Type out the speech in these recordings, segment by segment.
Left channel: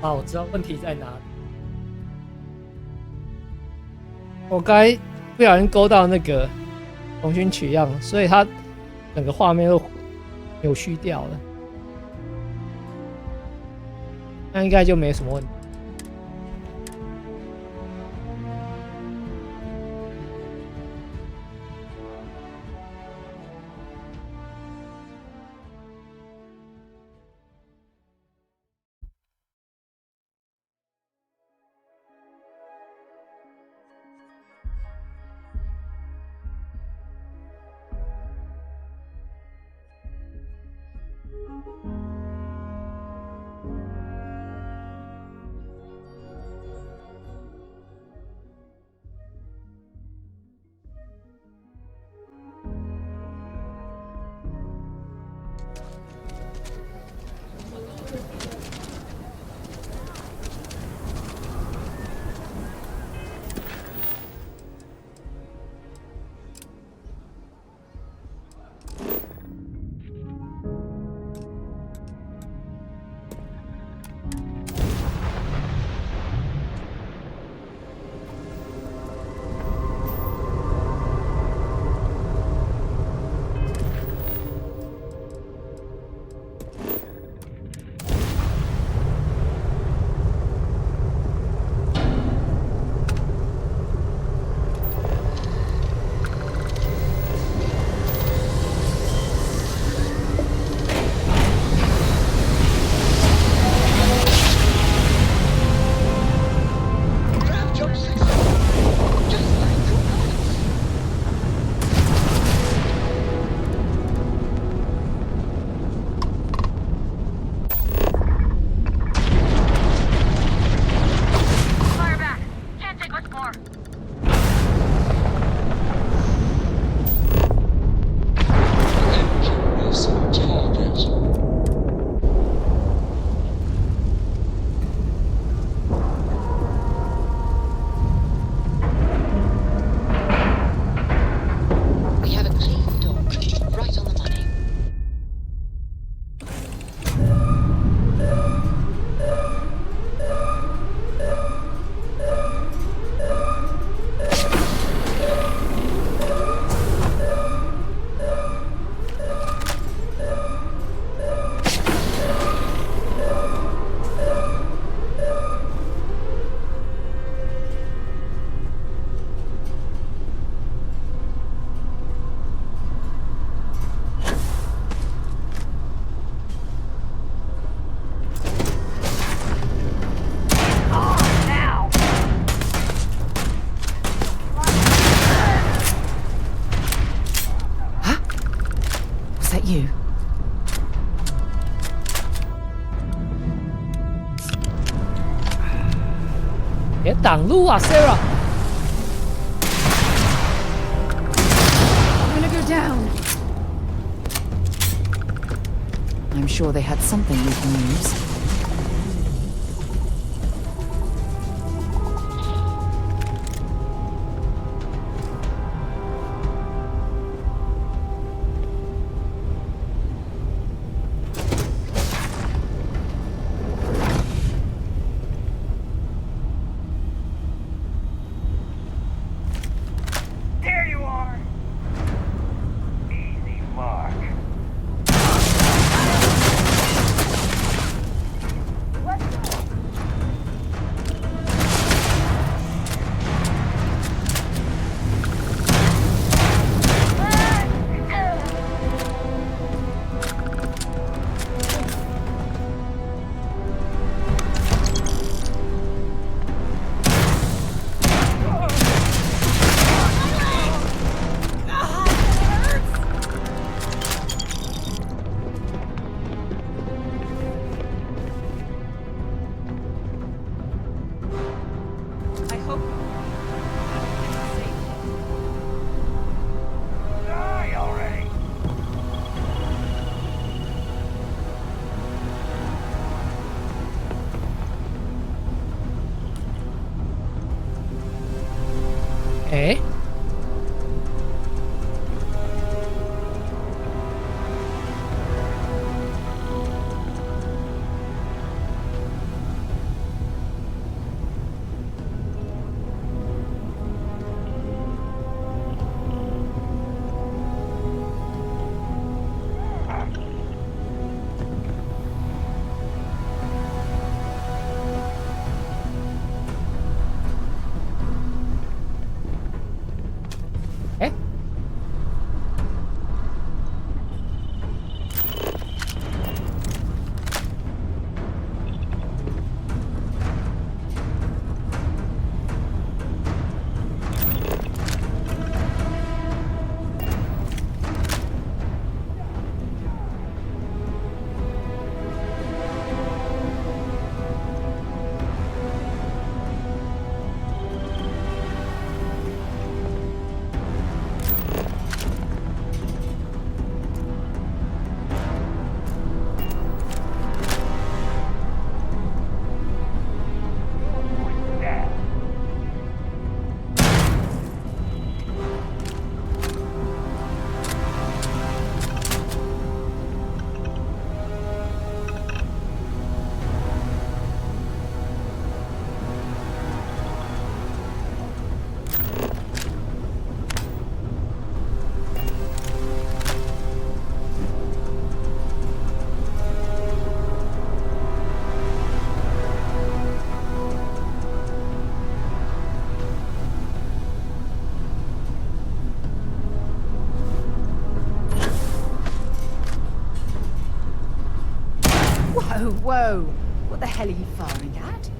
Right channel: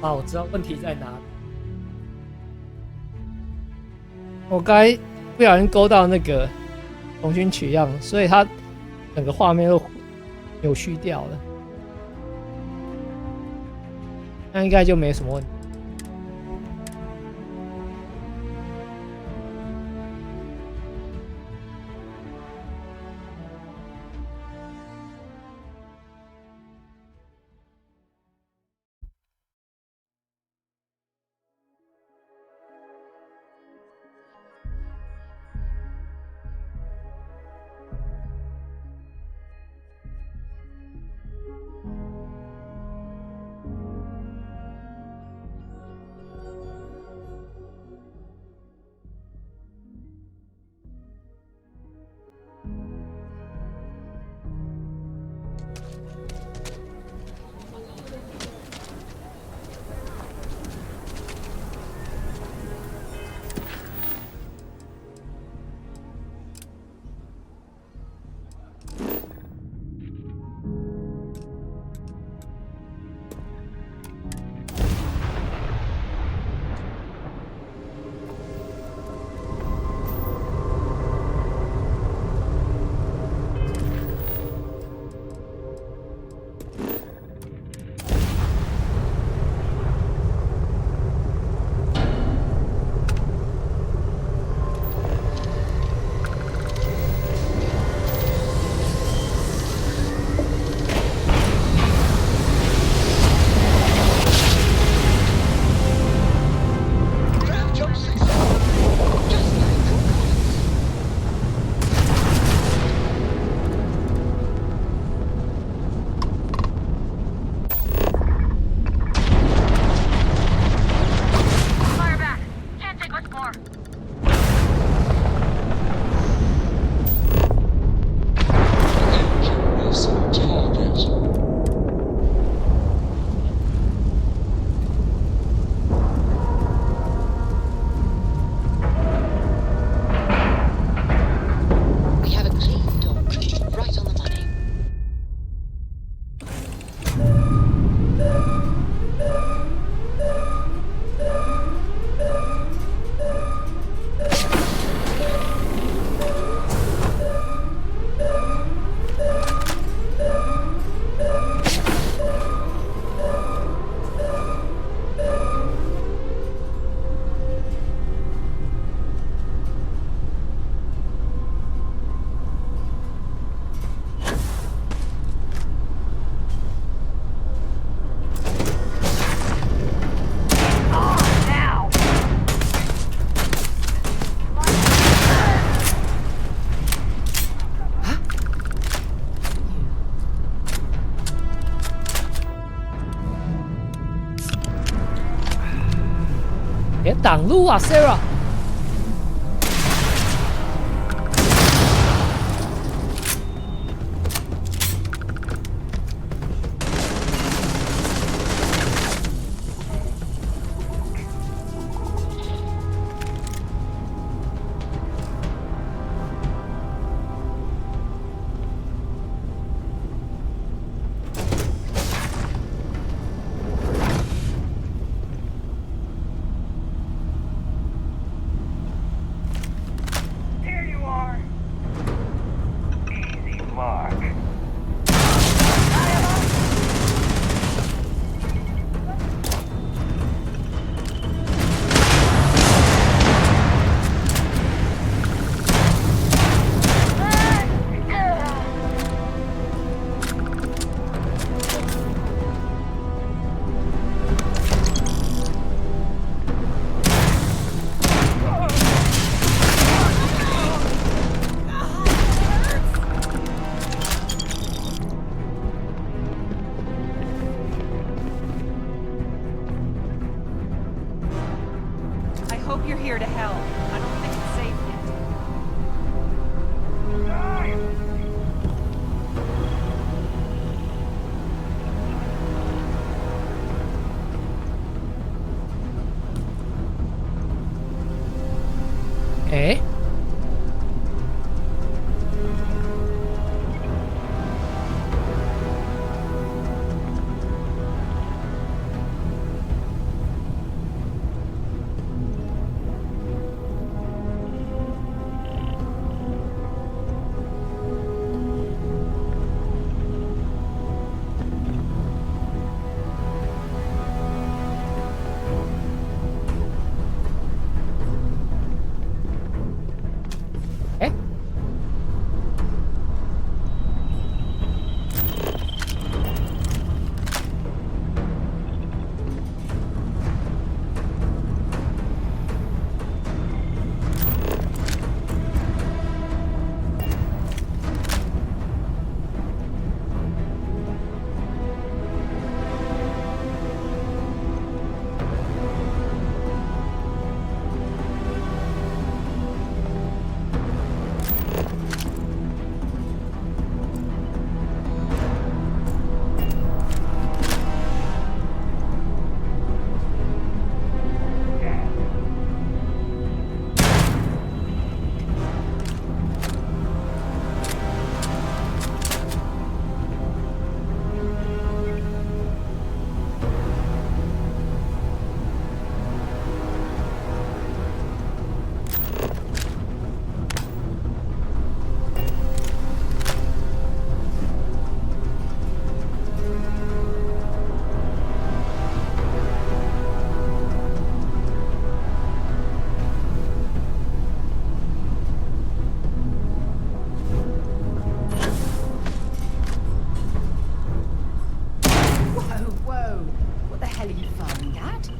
啊，我知道问题在哪里。我刚才不小心勾到那个重新取样，所以它整个画面都扭曲掉了。那应该就没什么问题。别挡路啊 ，Sarah！I'm sure they have something we can use. There you are! Easy mark. I hope you're here to help. I don't think it's safe yet. Die already! Eh? Whoa, whoa! What the hell are you firing at?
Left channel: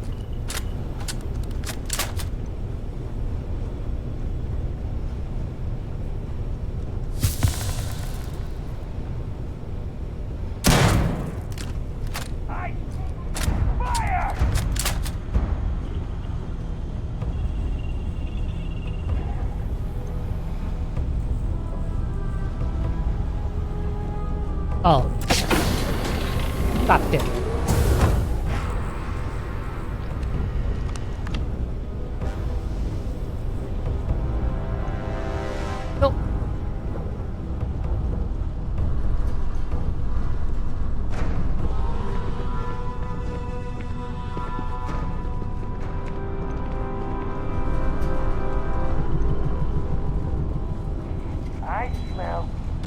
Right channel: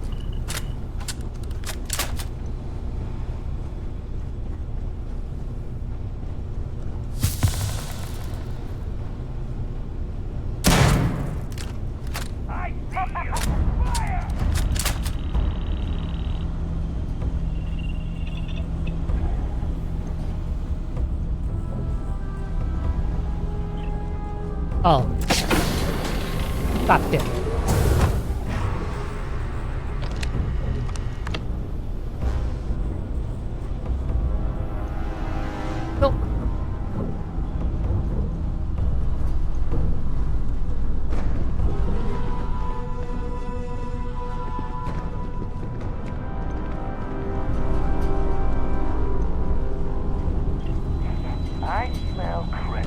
I see you! Fire! Oh. God damn. No. I smell credit.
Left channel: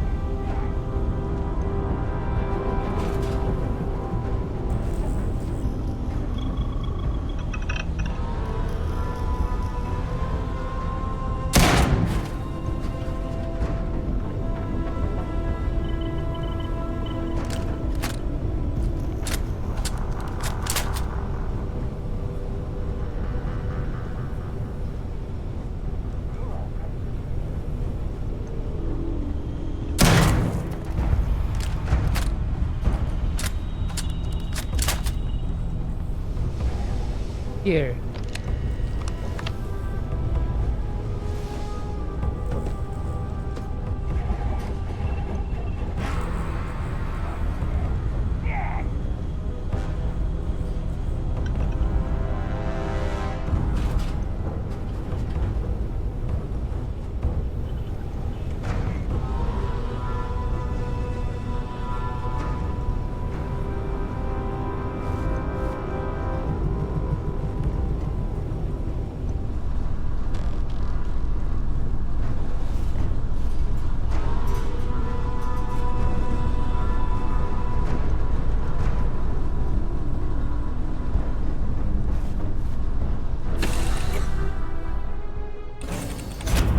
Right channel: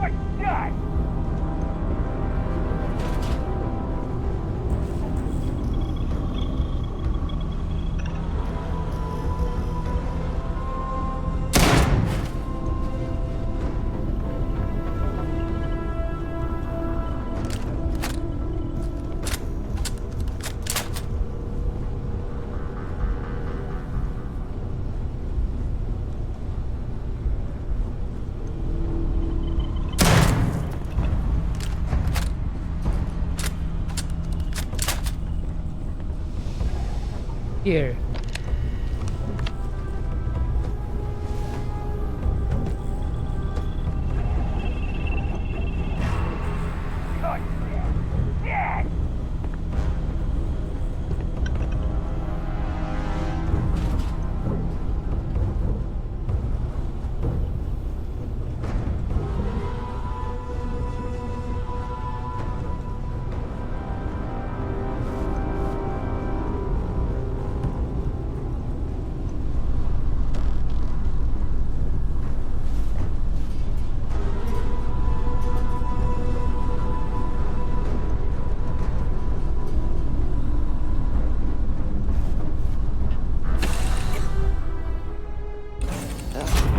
Good shot! Here. Oh, shit! Shit!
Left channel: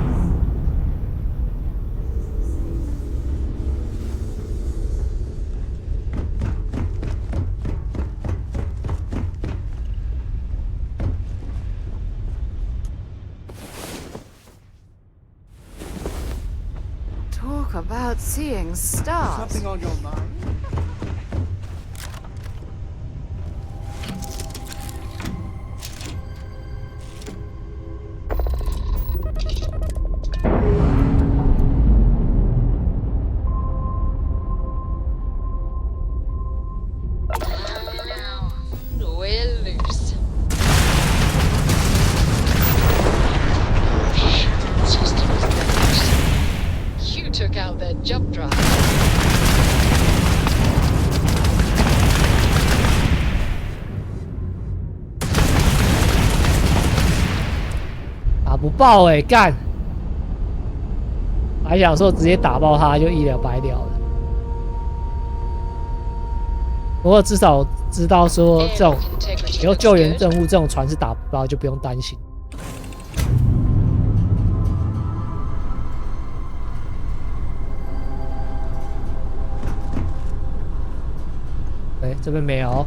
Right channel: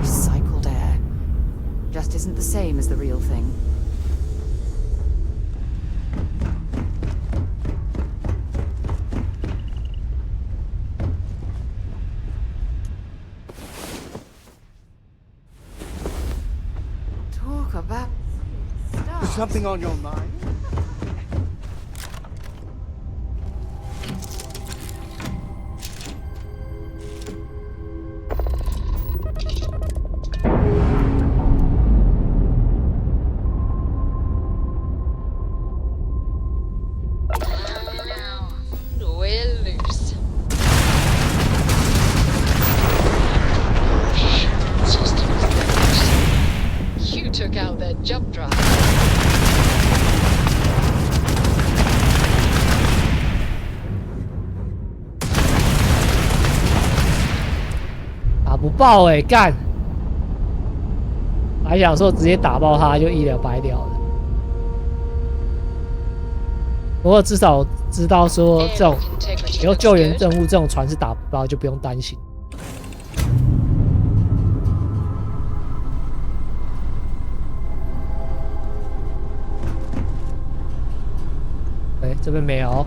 Recycled air. Just isn't the same as the real thing. Talk about seeing stars. Something on your mind? We're loose. Systems damaged. You took out their jump drive.打不爆哎、干！还想说直接打爆他就一了百了了。不过至少知道说这种 Integrity 以后 looks 救援 good. 任务这种船是打不爆，就不用担心。哎，这边没有。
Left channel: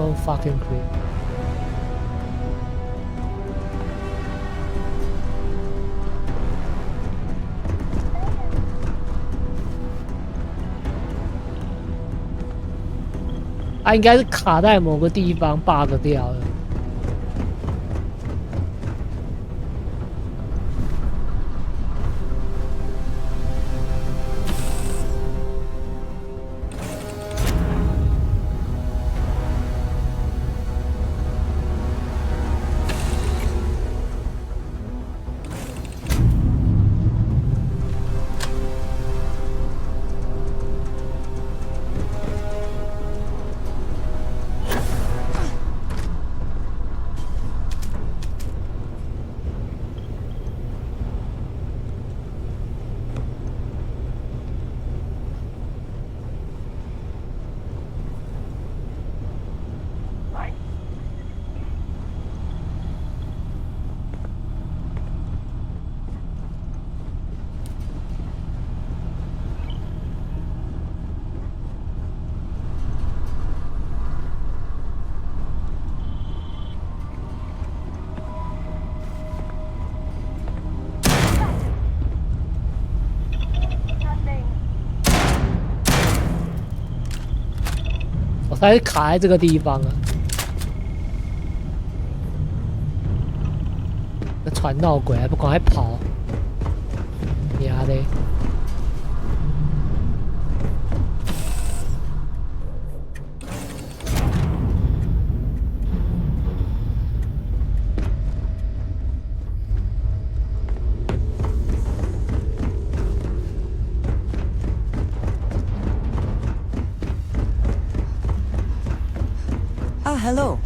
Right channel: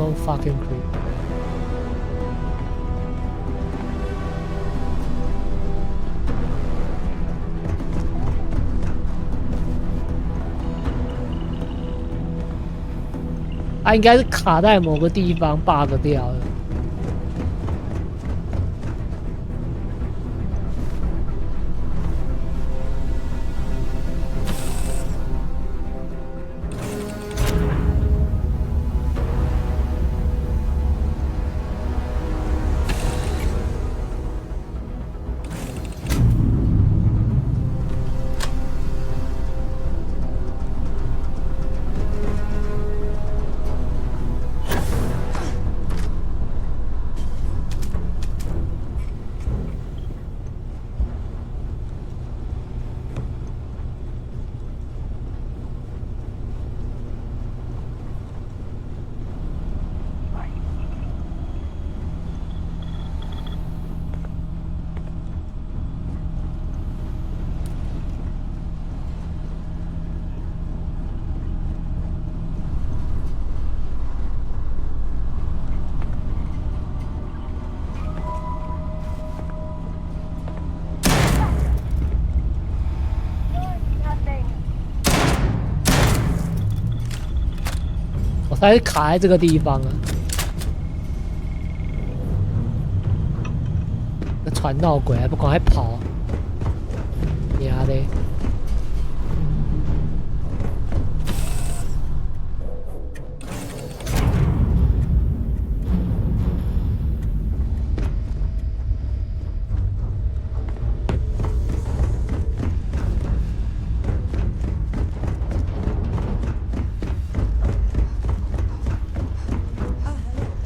So fucking creepy. 它应该是卡在某个地方 bug 掉了。我才是卡在这个地方啊！那传闹鬼还不赶快跑！娘的！Ah, hello.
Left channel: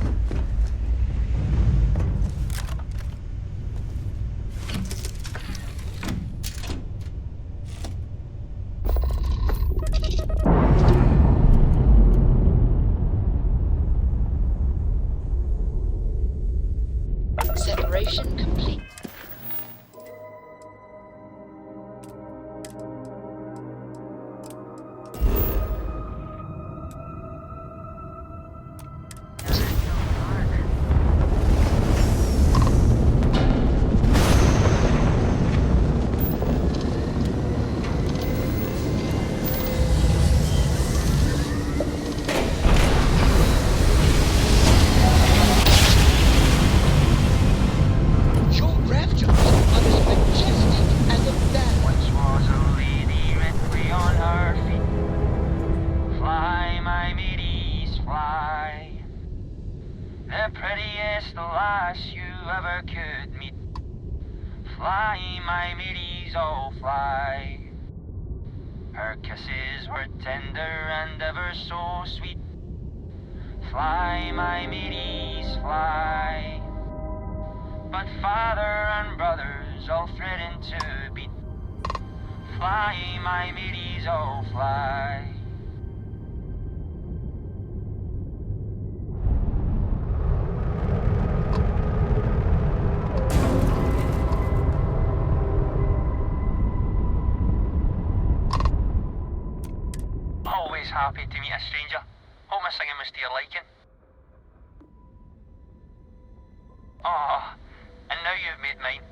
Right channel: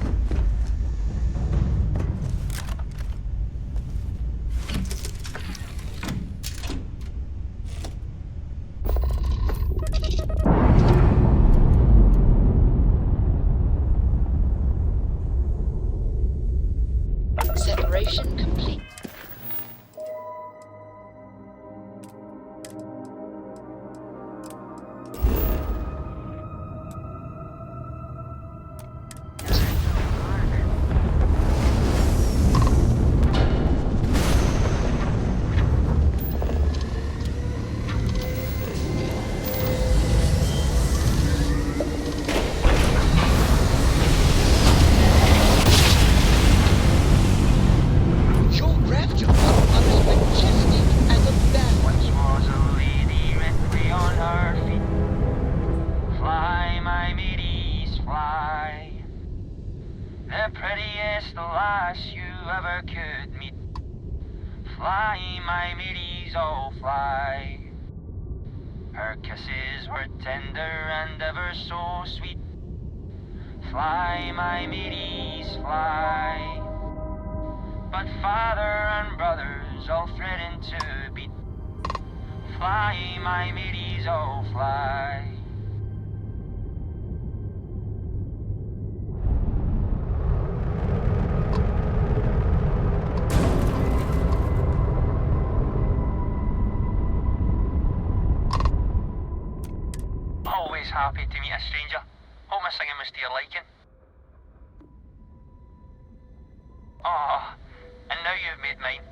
Separation complete. Your grav jumps are as majestic as a bat. Once was a lady rightly on her feet. Fly, my mateys, fly. The prettiest lass you ever could meet. Fly, my mateys, oh fly. Her kisses were tender and ever so sweet. Fly, my mateys, fly. But father and brothers all threaten to beat. Fly, my mateys, oh fly. Always happy to meet a stranger. Hope my singing was to your liking. Oh, and now you've made mine.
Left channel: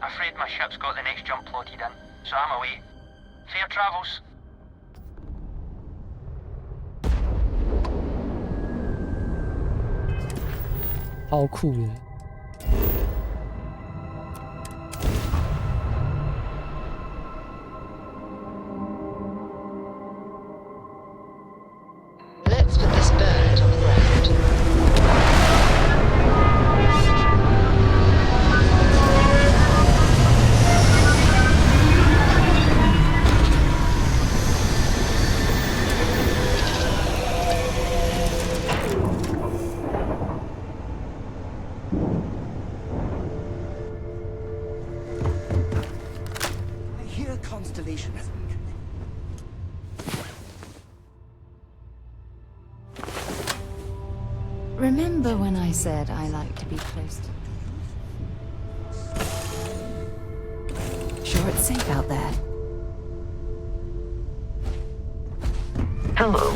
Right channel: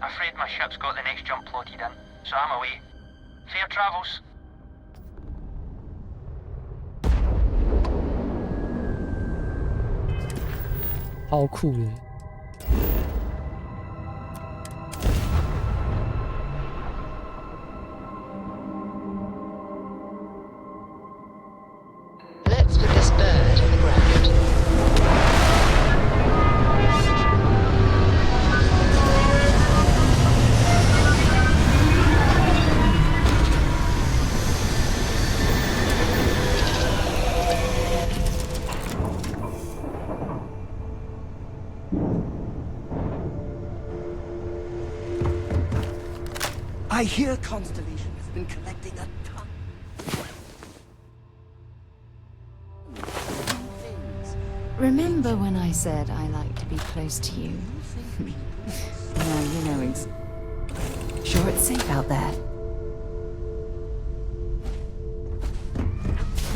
Afraid my ship's got the next jump plotted in, so I'm away. Fair travels.超酷的。Let's put this bird on the ground. I hear Constellation has been collecting a ton. Remember when I said I like to be close to you? Well, you know, sure it's safe out there. Hello.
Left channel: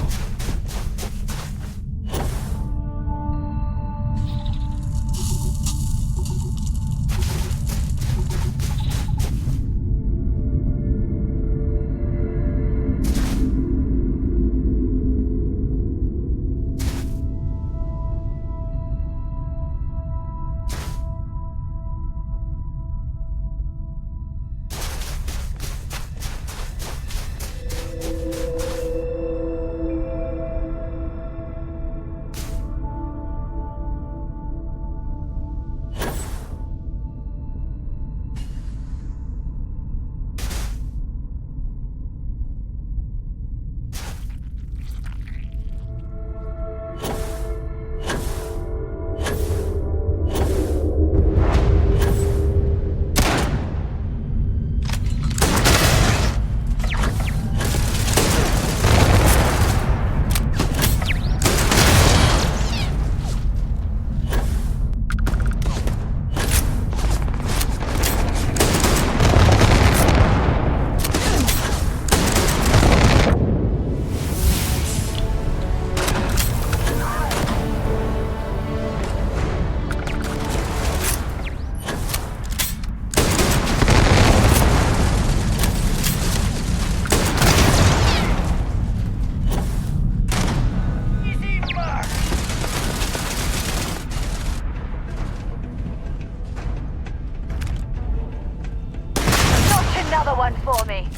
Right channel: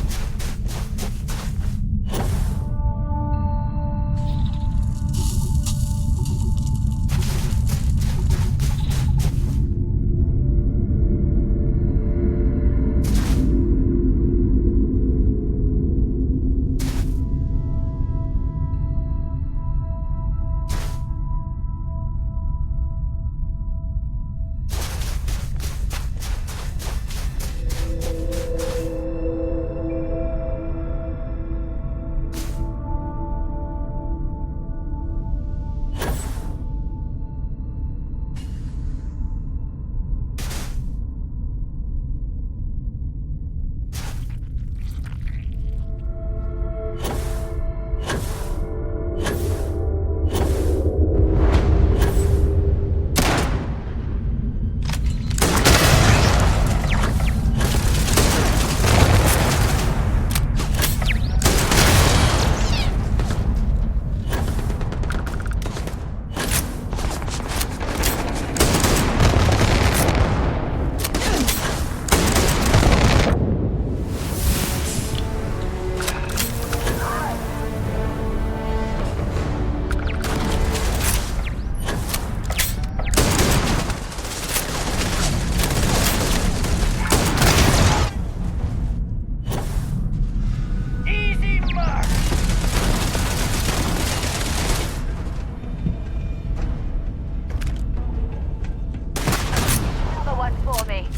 way.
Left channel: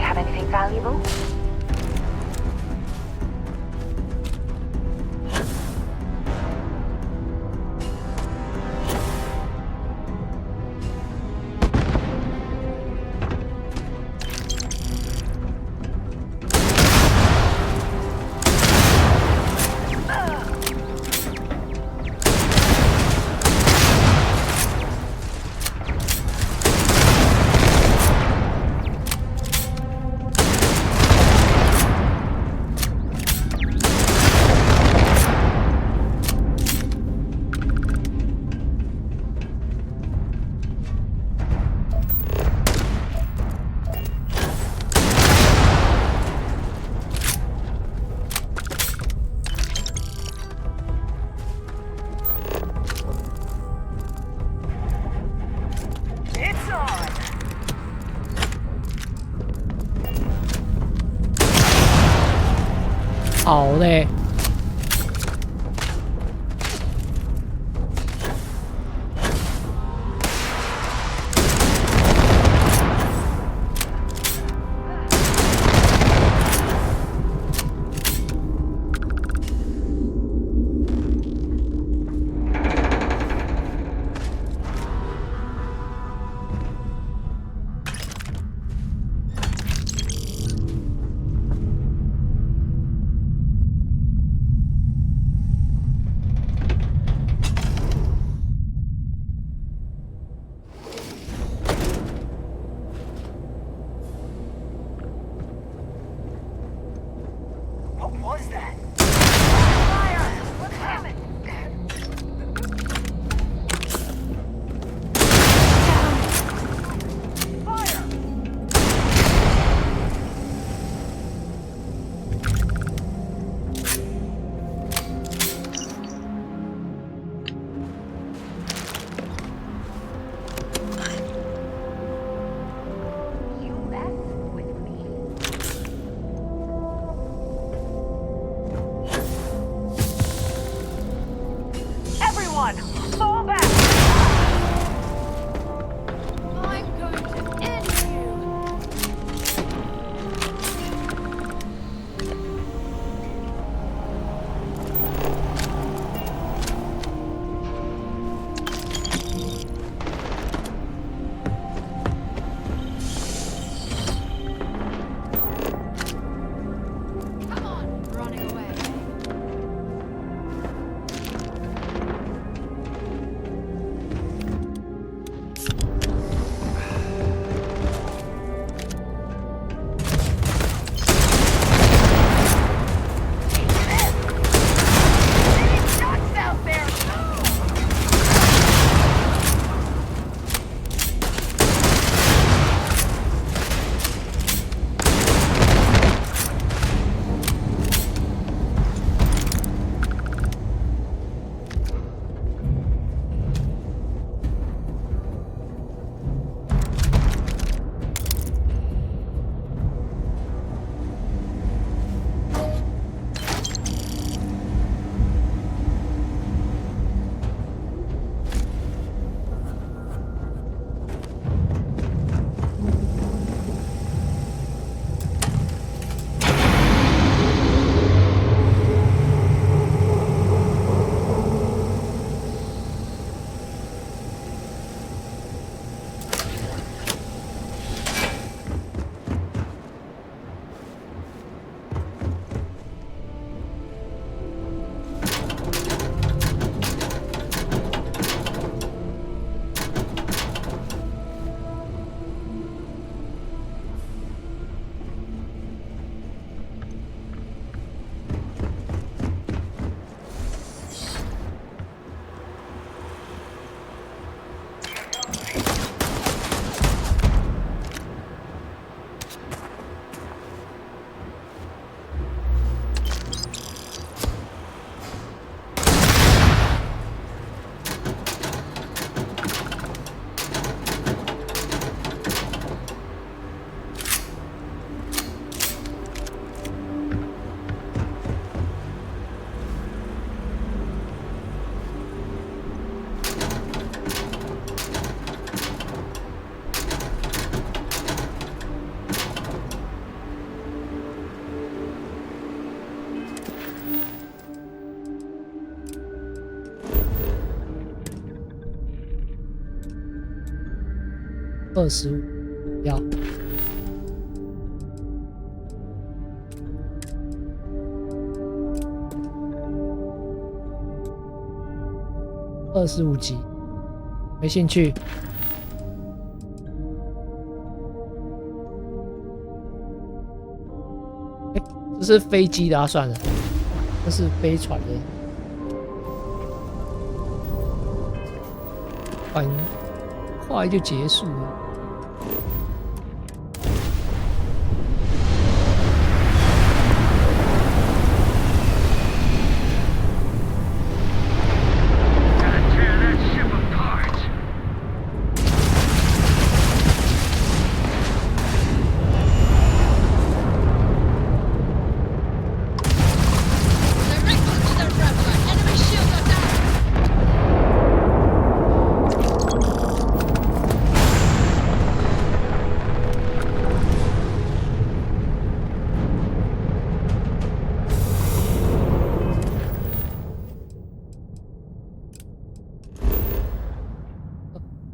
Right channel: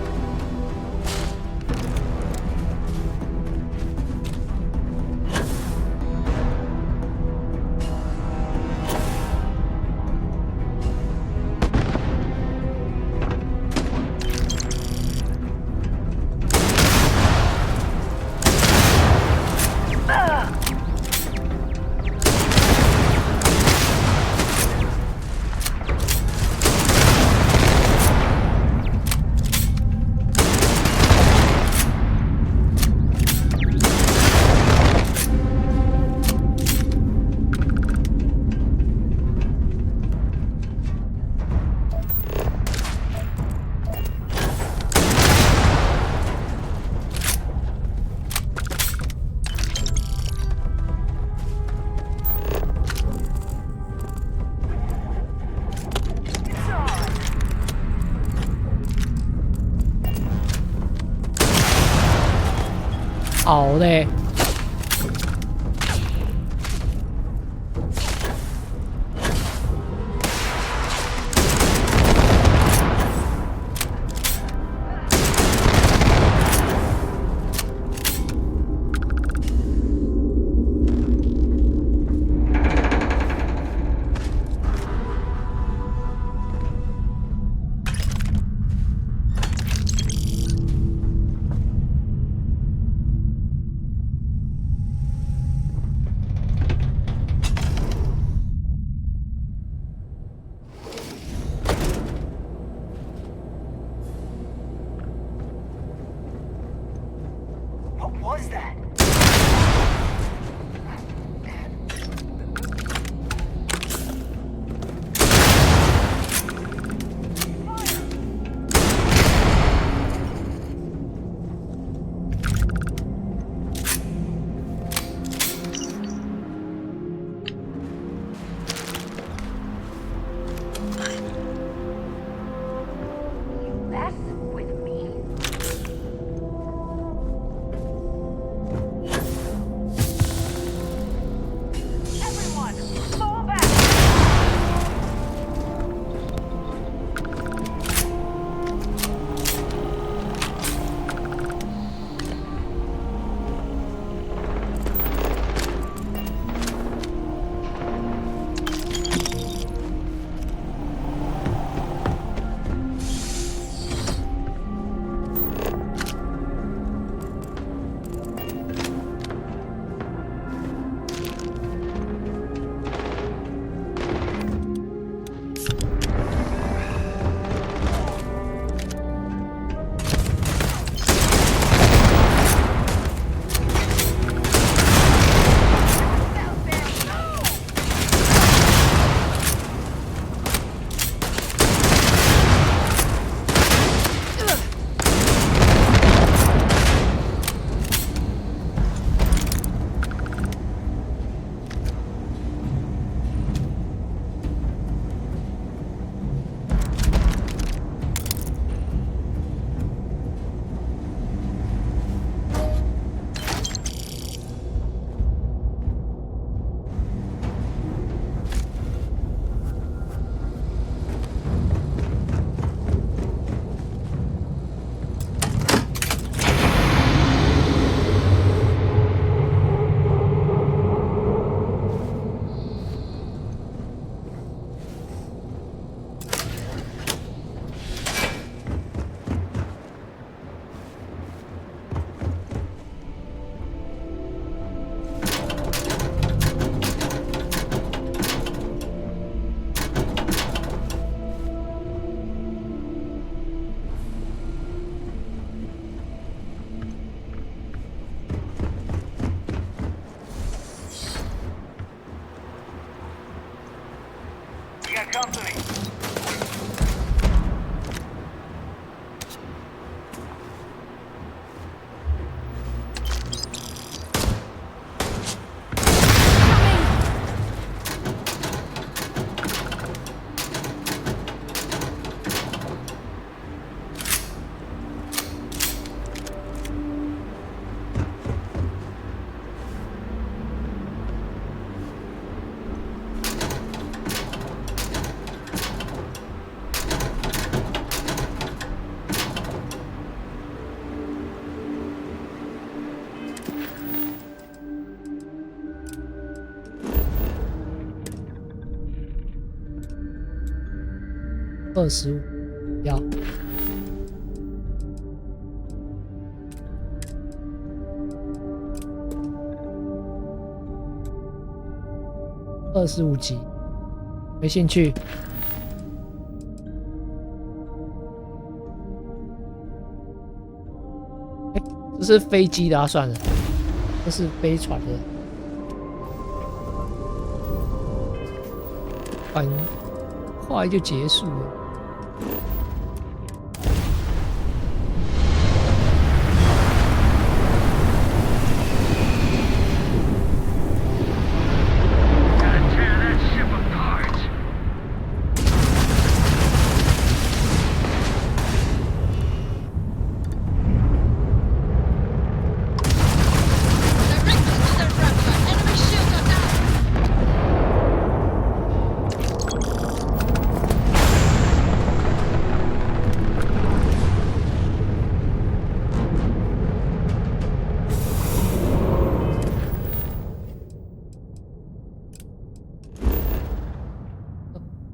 Have anything valuable? It's on! 好嘞。What was that? You mess with me? 25要。25级，没兴趣。这是飞机的啊，算了，这是飞船的。很快就结束了。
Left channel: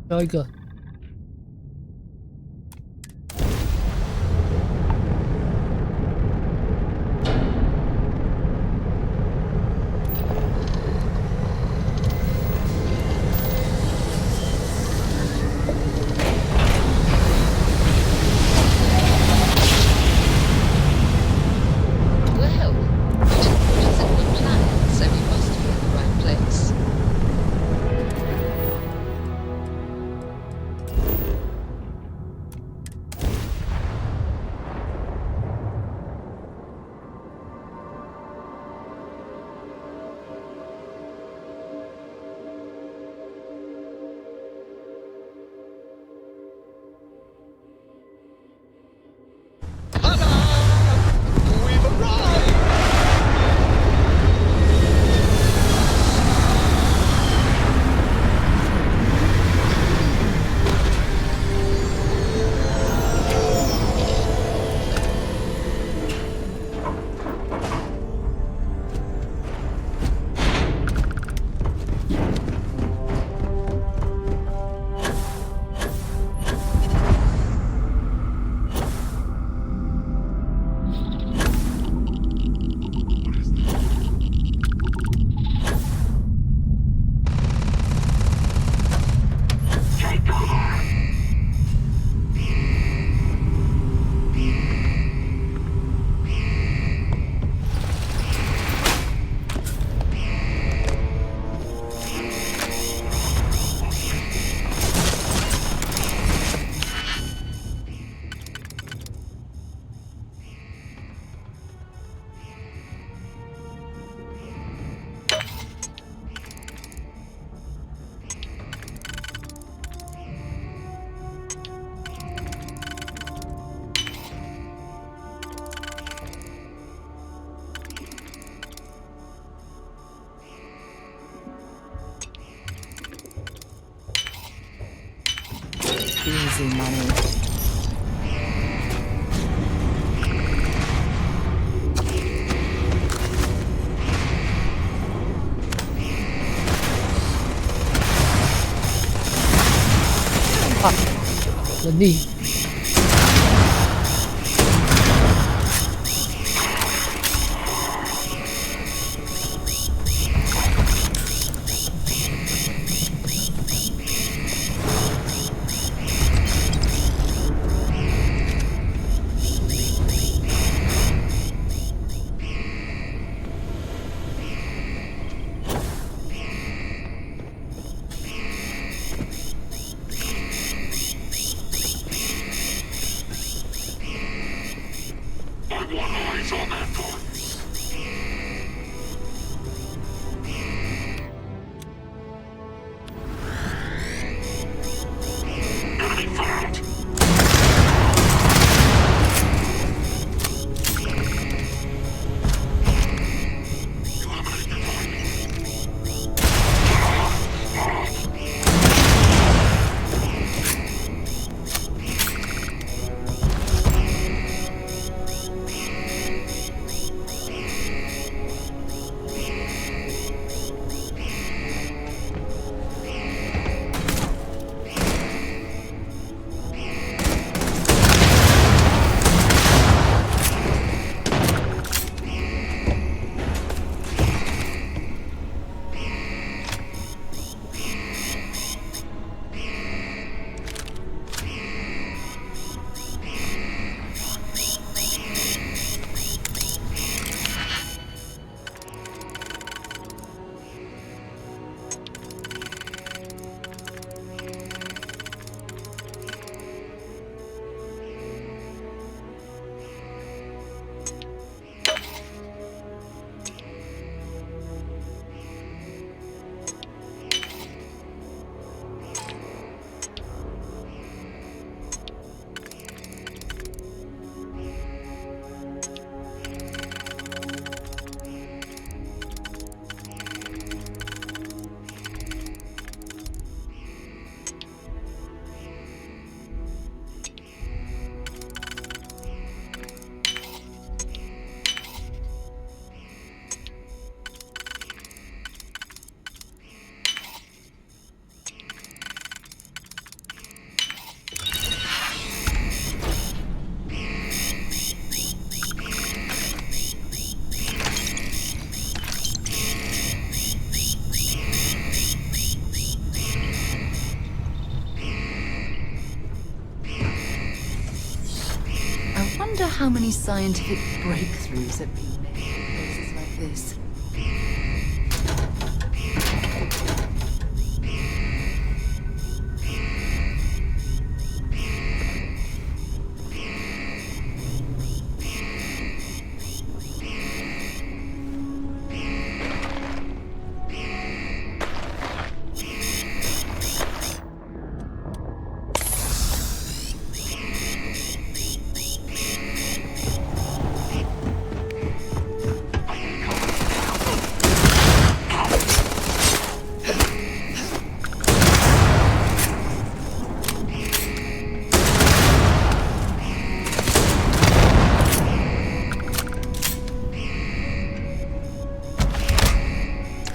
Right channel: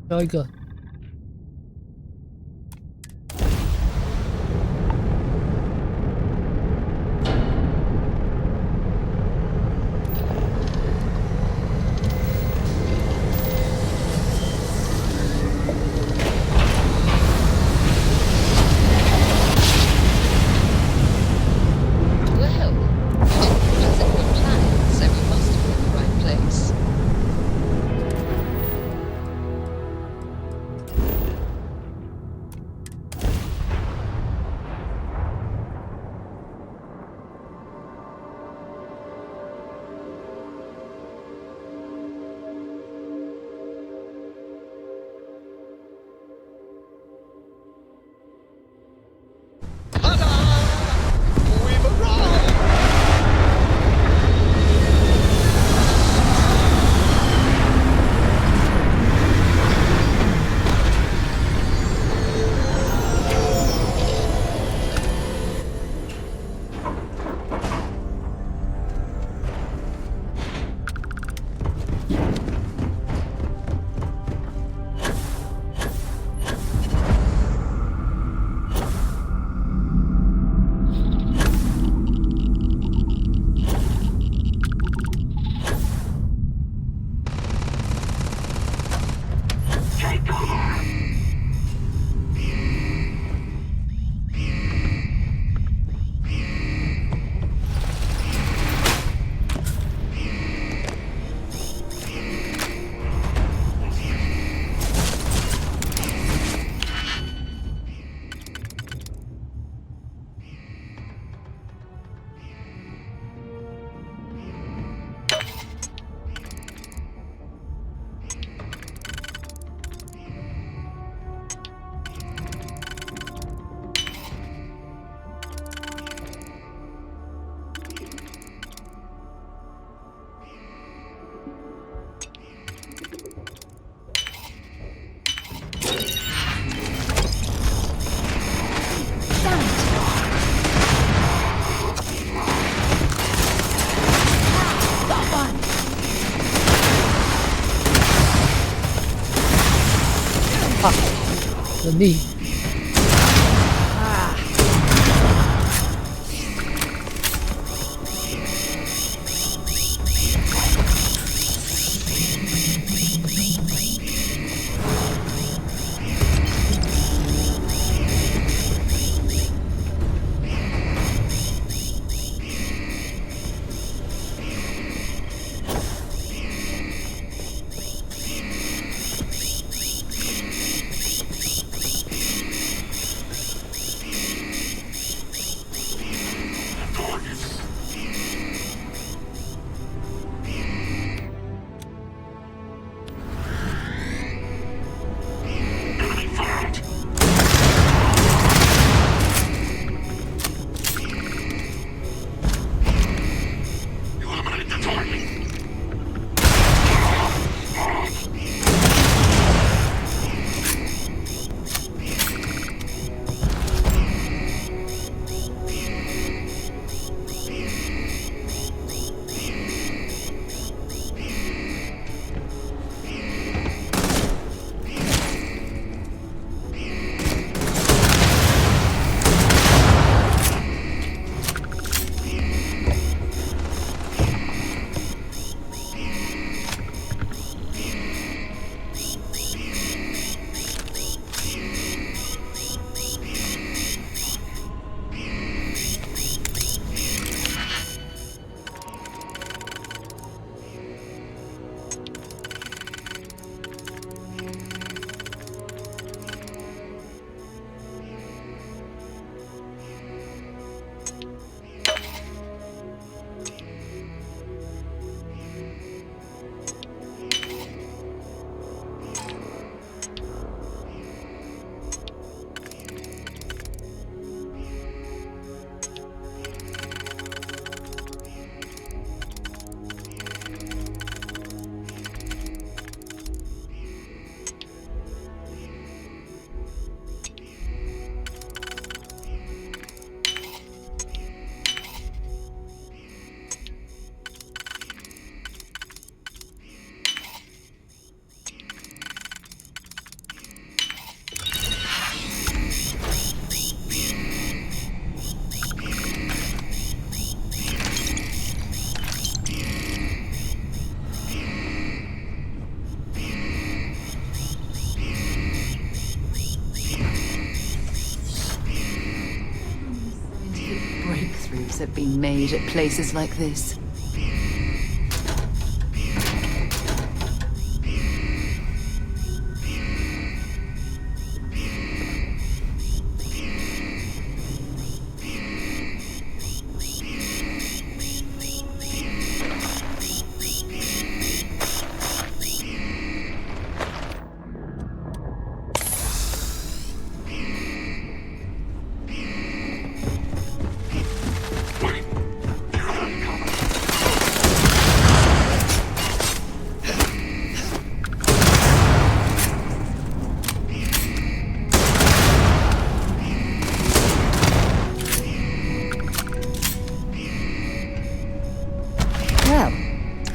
最后一个。Well, you didn't put us in good planet, so we must be in the right place. Ta-da! We've arrived! Easy, Mommy. 人力。wonder how many scientific breakthroughs have been made at places like this.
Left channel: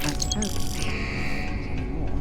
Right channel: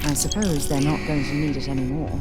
I suppose they're not going to need it anymore.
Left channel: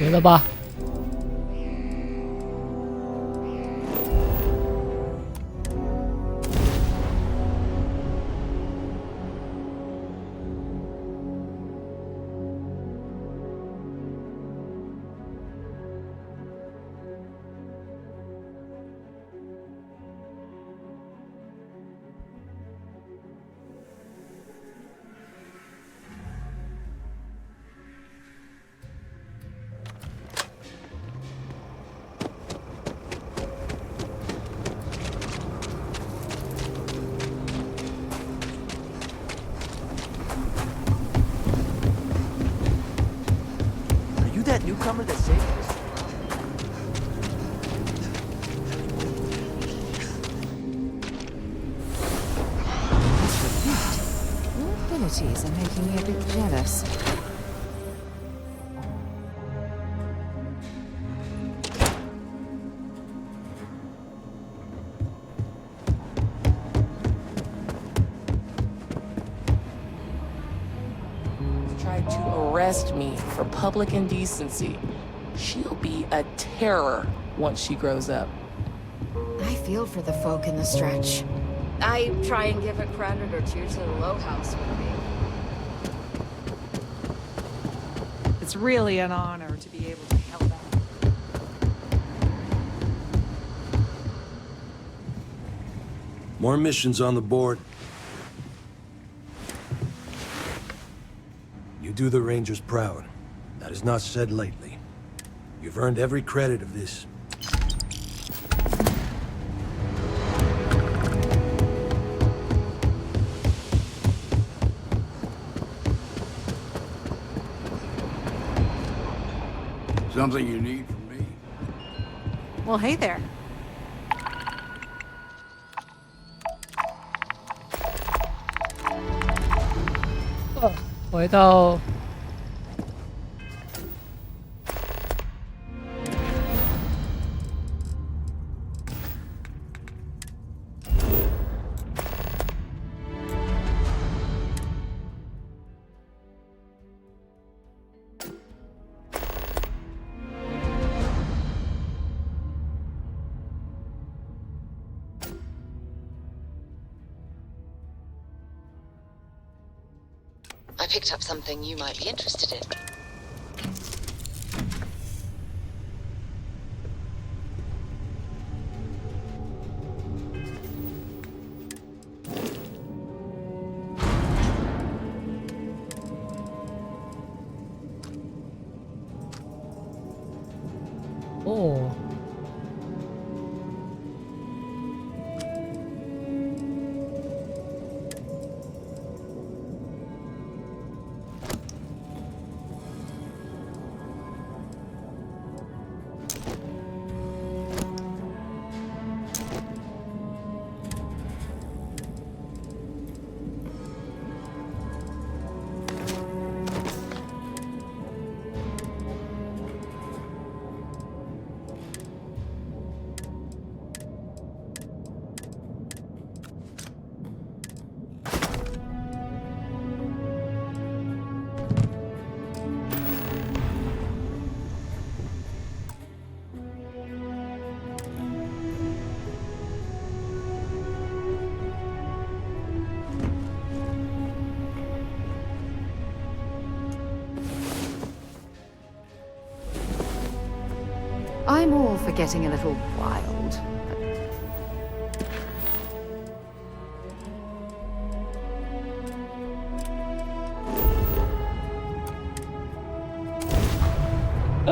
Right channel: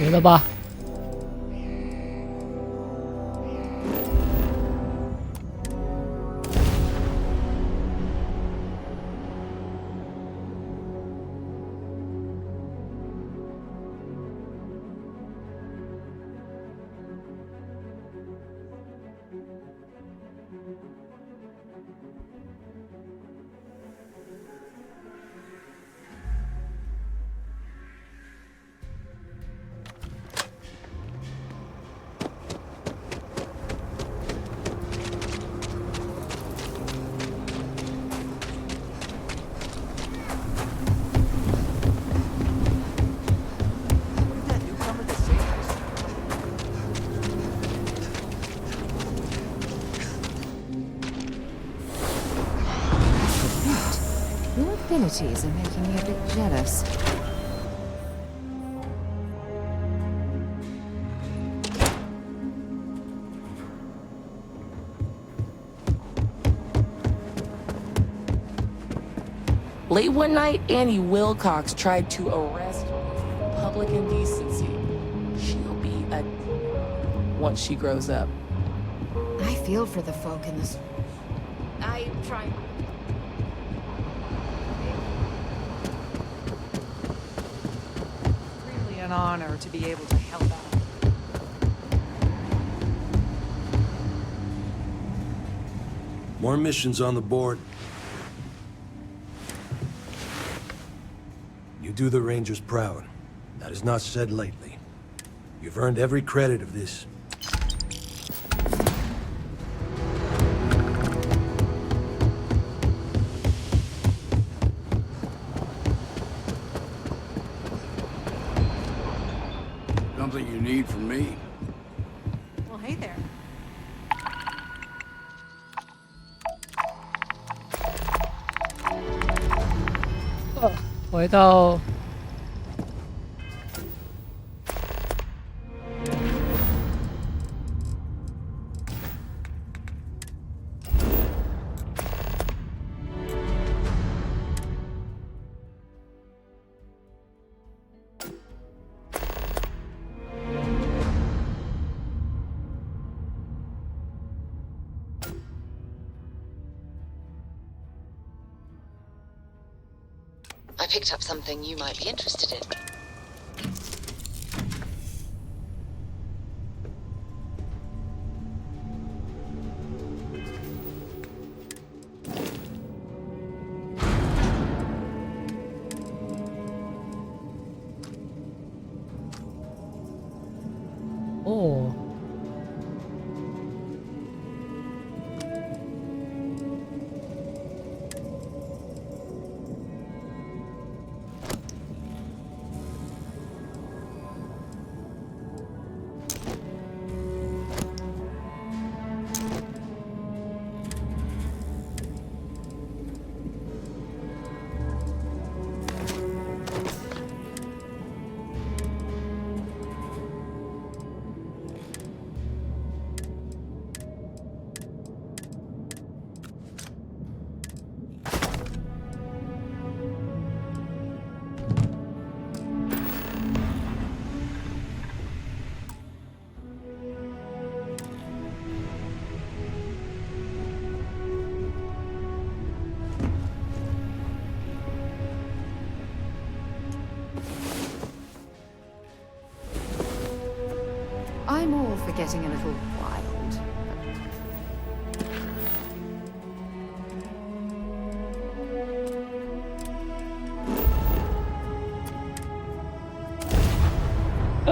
没了吧？Are you that newcomer that saved us? Your abilities are making me a bit jealous. Late one night, Annie Wilcox tried to arrest me for public indecency. She'll be a terror once she grows up. I feel for the folk in the stretch. I try and give a credit or two to the Low House, maybe. It's really an honor to be able to help out. More missions on the board. You do the Rangers proud, That is not said lightly. You've earned every credit of this. Something you need from me? Well, hey there. 回到I picked up something you might be interested in.哦，I'm all for getting a little wild.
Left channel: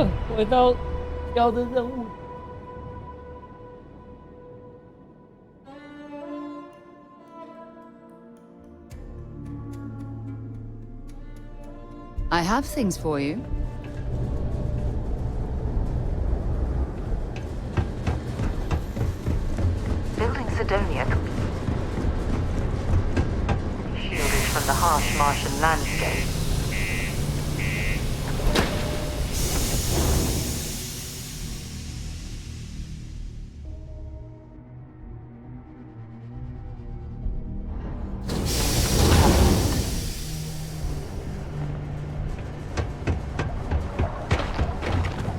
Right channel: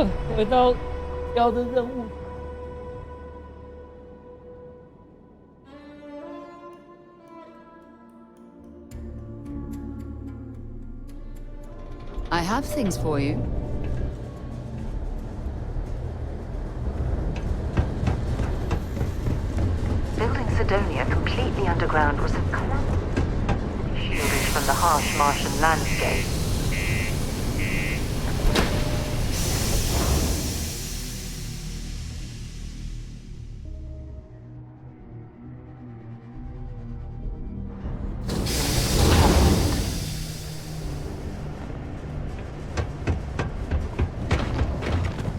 but 回到要的任务。I have things for you. Building Sidonia completely underground was shielded from the harsh Martian landscape.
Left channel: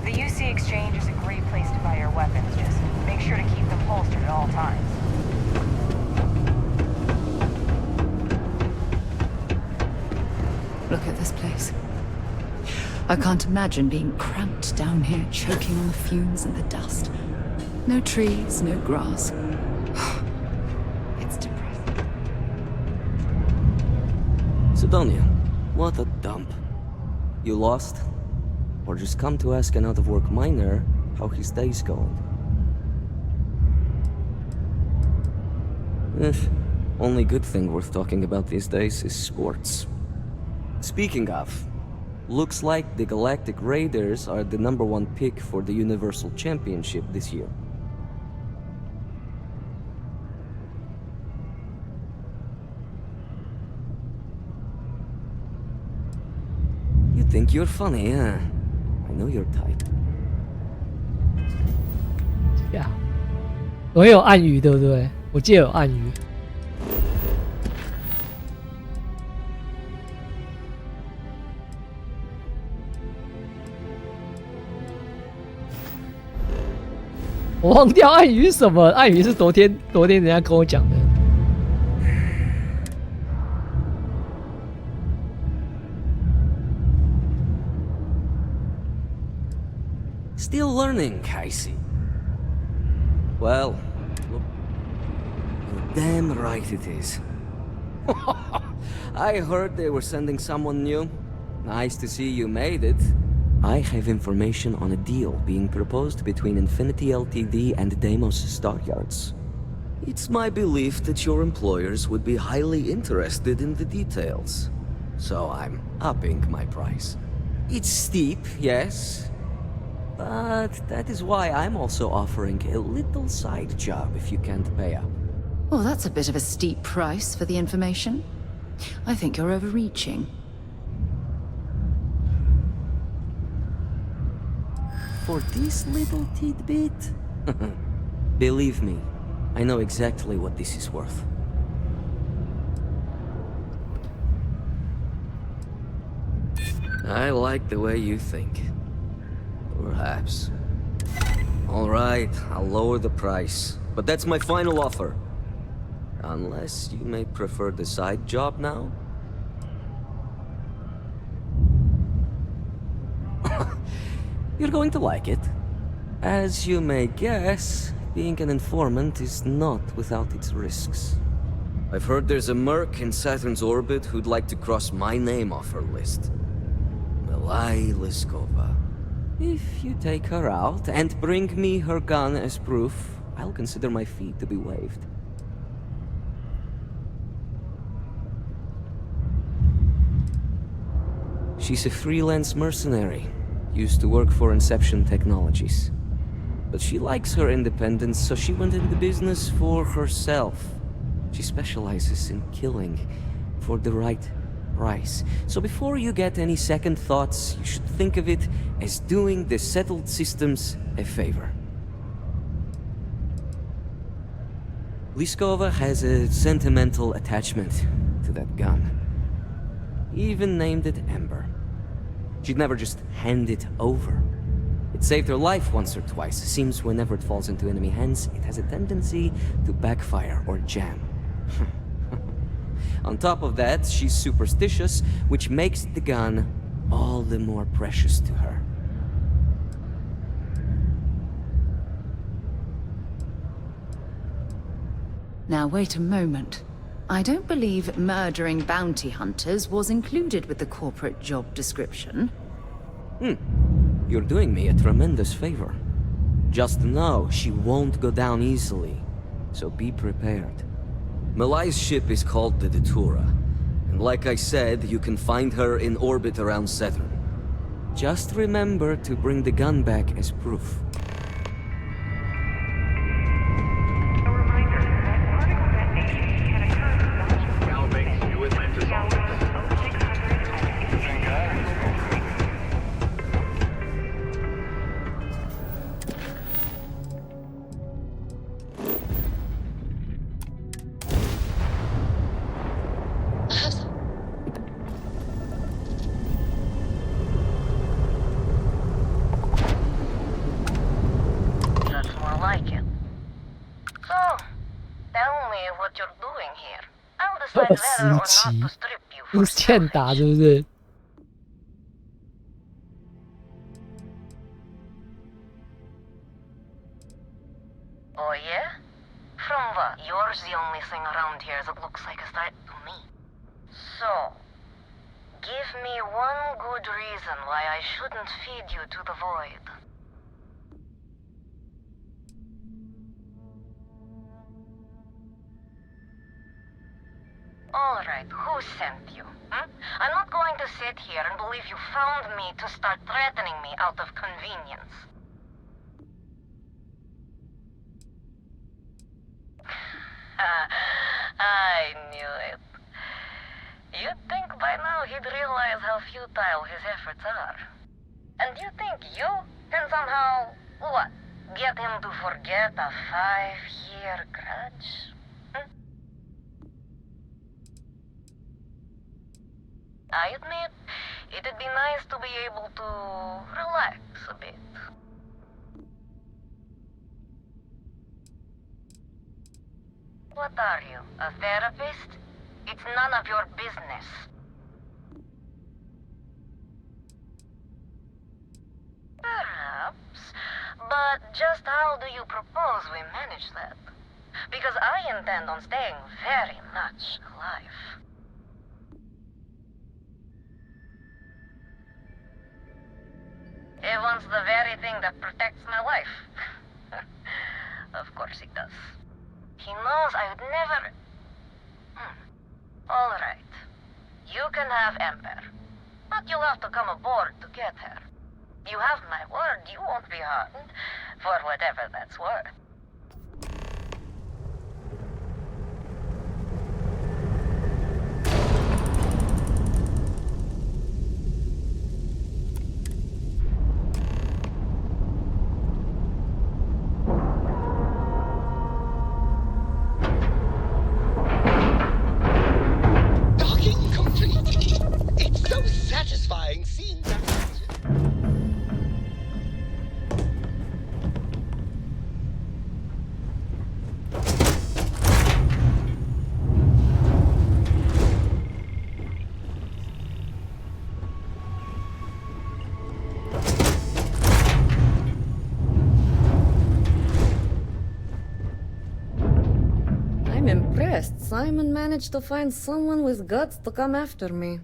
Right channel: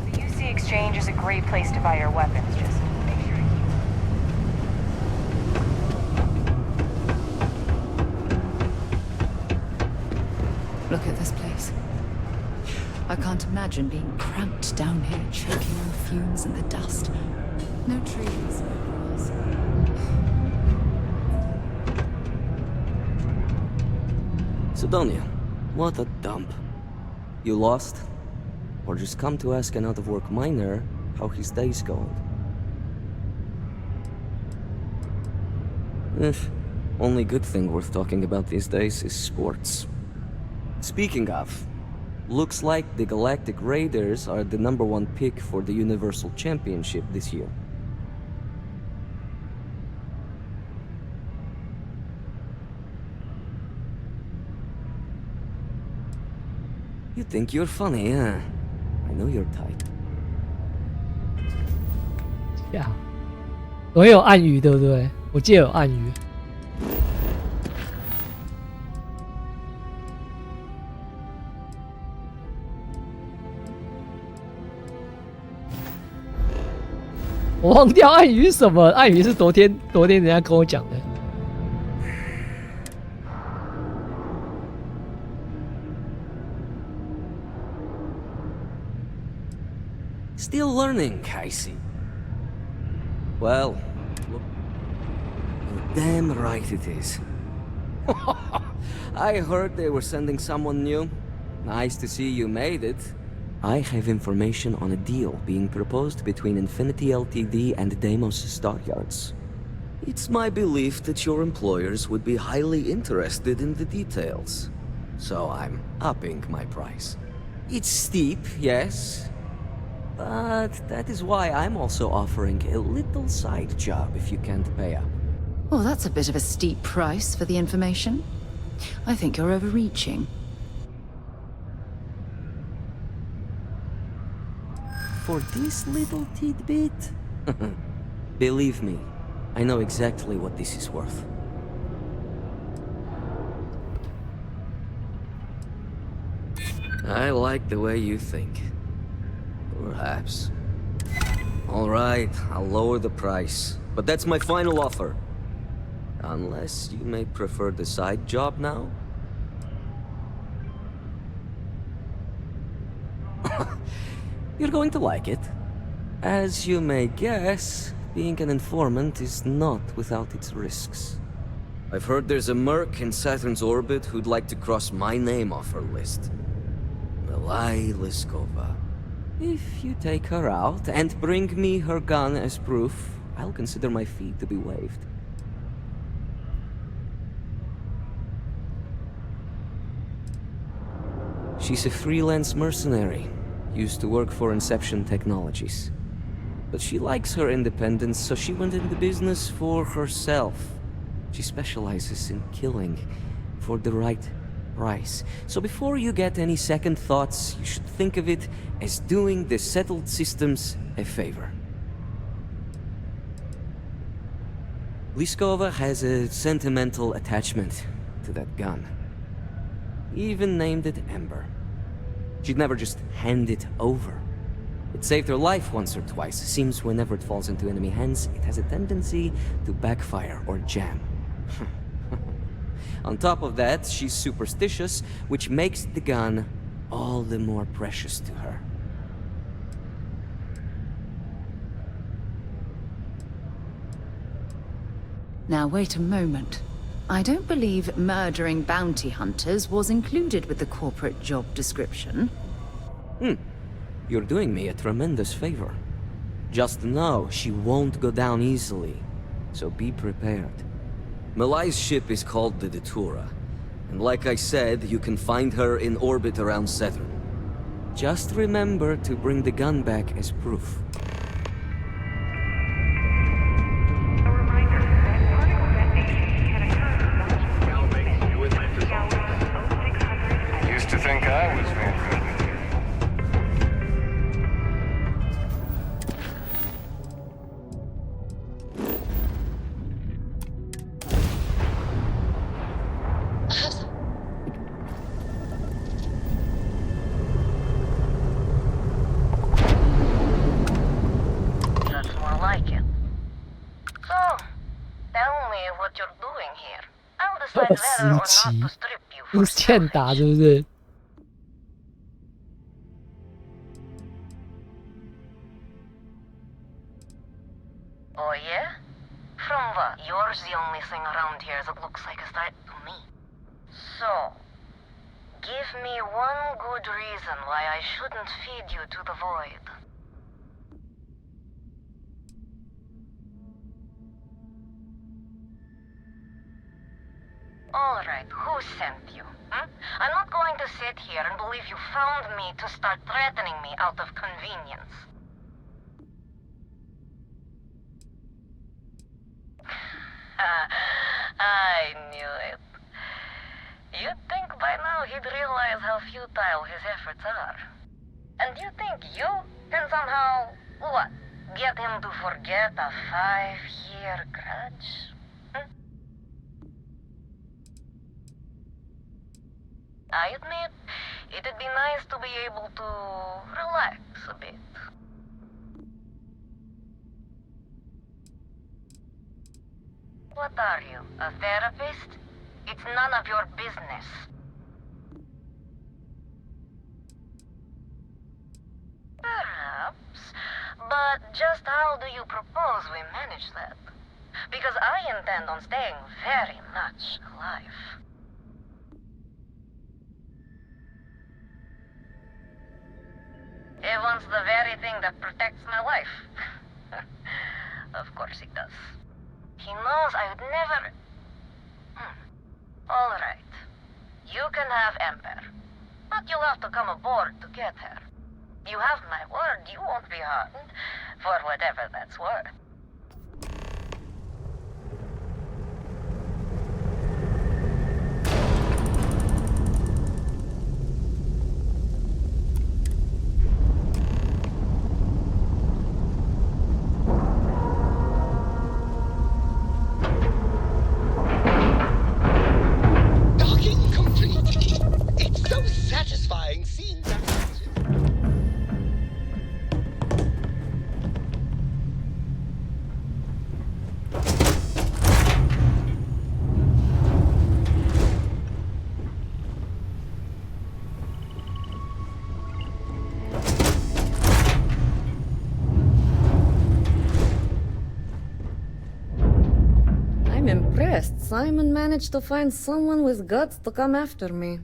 The UC Exchange is a great place to buy your weapons. Just make sure to keep them holstered at all times. Look at this place. I can't imagine being cramped down here, choking on the fumes and the dust. No trees, no grass. It's depressing. Sidonia, what a dump. You lost? Or just come to ask an out-of-work miner how his day's going? Only good thing worth talking about these days is sports. Speaking of, looks like the Galactic Raiders are the #1 pick for the Universal Championship this year. You think you're funny, huh? I know your type. 呀，我有暗语对不对？我记得有暗语。我忘掉暗语是什么，暗语是昨天人家跟我讲的。Still learning, I see. Well, look. You're damn right it is. I heard they were sending someone new. Nice to see you made it. I have information on a deal being proposed between Infinity Ltd and Deimos Stockyards. It's my belief that your employers would be highly interested in the details. So I'm upping my price. It's steep, yes, but that is why I'm also offering a little side job if you can't pay up. Oh, that's a bit of a steep price for the information. I think you're overreaching. For this little tidbit? Believe me, I know exactly what this is worth. I like the way you think. Perhaps. All right, I'll lower the price. But that's my final offer. Unless you may prefer the side job now? You're going to like it. As you may guess, being an informant is not without its risks. I've heard there's a merc in Saturn's orbit who'd like to cross my name off her list. Milai Liskova. If you take her out and bring me her gun as proof, I'll consider my fee to be waived. She's a freelance mercenary, used to work for Inception Technologies. But she likes her independence, so she went into business for herself. She specializes in killing for the right price. So before you get any second thoughts, you should think of it as doing the settled systems a favor. Liskova has a sentimental attachment to that gun. Even named it Ember. She'd never just hand it over. It saved her life once or twice. Seems whenever it falls into enemy hands, it has a tendency to backfire or jam. On top of that, she's superstitious, which makes the gun all the more precious to her. Now wait a moment. I don't believe murdering bounty hunters was included with the corporate job description. You're doing me a tremendous favor. Just know she won't go down easily, so be prepared. Milai's ship is called the Datura, and like I said, you can find her in orbit around Saturn. Just remember to bring the gun back as proof. A reminder that particle detonation can occur. Galvin, you Atlantis I used to think I was very good. That's more like it. So, tell me what you're doing here. I'll decide whether or not to strip you 你 for 是欠 selfish. 打是不是？ Oh yeah? From what? You're the only thing around here that looks like a threat to me. So, give me one good reason why I shouldn't feed you to the void. Alright, who sent you? I'm not going to sit here and believe you found me to start threatening me out of convenience. I knew it. You'd think by now he'd realize how futile his efforts are. And you think you can somehow, what, get him to forget a 5-year grudge? I admit, it'd be nice to be able to relax a bit. What are you, a therapist? It's none of your business. Perhaps, but just how do you propose we manage that? Because I intend on staying very much alive. wants the very thing that protects my life. Of course he does. He knows I would never... All right. You can have Ember. But you'll have to come aboard to get her. You have my word you won't be harmed, for whatever that's worth. Docking complete. It's so satisfying seeing that. I'm impressed Simon managed to find someone with guts to come after me.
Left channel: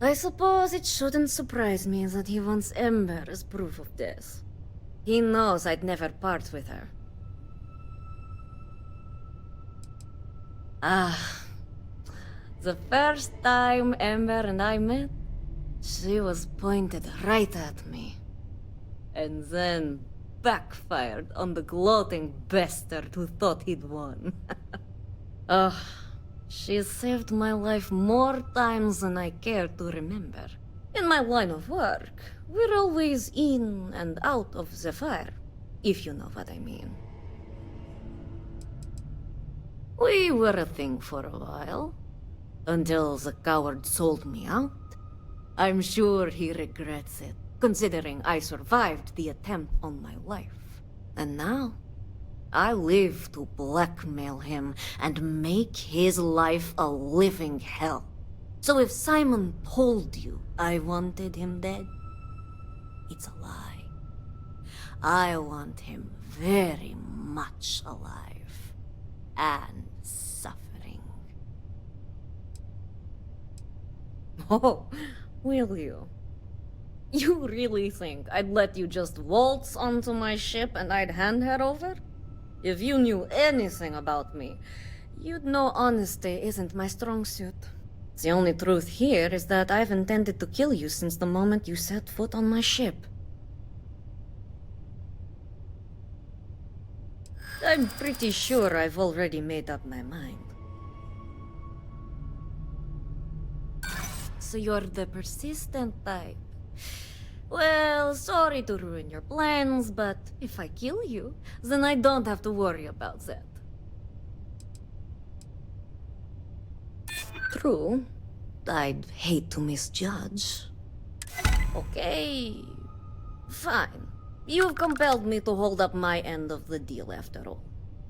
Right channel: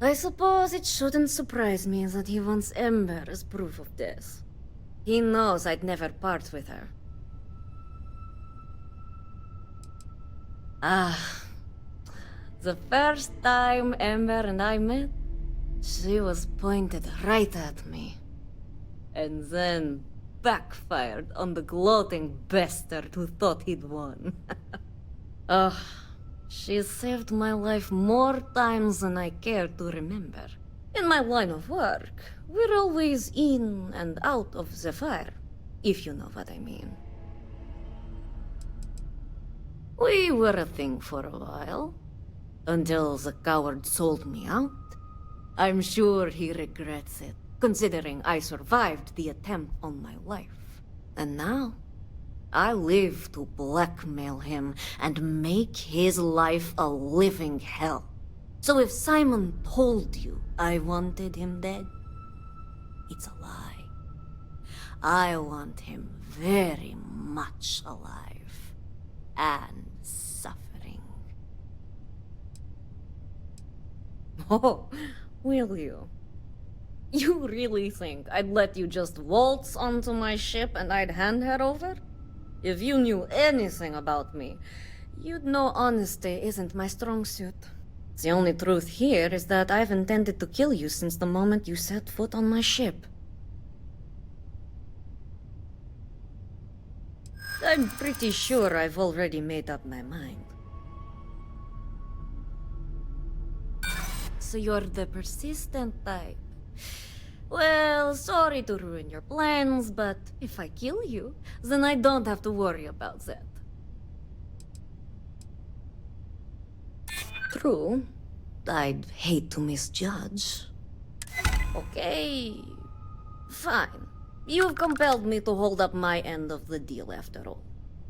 I suppose it shouldn't surprise me that he wants Ember as proof of this. He knows I'd never part with her. The first time Ember and I met, she was pointed right at me. And then backfired on the gloating bastard who thought he'd won. She's saved my life more times than I care to remember. In my line of work, we're always in and out of the fire, if you know what I mean. We were a thing for a while, until the coward sold me out. I'm sure he regrets it, considering I survived the attempt on my life. And now, I live to blackmail him and make his life a living hell. So if Simon told you I wanted him dead, it's a lie. I want him very much alive and suffering. Oh, will you? You really think I'd let you just waltz onto my ship and I'd hand her over? If you knew anything about me, you'd know honesty isn't my strong suit. The only truth here is that I've intended to kill you since the moment you set foot on my ship. I'm pretty sure I've already made up my mind. So you're the persistent type. Well, sorry to ruin your plans, but if I kill you, then I don't have to worry about that. True. I'd hate to misjudge. Okay. Fine. You've compelled me to hold up my end of the deal after all.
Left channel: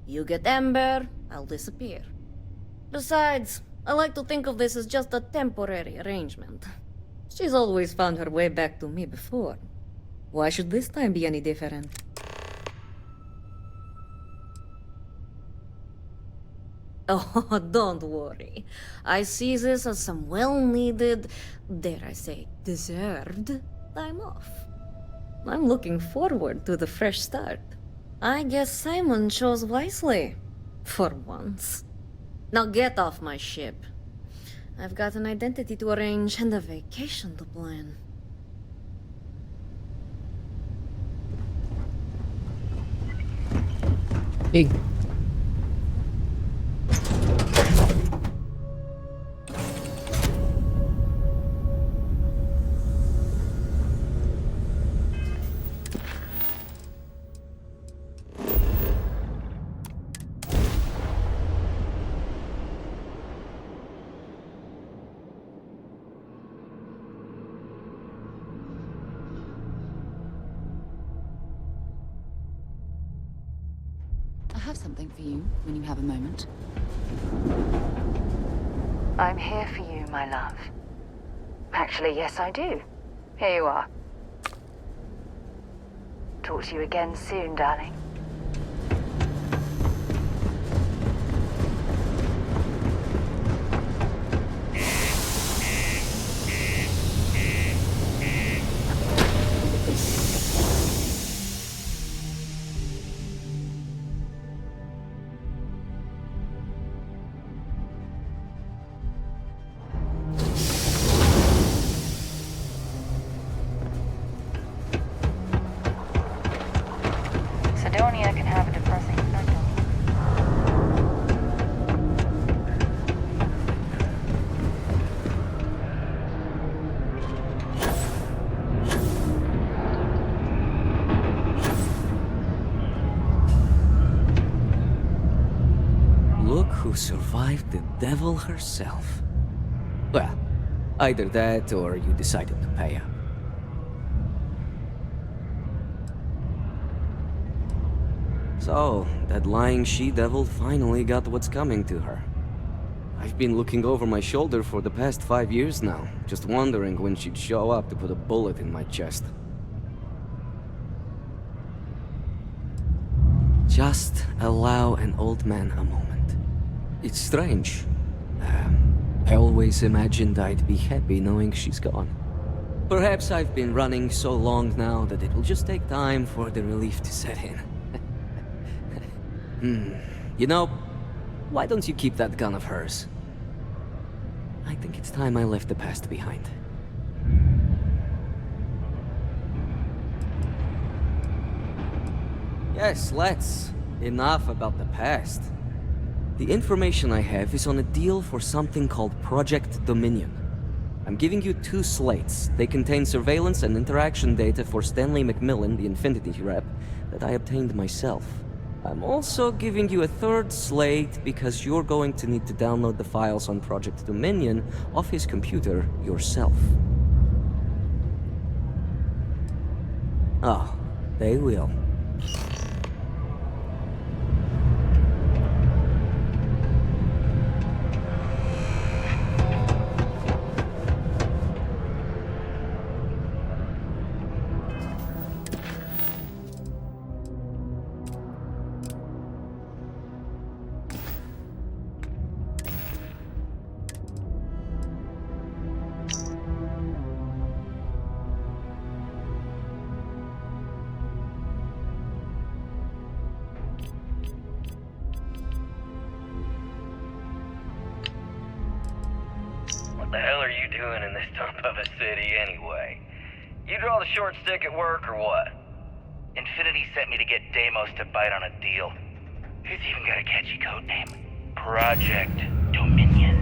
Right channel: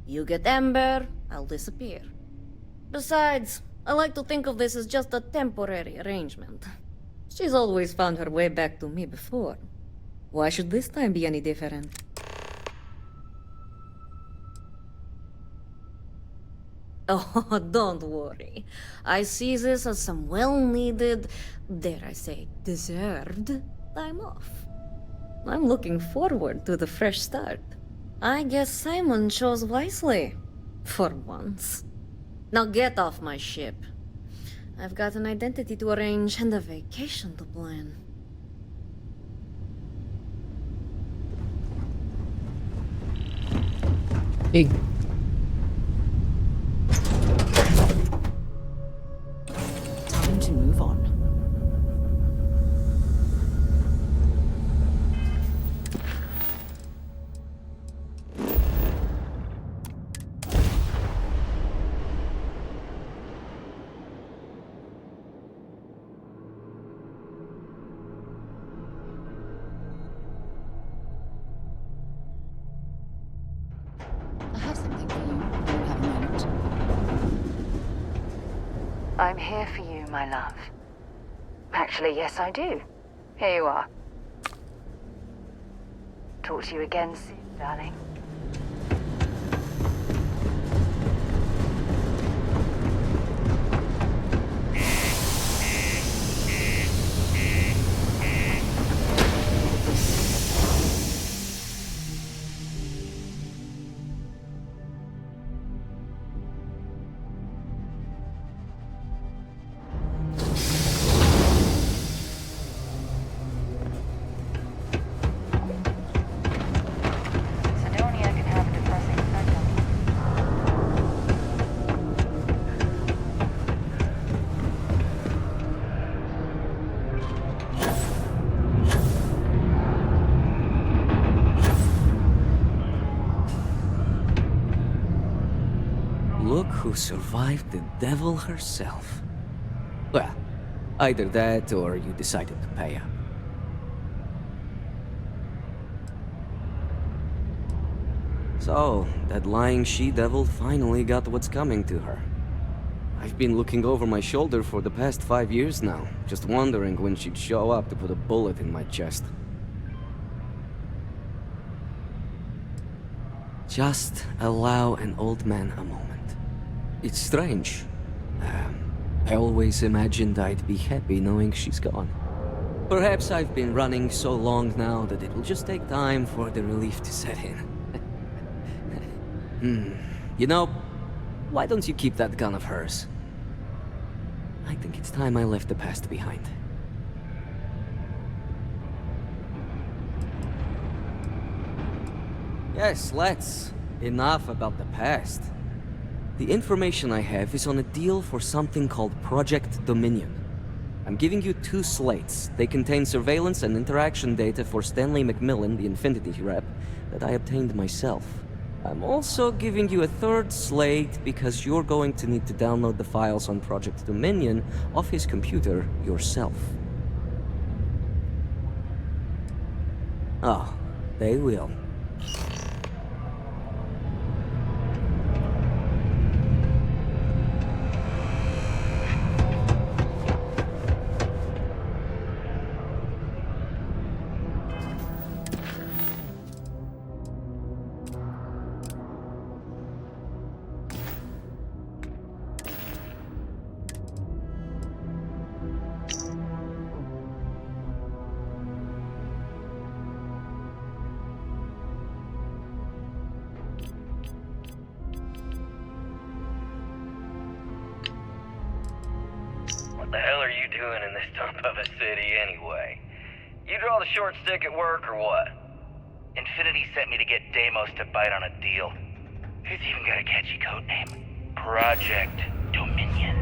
You get Ember, I'll disappear. Besides, I like to think of this as just a temporary arrangement. She's always found her way back to me before. Why should this time be any different? Oh, don't worry. I see this as some well-needed, dare I say, deserved time off. I'm looking forward to the fresh start. I guess Simon chose wisely. For once. Now get off my ship. I've got an identity to arrange and a vacation to plan. Big. Time to move on. I have something for you when you have a moment. I'm here for you, my love. Actually, yes, I do. Here you are. Talk to you again soon, darling. who survived the devil herself. Well, either that or you decided to pay up. So, that lying she-devil finally got what's coming to her. I've been looking over my shoulder for the past 5 years now, just wondering when she'd show up to put a bullet in my chest. Just allow an old man a moment. It's strange. I always imagined I'd be happy knowing she's gone. Perhaps I've been running so long now that it will just take time for the relief to set in. You know, why don't you keep that gun of hers? I think it's time I left the past behind. Yes, let's. Enough about the past. The information I have is on a deal for something called Project Dominion. I'm giving you 2 slates. They contain surveillance and interaction data for Stanley McMillan, the Infinity rep, that I obtained myself. I'm also giving you a 3rd slate because you're going to need to download the files on Project Dominion off his computer yourself. Oh, they will. What the hell are you doing in this dump of a city anyway? You draw the short stick at work or what? Infinity sent me to get Deimos to bite on a deal. He's even got a catchy code name. Project Dominion.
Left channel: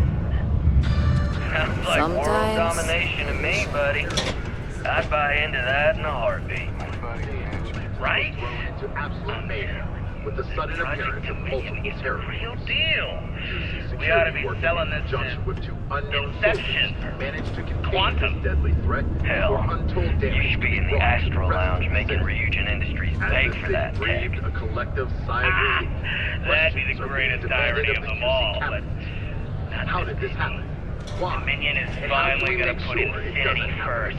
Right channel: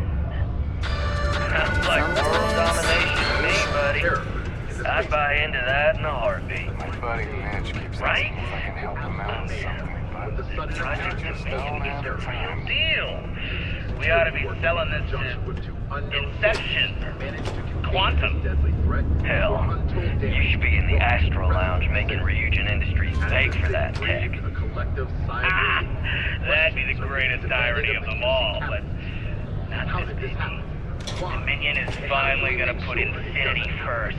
Sounds like world domination to me, buddy. I'd buy into that in a heartbeat. Right? This Project Dominion is a real deal. We ought to be selling this to Inception, Quantum. Hell, you should be in the Astro Lounge making Ryujin Industries beg for that tech. That'd be the greatest irony of them all, but not this happen? Dominion is finally gonna put Infinity first.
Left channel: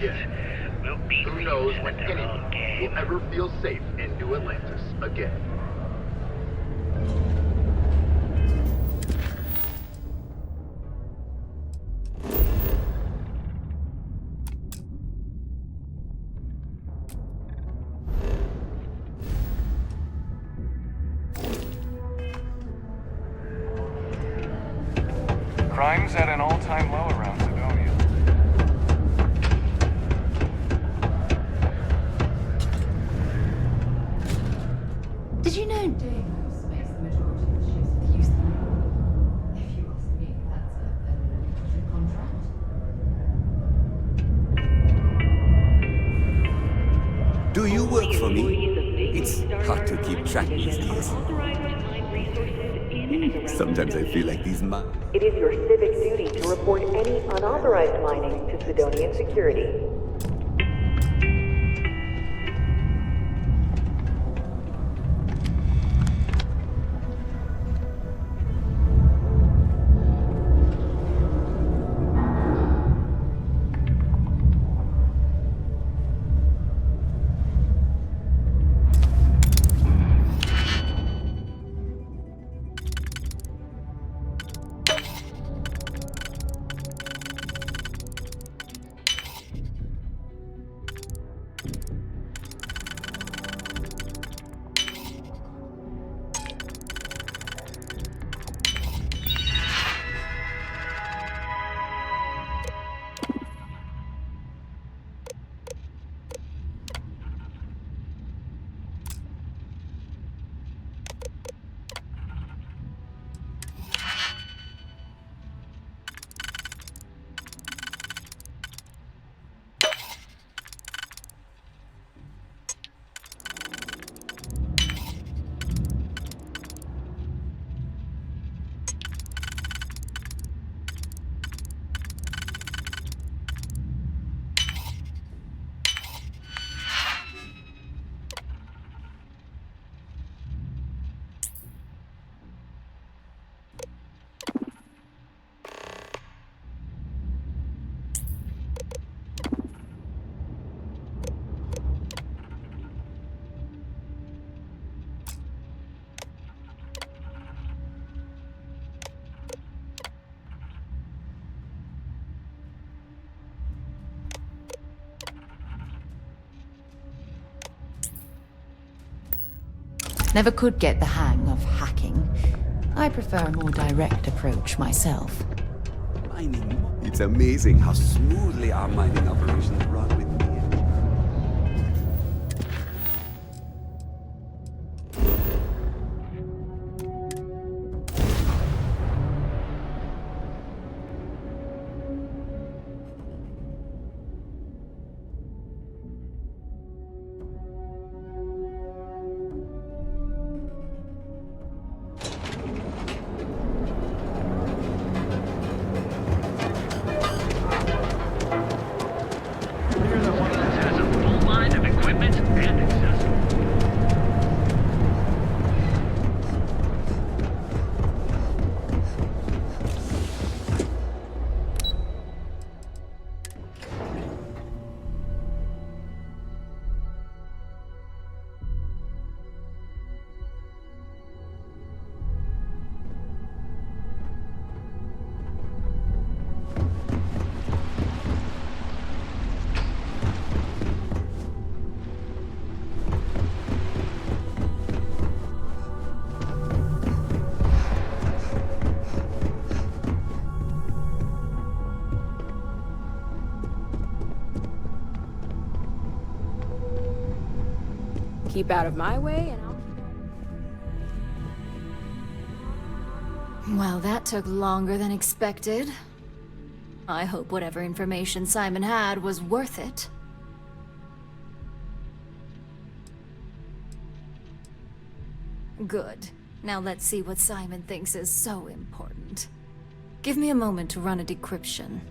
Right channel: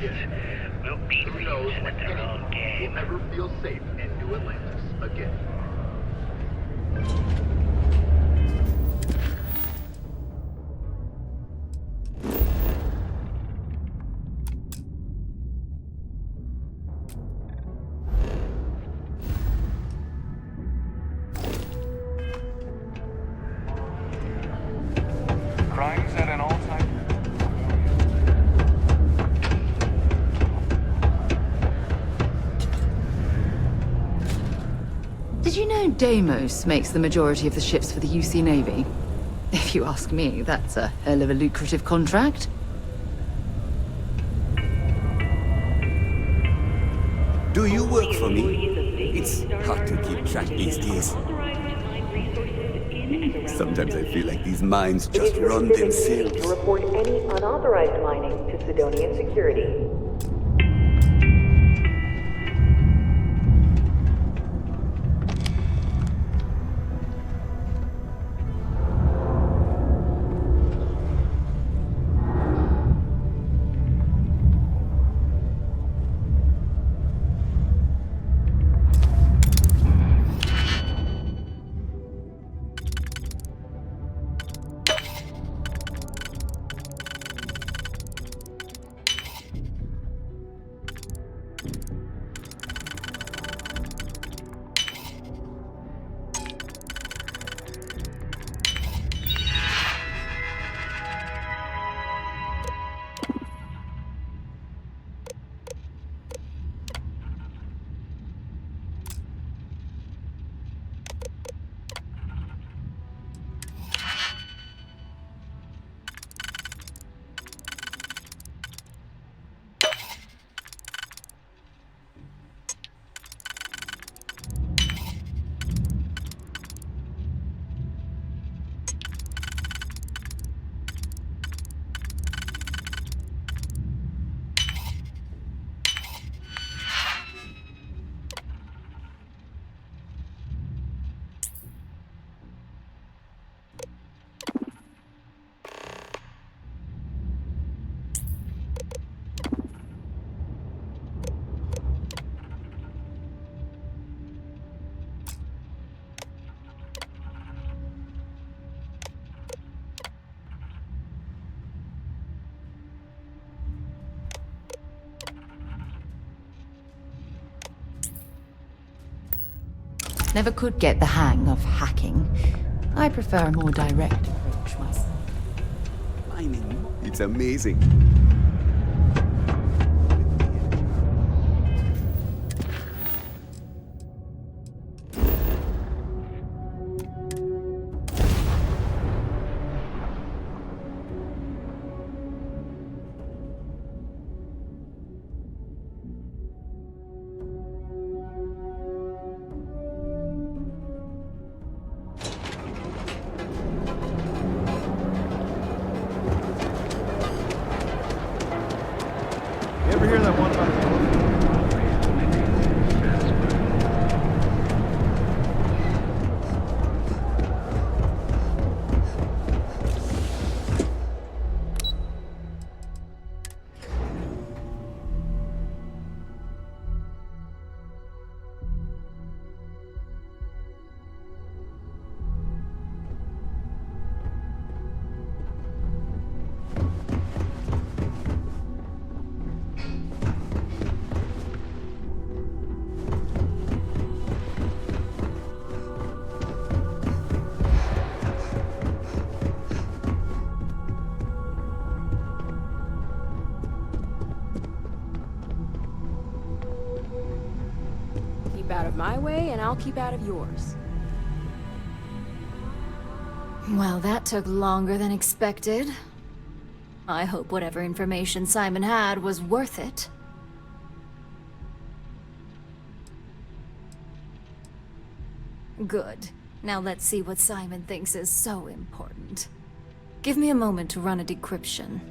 We'll beat Ryujin at their own game. Will ever feel safe in New Atlantis again. Crime's at an all-time low around Sidonia. Did you know Deimos makes the majority of the ships for the UC Navy? If you ask me, that's a hell of a lucrative contract. Do you work for me? It's hard to keep track these days. Sometimes I feel like these mines just run themselves. To report any unauthorized mining to Sidonian security. Never could get the hang of hacking. I prefer a more direct approach myself. Mining. It's amazing how smoothly our mining operations run with me. You ever hear that one about the line of equipment and accessories? Keep out of my way, and I'll keep out of yours. Well, that took longer than expected. I hope whatever information Simon had was worth it. Good. Now let's see what Simon thinks is so important. Give me a moment to run a decryption.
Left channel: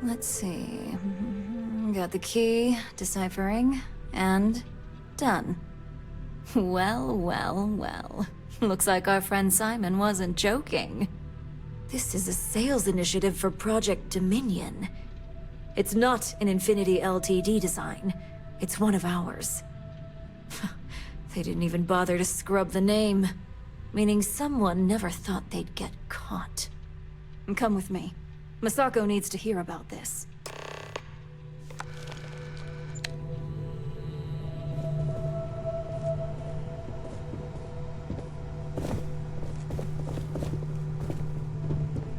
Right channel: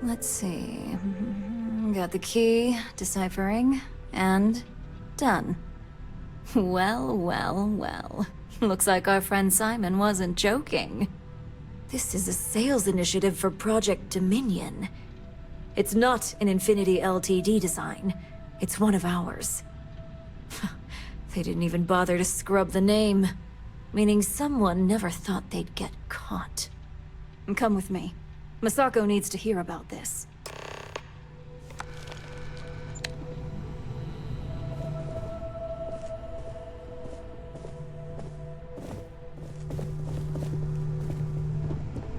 Let's see. Got the key, deciphering, and done. Well, well, well. Looks like our friend Simon wasn't joking. This is a sales initiative for Project Dominion. It's not an Infinity Ltd design. It's one of ours. They didn't even bother to scrub the name, meaning someone never thought they'd get caught. Come with me. Masako needs to hear about this.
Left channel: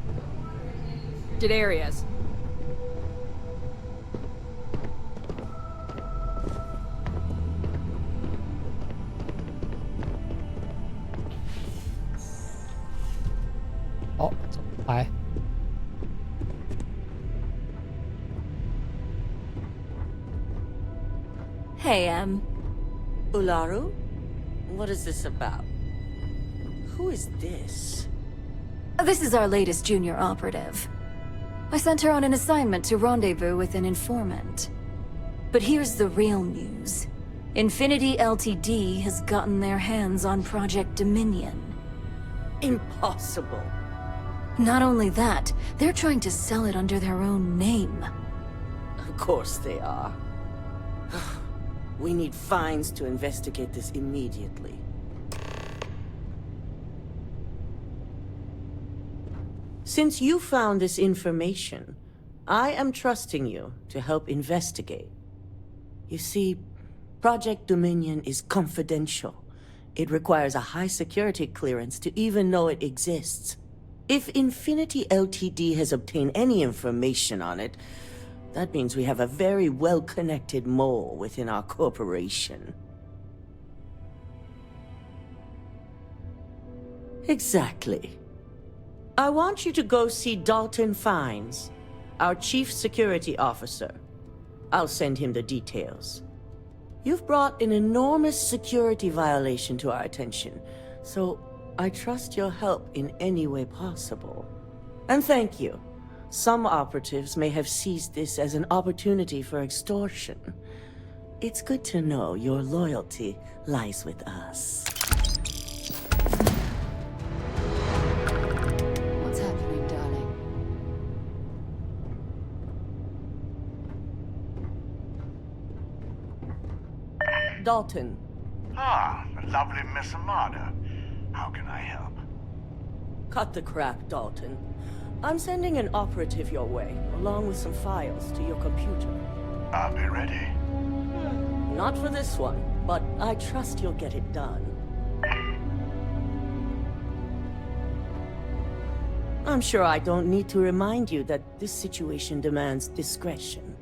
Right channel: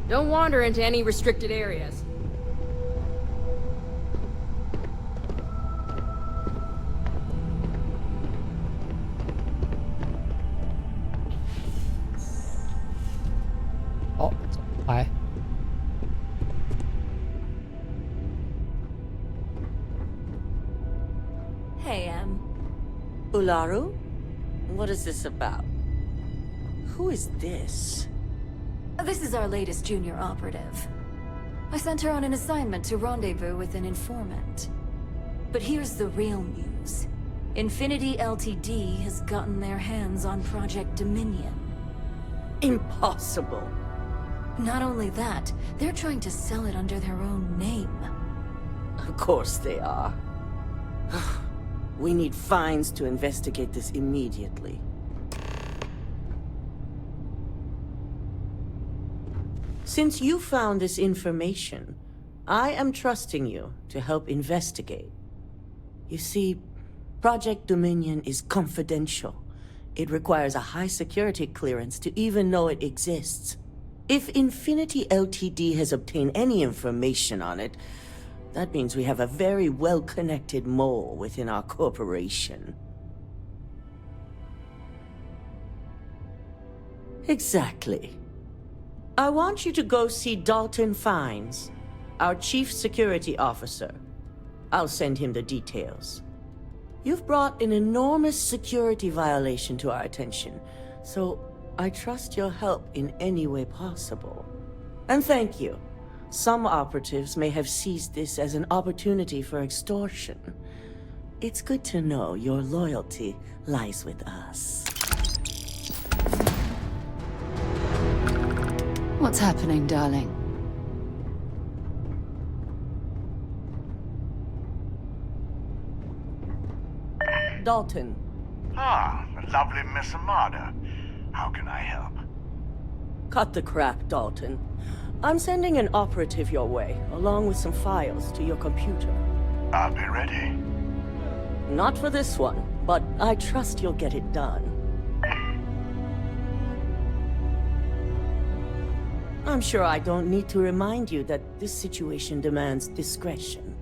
Don't wander into any restricted areas. Oh, 走来。 Hey, Ularu? What is this about? Who is this? This is our latest junior operative. I sent her on an assignment to rendezvous with an informant. But here's the real news. Infinity Ltd has gotten their hands on Project Dominion. Impossible. Not only that, they're trying to sell it under their own name. Of course they are. We need fines to investigate this immediately. Since you found this information, I am trusting you to help investigate. You see, Project Dominion is confidential. It requires a high security clearance to even know it exists. If Infinity Ltd has obtained any information on it, that means we have a very well-connected mole within our corporation. Exactly. I want you to go see Dalton Fines, our Chief Security Officer. I'll send him the details. You've brought an enormous security violation to our attention, so I trust your help in any way possible. And thank you. Some operatives may have seized this as an opportunity for extortion. It's good to know your loyalty lies with us. What's happening, darling? Dalton. Ah, the lovely Miss Amada. How can I help? Cut the crap, Dalton. I'm sending an operative your way, along with some files to your computer. I'll be ready. Not for this one, but I trust you'll get it done. I'm sure I don't need to remind you that this situation demands discretion.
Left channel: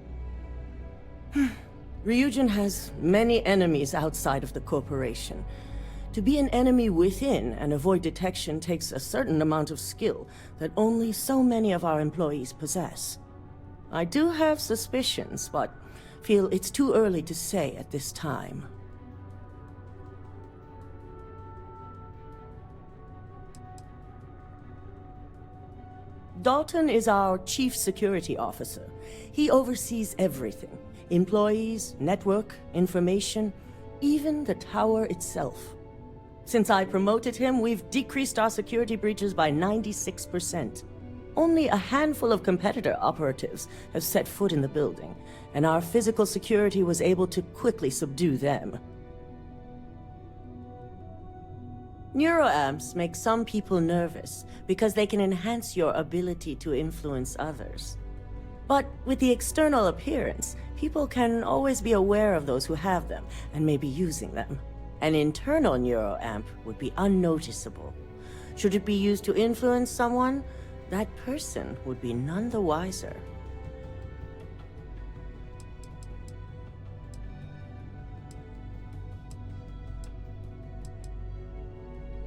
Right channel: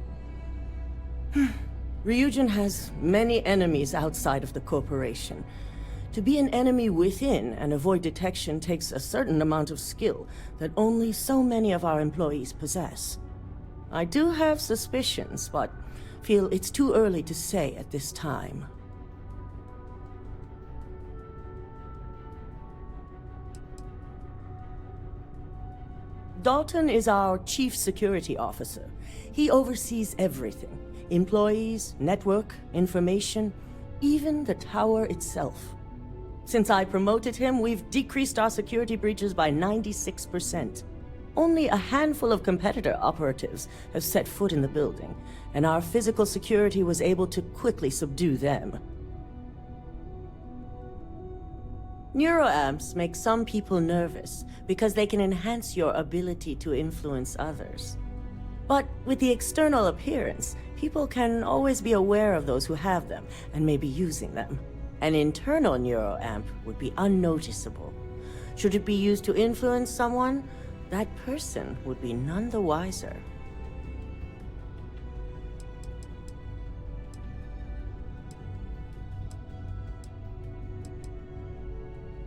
Ryujin has many enemies outside of the corporation. To be an enemy within and avoid detection takes a certain amount of skill that only so many of our employees possess. I do have suspicions, but feel it's too early to say at this time. Dalton is our Chief Security Officer. He oversees everything. Employees, network, information, even the tower itself. Since I promoted him, we've decreased our security breaches by 96%. Only a handful of competitor operatives have set foot in the building, and our physical security was able to quickly subdue them. Neuroamps make some people nervous because they can enhance your ability to influence others. But with the external appearance, people can always be aware of those who have them and may be using them. An internal neuroamp would be unnoticeable. Should it be used to influence someone, that person would be none the wiser.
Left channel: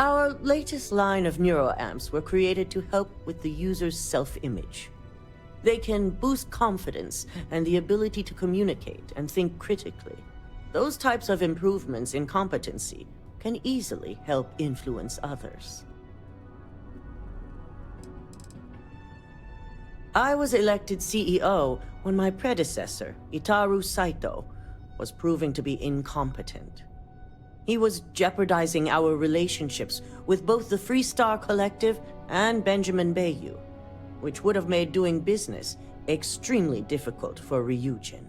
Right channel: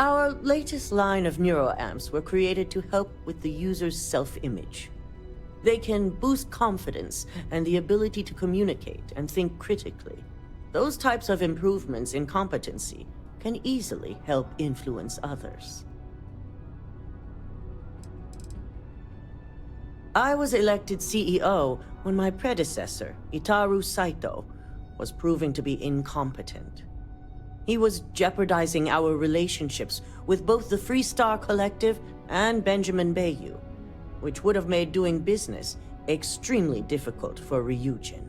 Our latest line of neuroamps were created to help with the user's self-image. They can boost confidence and the ability to communicate and think critically. Those types of improvements in competency can easily help influence others. I was elected CEO when my predecessor, Itaru Saito, was proving to be incompetent. He was jeopardizing our relationships with both the Freestar Collective and Benjamin Bayou, which would have made doing business extremely difficult for Ryujin.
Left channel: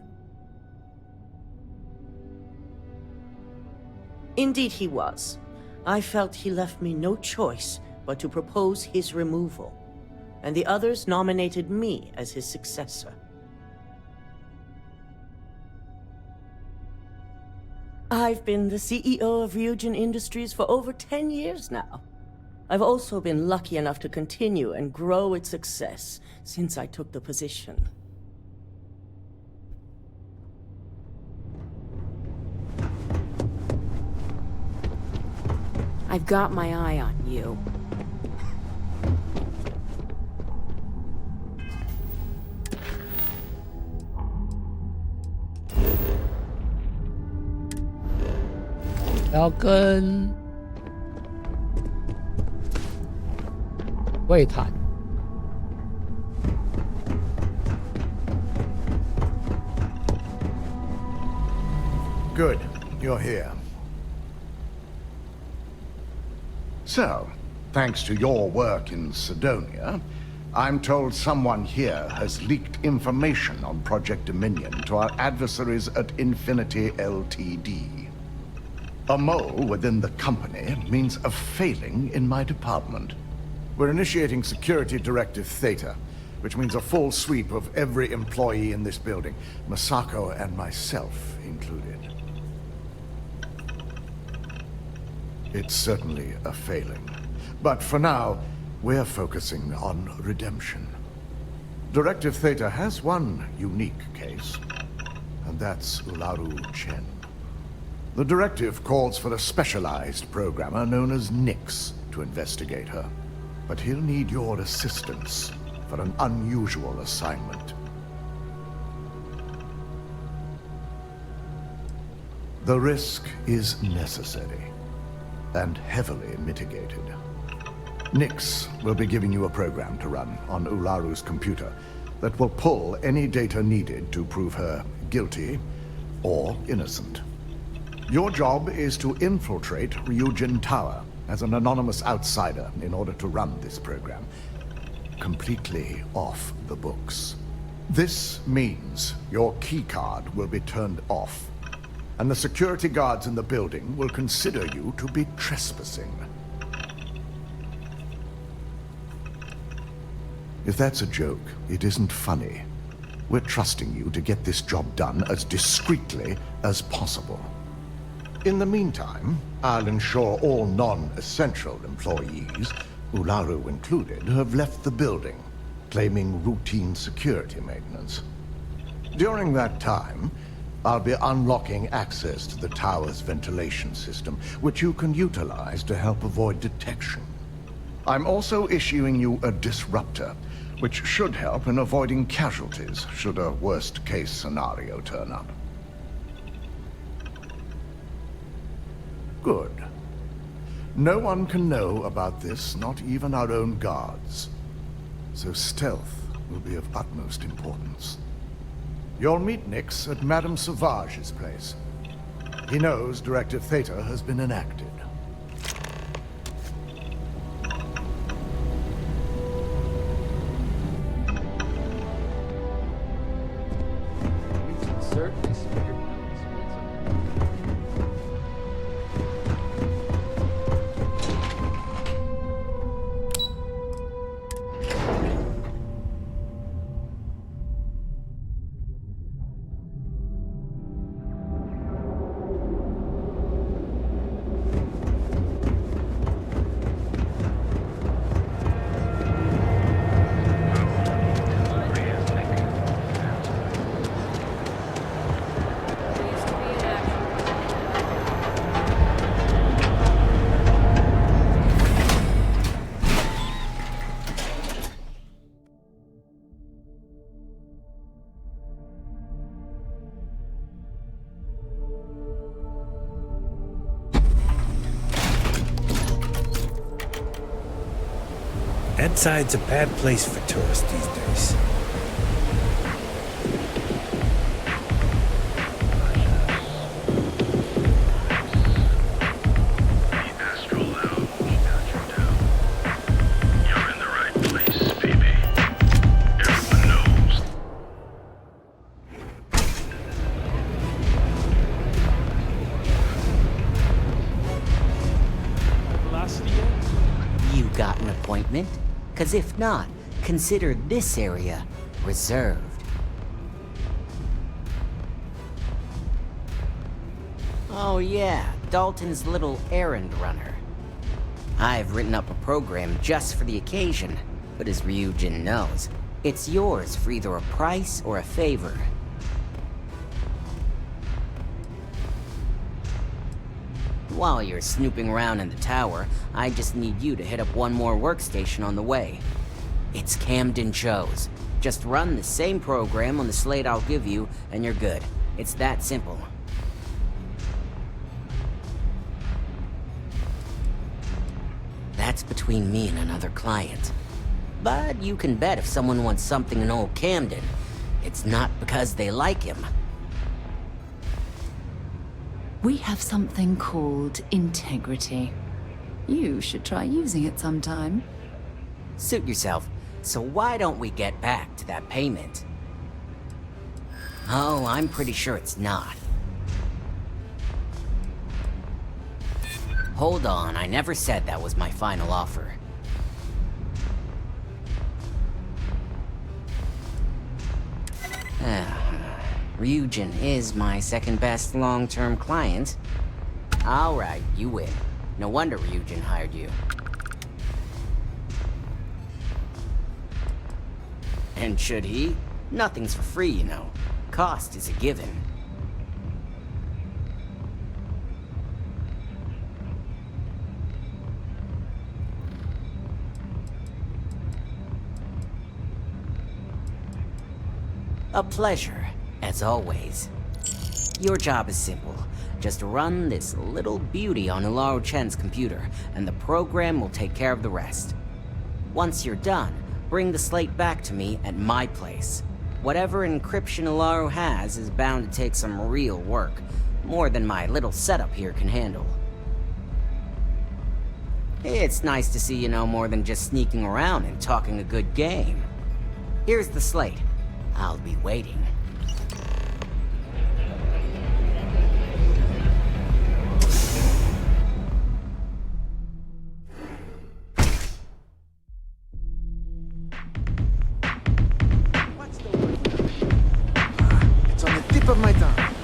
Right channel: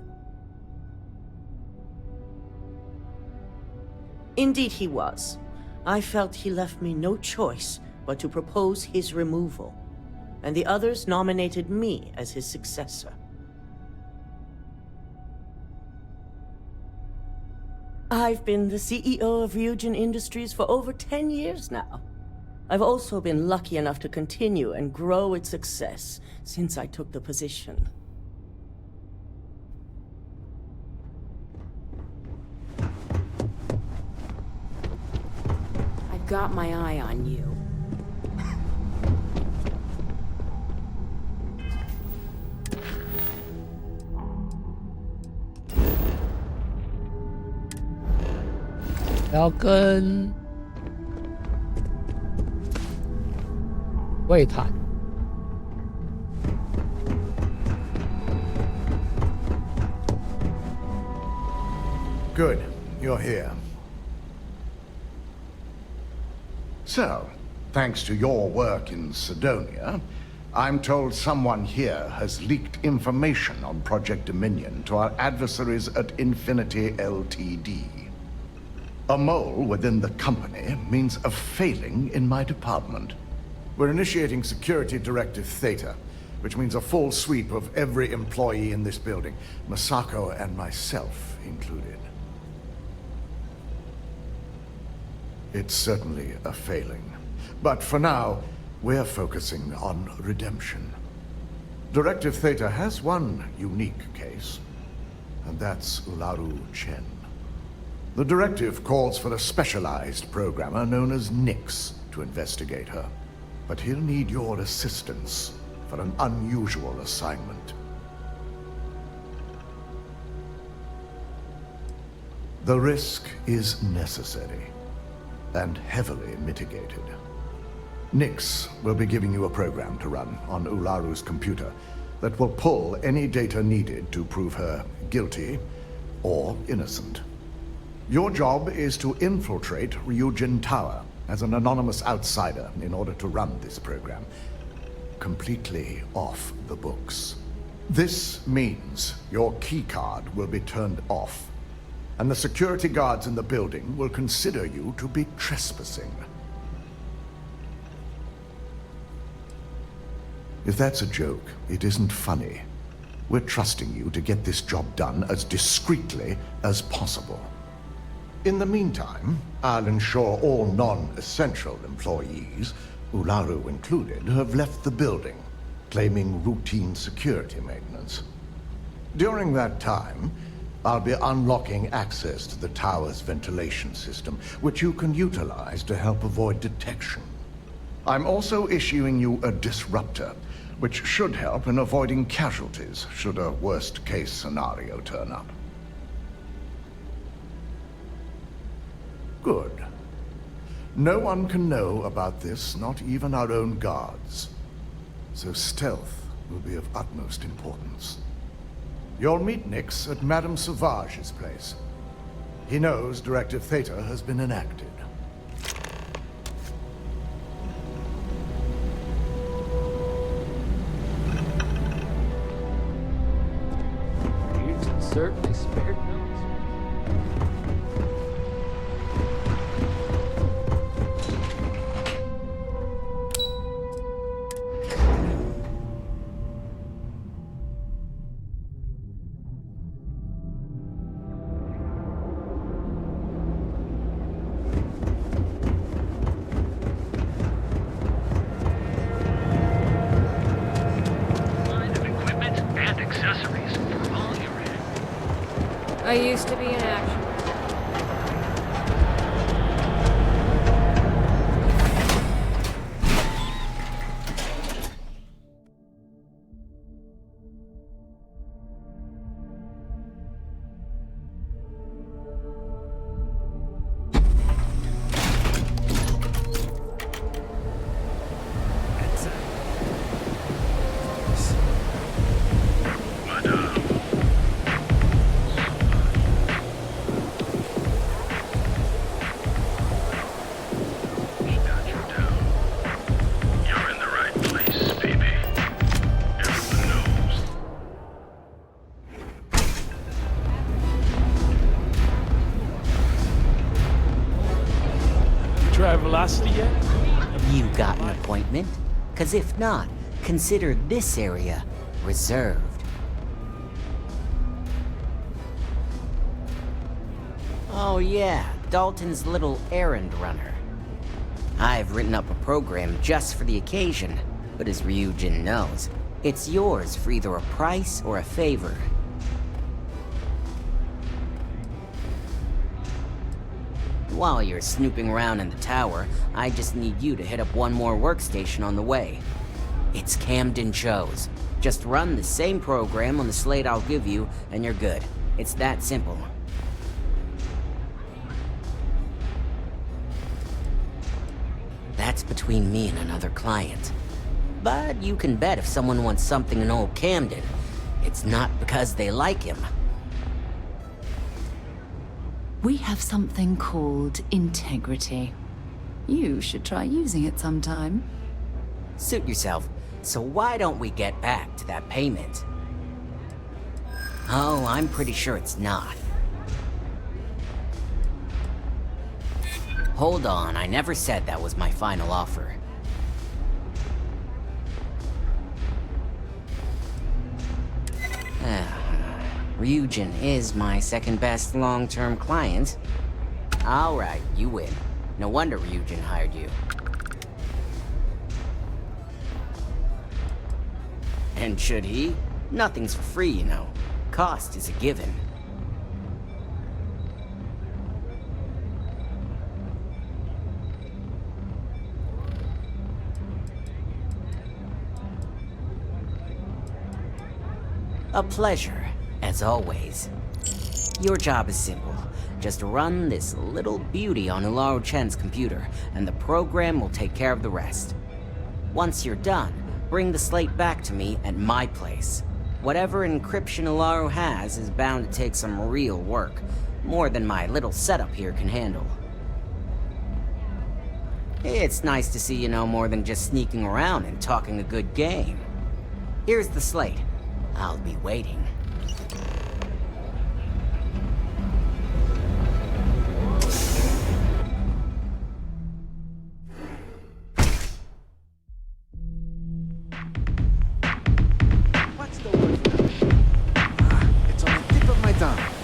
Indeed he was. I felt he left me no choice but to propose his removal, and the others nominated me as his successor. I've been the CEO of Ryujin Industries for over 10 years now. I've also been lucky enough to continue and grow its success since I took the position. I've got my eye on you.要跟魏谈。Good, you're here. So, thanks to your work in Sidonia, I'm told someone here has leaked information on Project Dominion to our adversaries at Infinity Ltd. A mole within the company means a failing in my department. We're initiating Security Directive Theta, which means a full sweep of every employee in this building, Masako and myself included. It's certainly a failing. But for now, we're focusing on redemption. Directive Theta has one unique case, and that's Ularu Chen. The directive calls for a specialized programmer known as Nix to investigate her. But he'll need your assistance for an unusual assignment. The risk is necessary and heavily mitigated. Nix will be giving you a program to run on Ularu's computer that will pull any data needed to prove her guilty or innocent. Your job is to infiltrate Ryujin Tower as an anonymous outsider in order to run this program completely off the books. This means your keycard will be turned off, and the security guards in the building will consider you to be trespassing. If that's a joke, it isn't funny. We're trusting you to get this job done as discreetly as possible. In the meantime, I'll ensure all non-essential employees Ularu included, have left the building, claiming routine security maintenance. During that time, I'll be unlocking access to the tower's ventilation system, which you can utilize to help avoid detection. I'm also issuing you a disruptor, which should help in avoiding casualties should a worst-case scenario turn up. Good. No one can know about this, not even our own guards. So stealth will be of utmost importance. You'll meet Nyx at Madame Sauvage's place. He knows Directive Theta has been enacted. You certainly spared no I used to be in action. Edside's a bad place for tourists these days. Velocity yet? You got an appointment? 'Cause if not, consider this area reserved. Oh yeah, Dalton's little errand runner. I've written up a program just for the occasion, but as Ryujin knows, it's yours for either a price or a favor. While you're snooping around in the tower, I just need you to hit up one more workstation on the way. It's Camden Joe's. Just run the same program on the slate I'll give you, and you're good. It's that simple. That's between me and another client. But you can bet if someone wants something in old Camden, it's not because they like him. We have something called integrity. You should try using it sometime. Suit yourself. So why don't we get back to that payment? Oh, I'm pretty sure it's not. Hold on, I never said that was my final offer. Ryujin is my second best long-term client. Alright, you win. No wonder Ryujin hired you. And should he? Nothing's for free, you know. Cost is a given. A pleasure, as always. Your job is simple. Just run this little beauty on Ularu Chen's computer, and the program will take care of the rest. Once you're done, bring the slate back to me at my place. Whatever encryption Ularu has is bound to take some real work, more than my little setup here can handle. It's nice to see you know more than just sneaking around and talking a good game. Here's the slate. I'll be waiting. What's the word for that? It's on the tip of my tongue.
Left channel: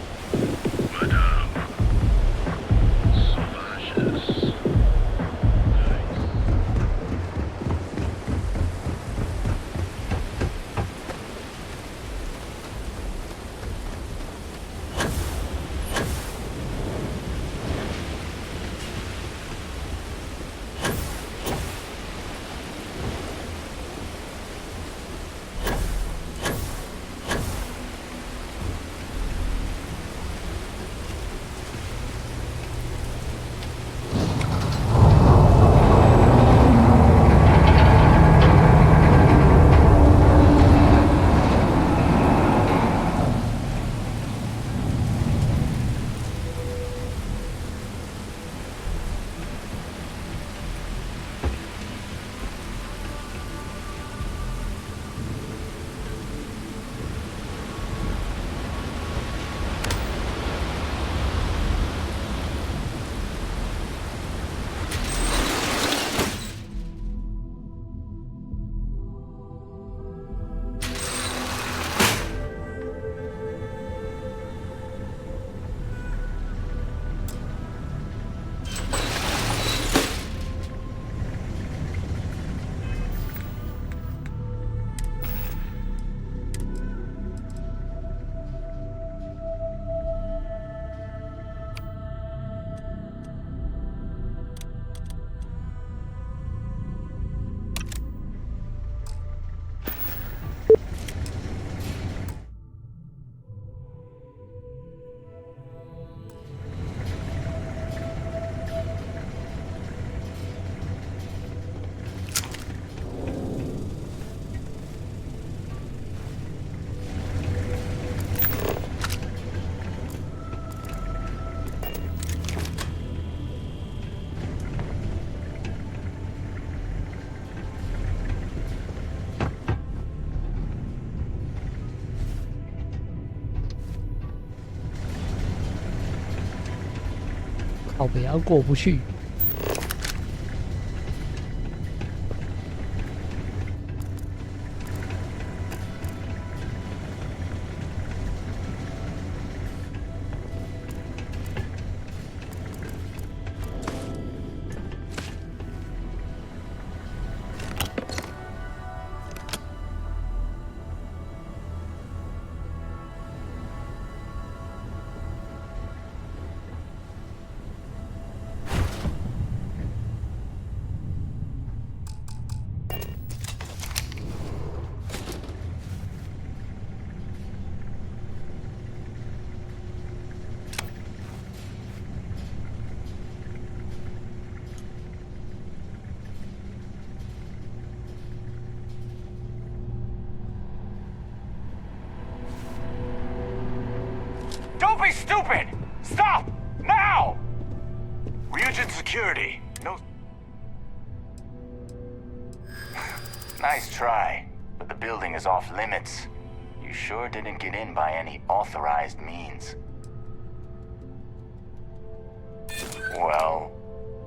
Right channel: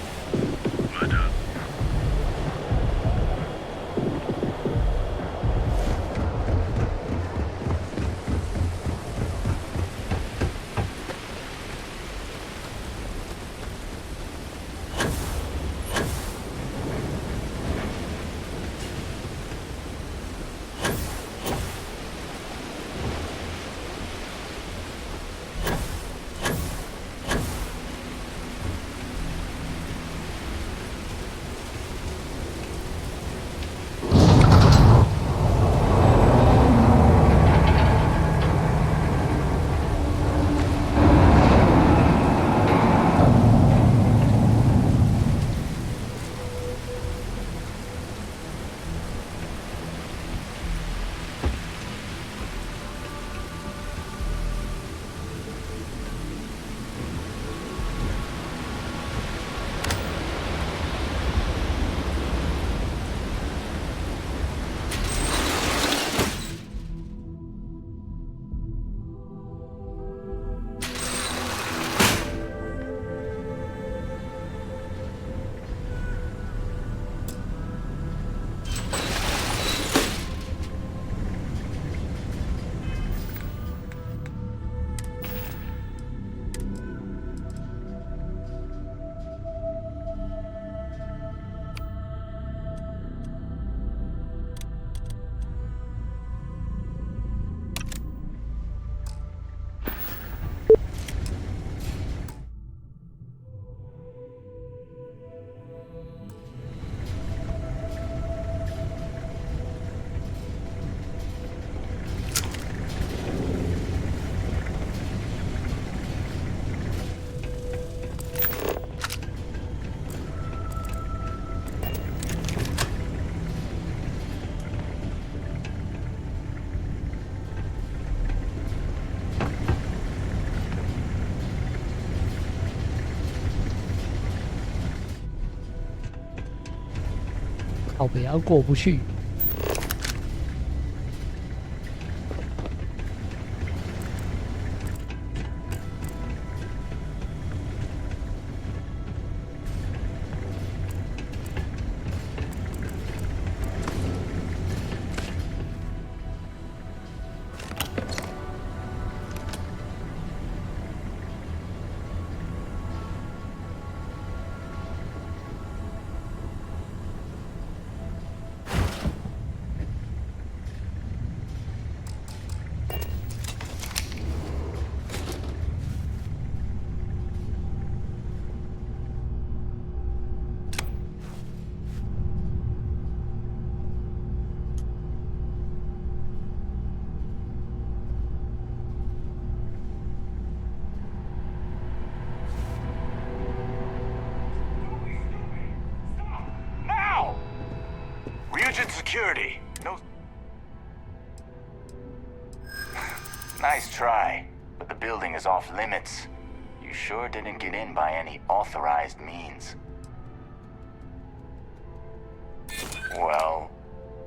靠北要过不去。Don't be stupid! Stop! Now! Ryujin Security. No... Nice try, but the building is off limits. You sure didn't get in by any authorized means. Well,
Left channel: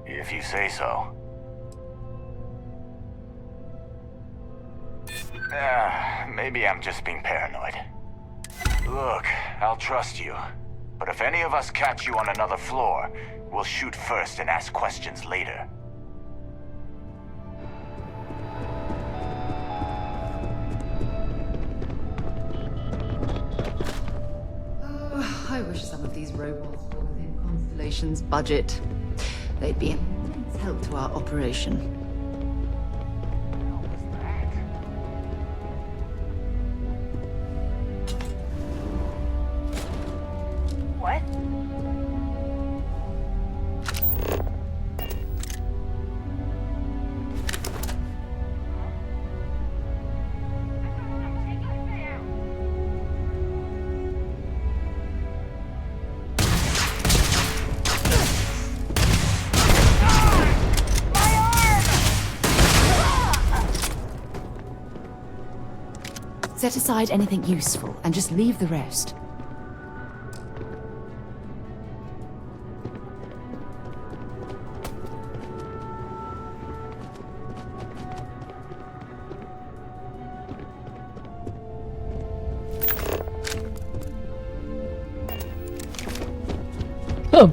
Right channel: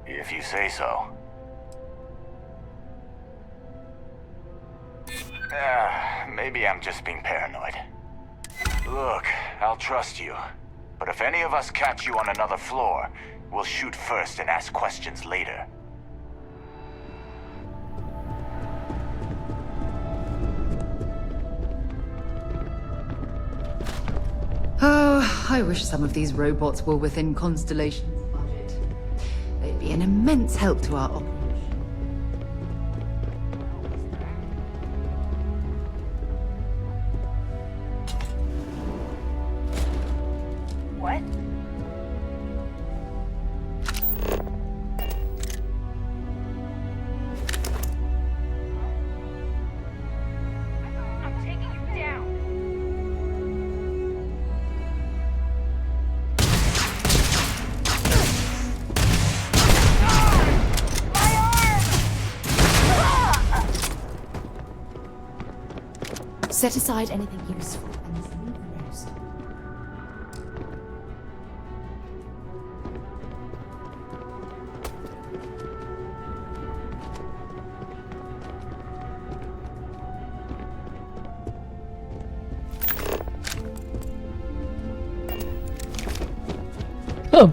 if you say so. Maybe I'm just being paranoid. Look, I'll trust you. But if any of us catch you on another floor, we'll shoot first and ask questions later. Oh, I wish some of these robots were within Constellation's budget. They'd be an immense help to our operation. What? I'm taking you down. Set aside anything useful and just leave the rest.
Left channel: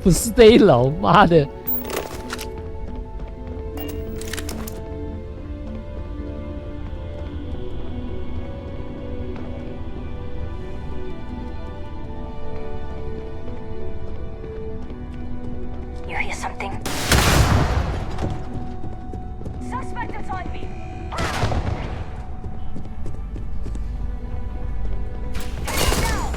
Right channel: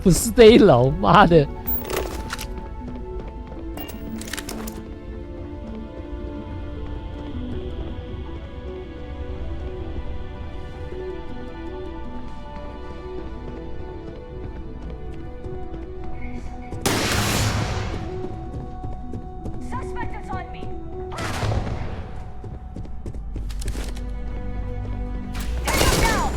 不是这一楼，妈的！ You hear something? Suspect is on me. Get down!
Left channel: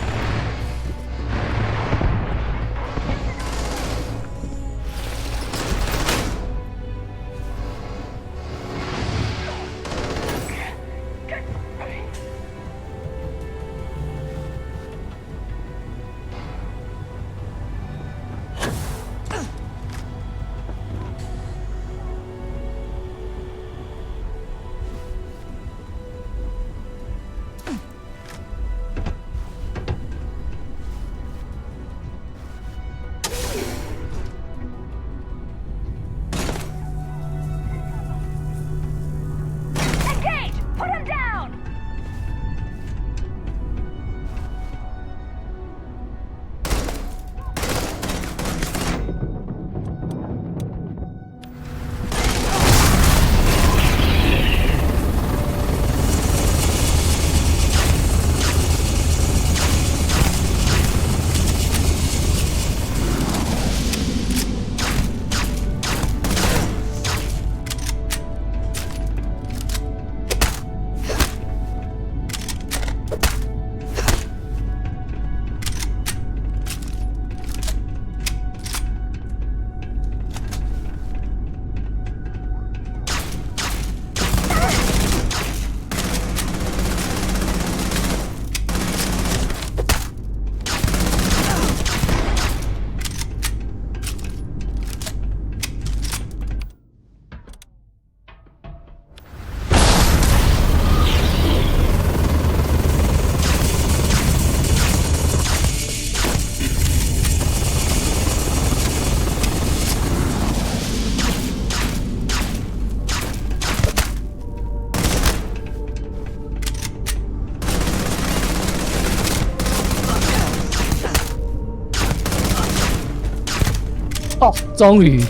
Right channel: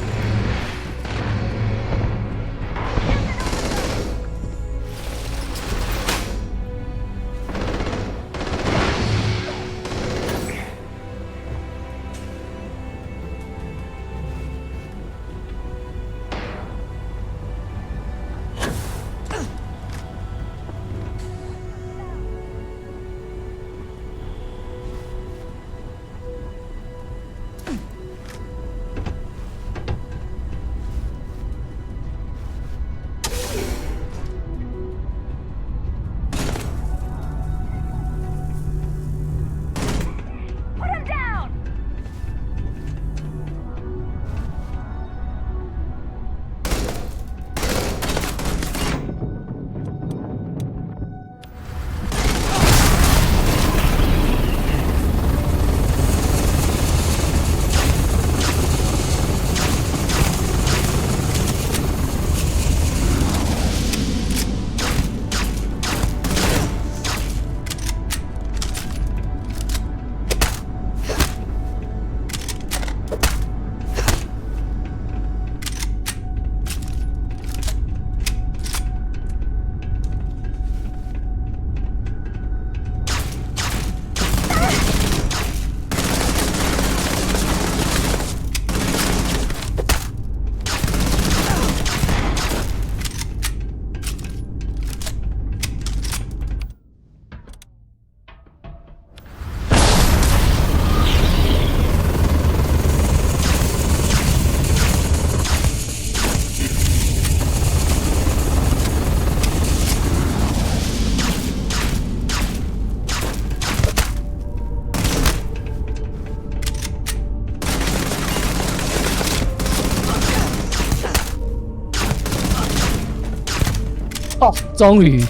哦，终于。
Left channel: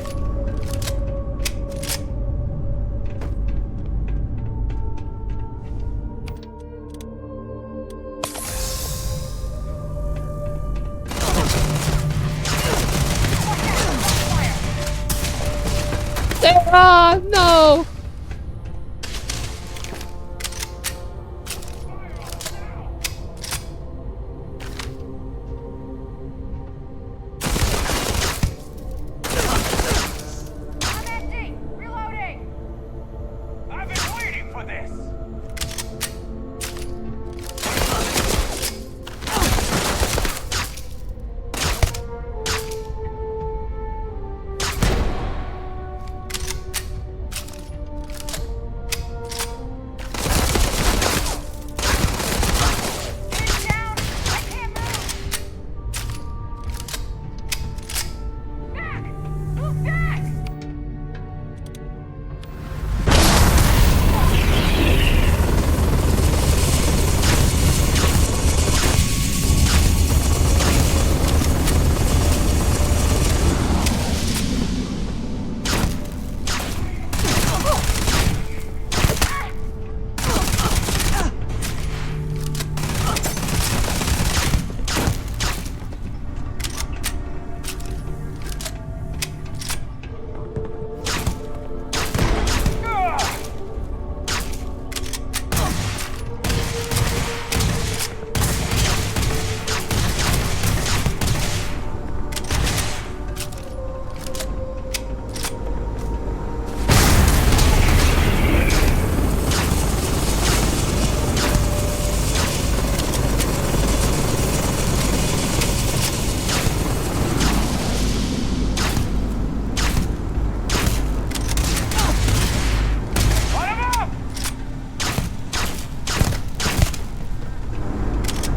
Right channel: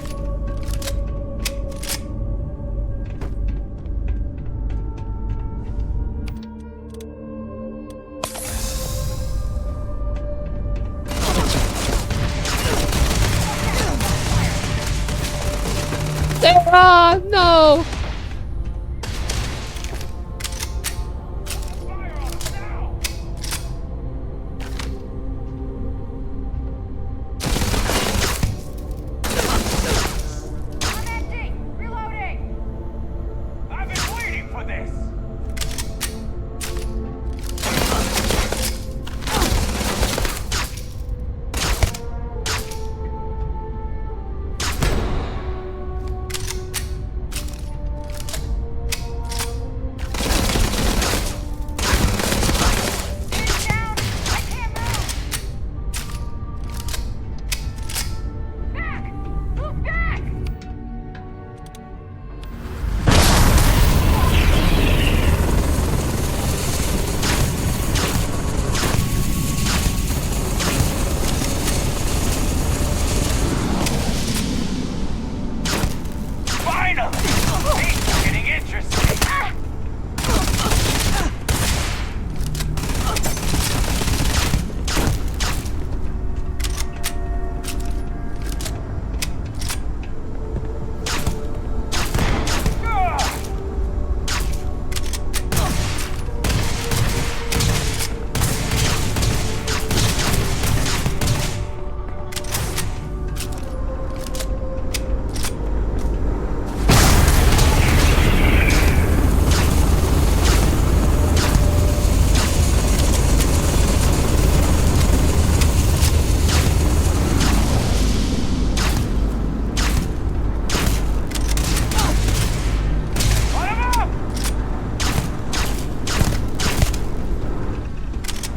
Sarah, no!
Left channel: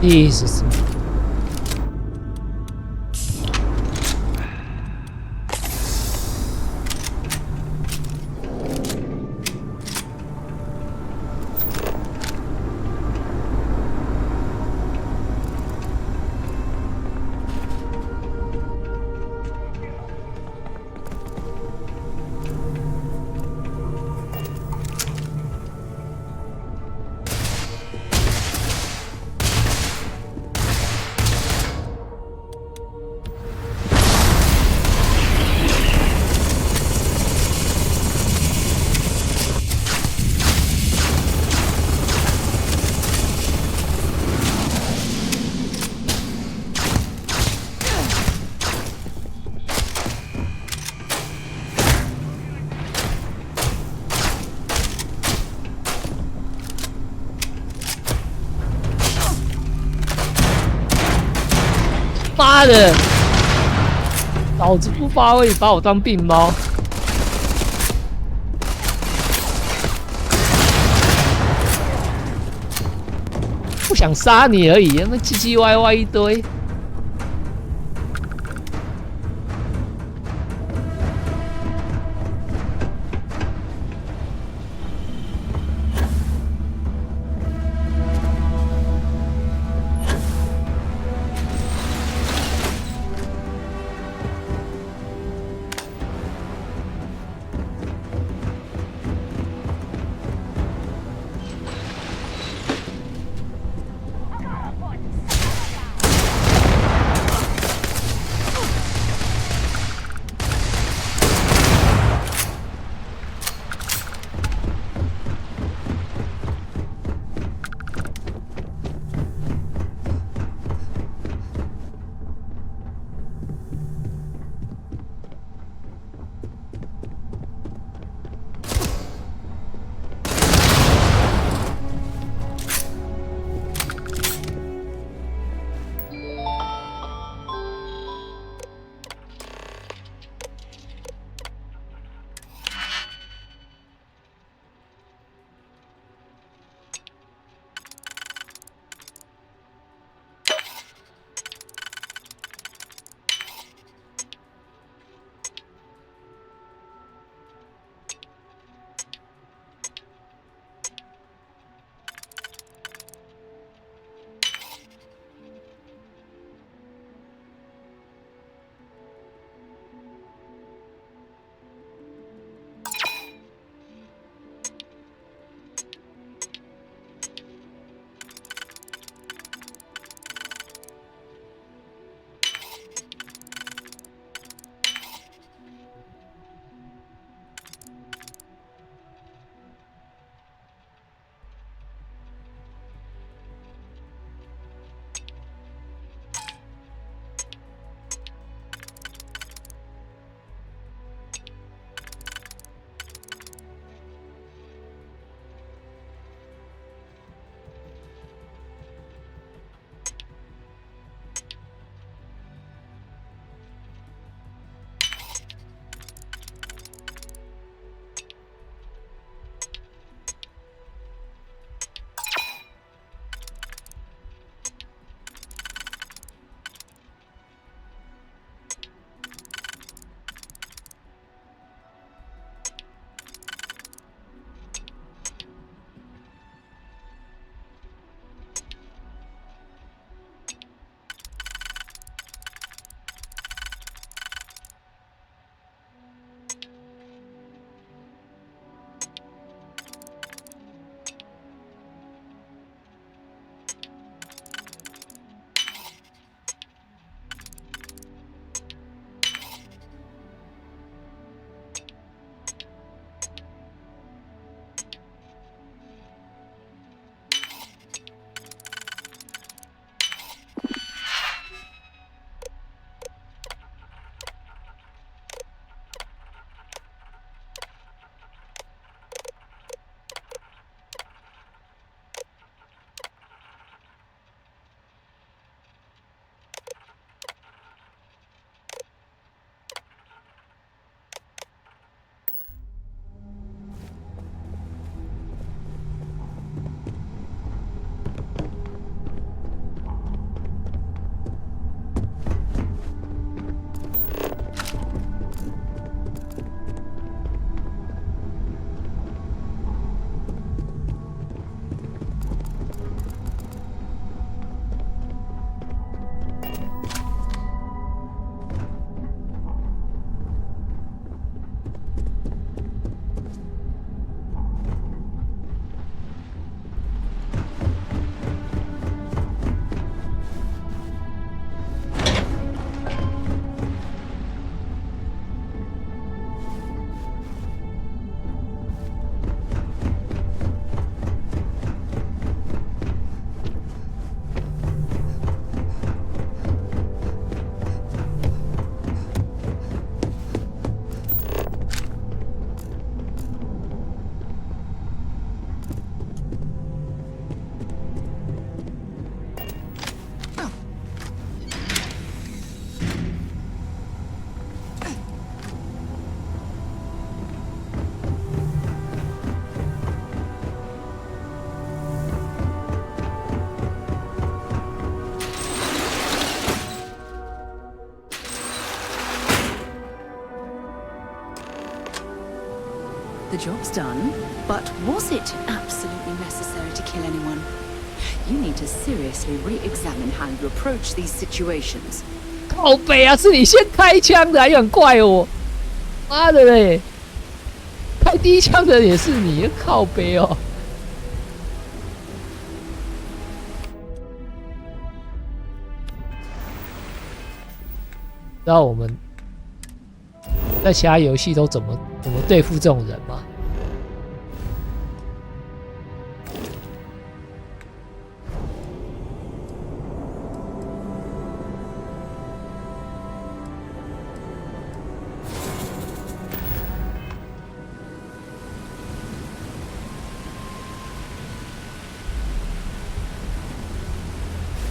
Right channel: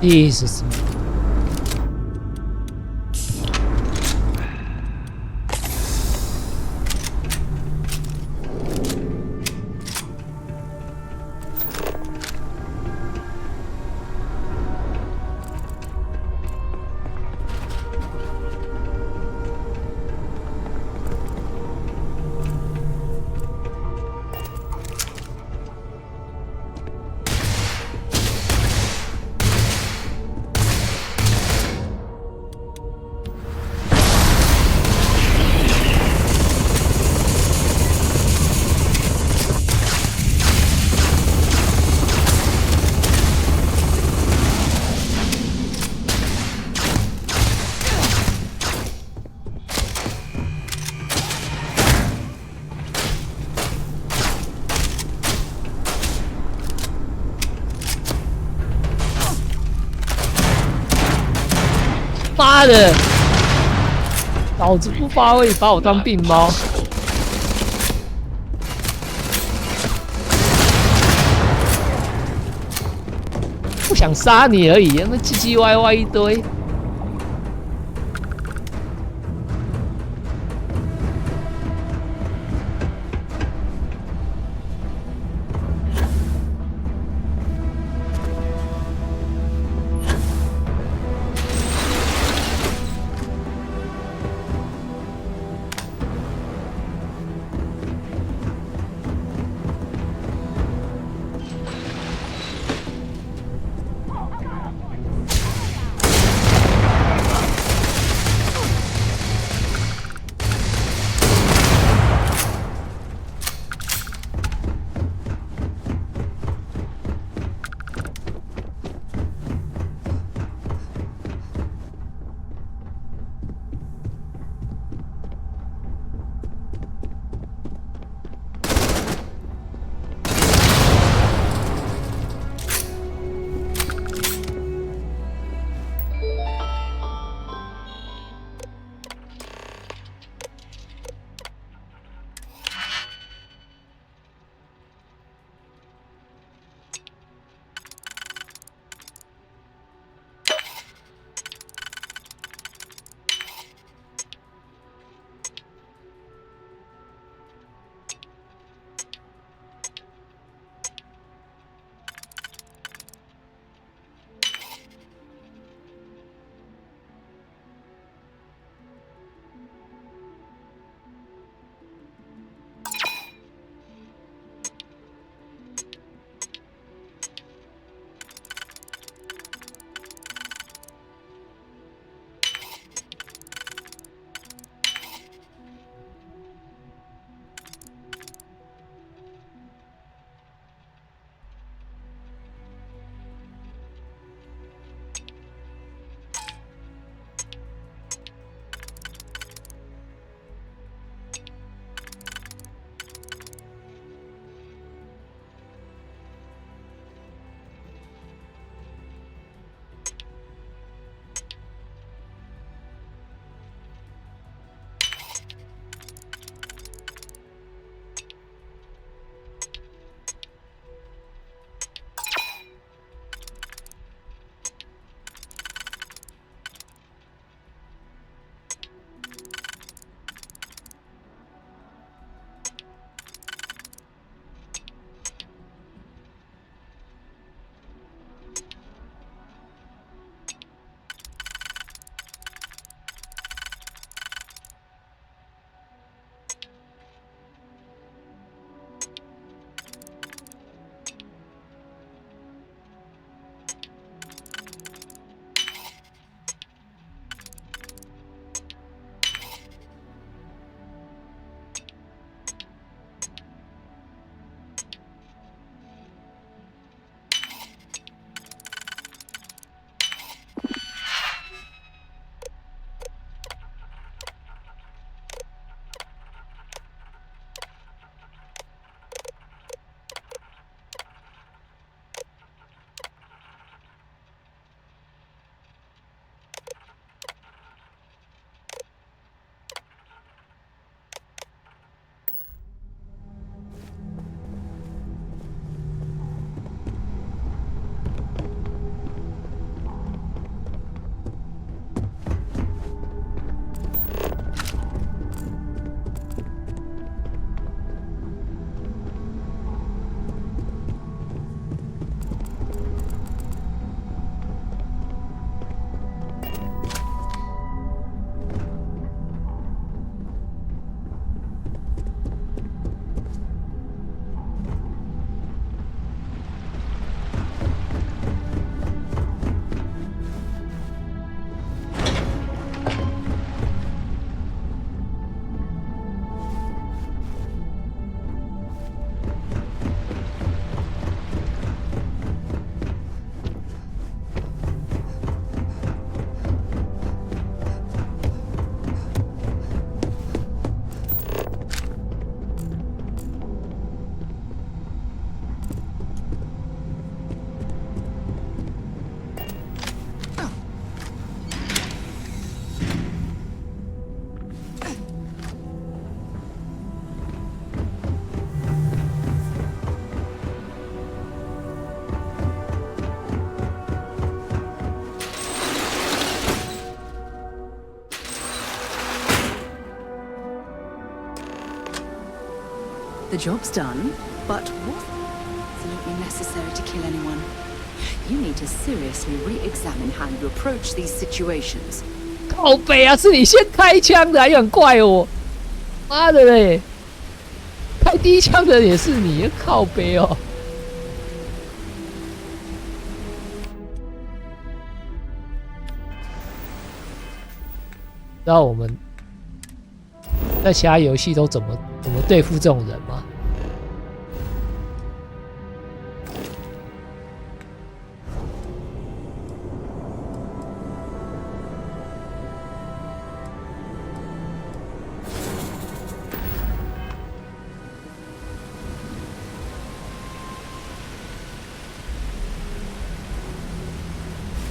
Jesus.妈的！老子不发威，你把我当病猫。不想杀你而已，那唧唧歪歪一堆。The job's done, but was it absolutely necessary to kill anyone? You need to seriously re-examine how you approach these situations. 靠北啊，是你先开枪的，还很怪我。妈的嘞，开第一枪的也是你，靠北哦。知道我们在其他游戏都怎么对付这种人吗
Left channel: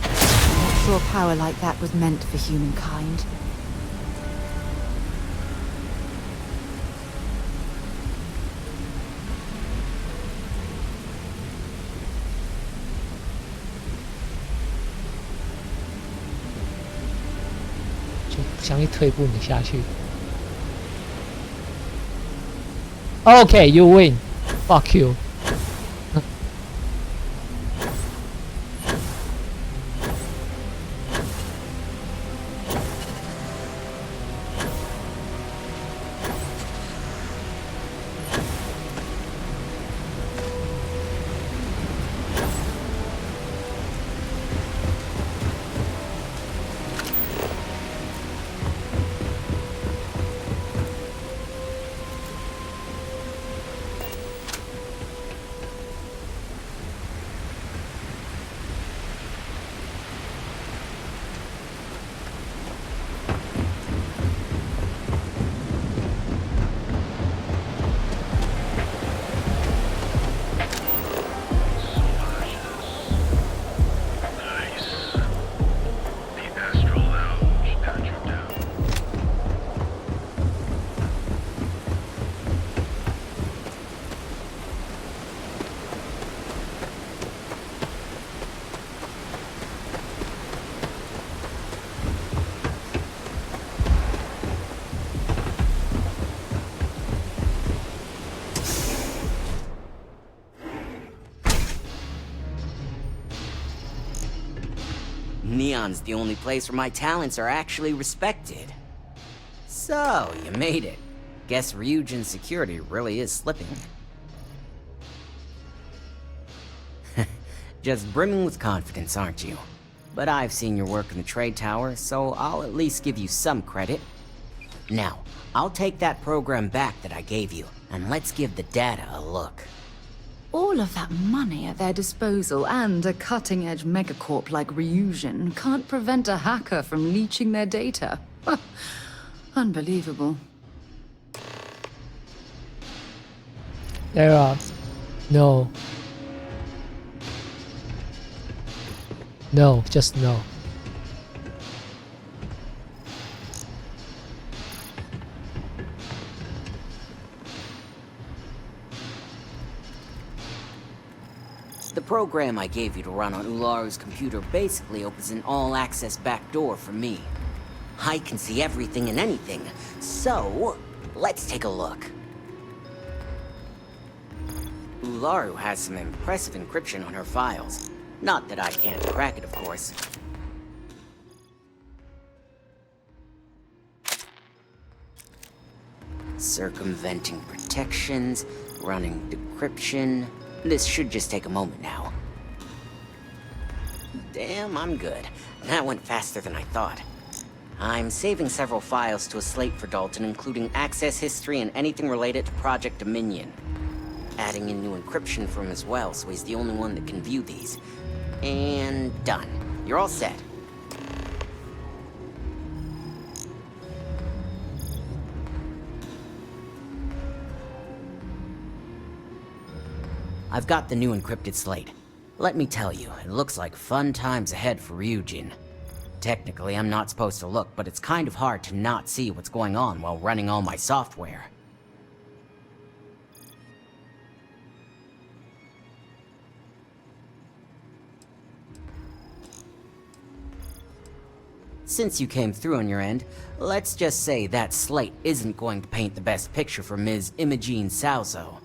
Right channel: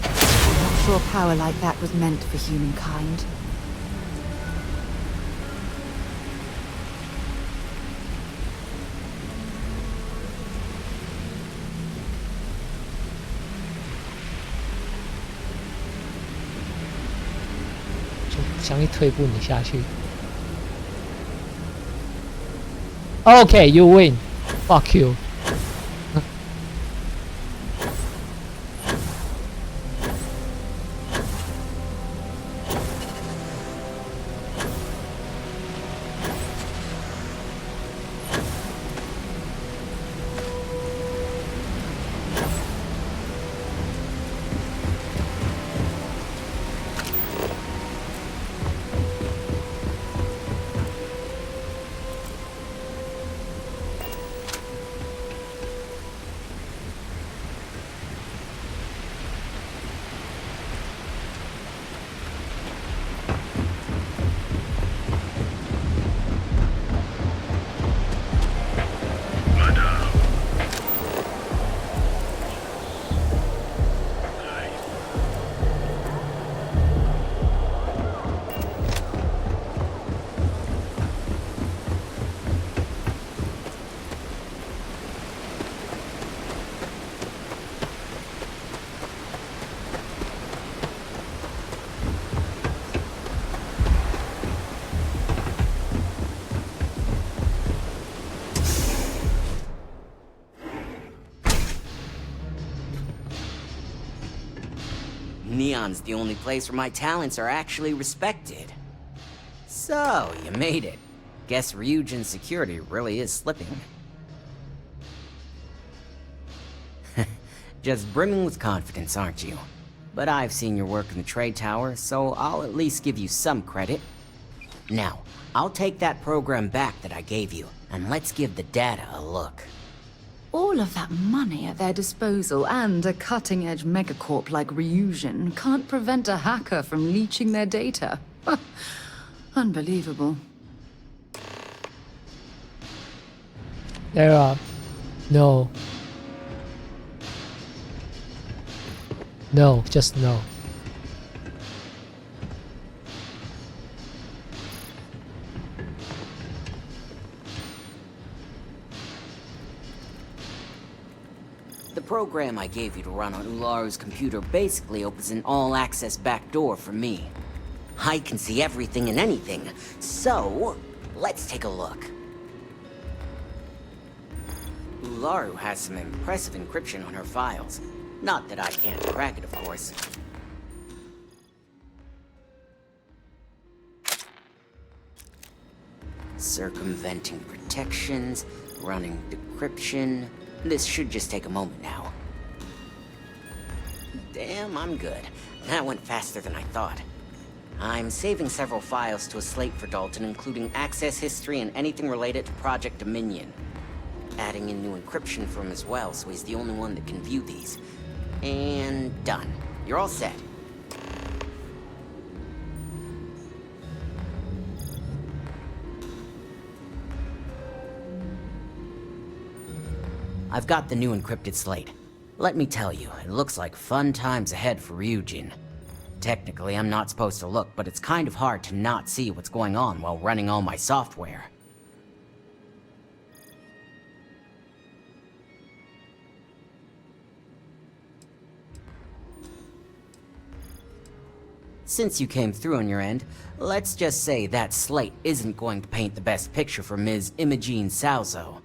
？I'm not sure power like that was meant for humankind.就想一退步你下去。Okay, you win. Fuck you. Neon's the only place where my talents are actually respected. So, you made it. Guess Ryujin's security really is slipping. Just brimming with confidence, aren't you? But I've seen your work in the trade tower, so I'll at least give you some credit. Now, I'll take that program back that I gave you, and let's give the data a look. All of that money at their disposal and a cutting-edge megacorp like Ryujin can't prevent a hacker from leeching their data. Unbelievable. There are no. No, just no. The program I gave you to run on Ularu's computer basically opens an all-access backdoor for me. I can see everything and anything, so let's take a look. Ularu has some impressive encryption on her files. Not that I can't crack it, of course. Circumventing protections, running decryption. This should just take a moment now. Damn, I'm good. That went faster than I thought. I'm saving several files to a slate for Dalton, including access history and anything related to Project Dominion. Adding in new encryption for him as well, so he's the only one that can view these. And done. You're all set. I've got the new encrypted slate. Let me tell you, it looks like fun times ahead for Ryujin. Technically, I'm not supposed to look, but it's kind of hard to not see what's going on while running all my software. Since you came through on your end, let's just say that slate isn't going to paint the best picture for Ms. Imogene Salzo.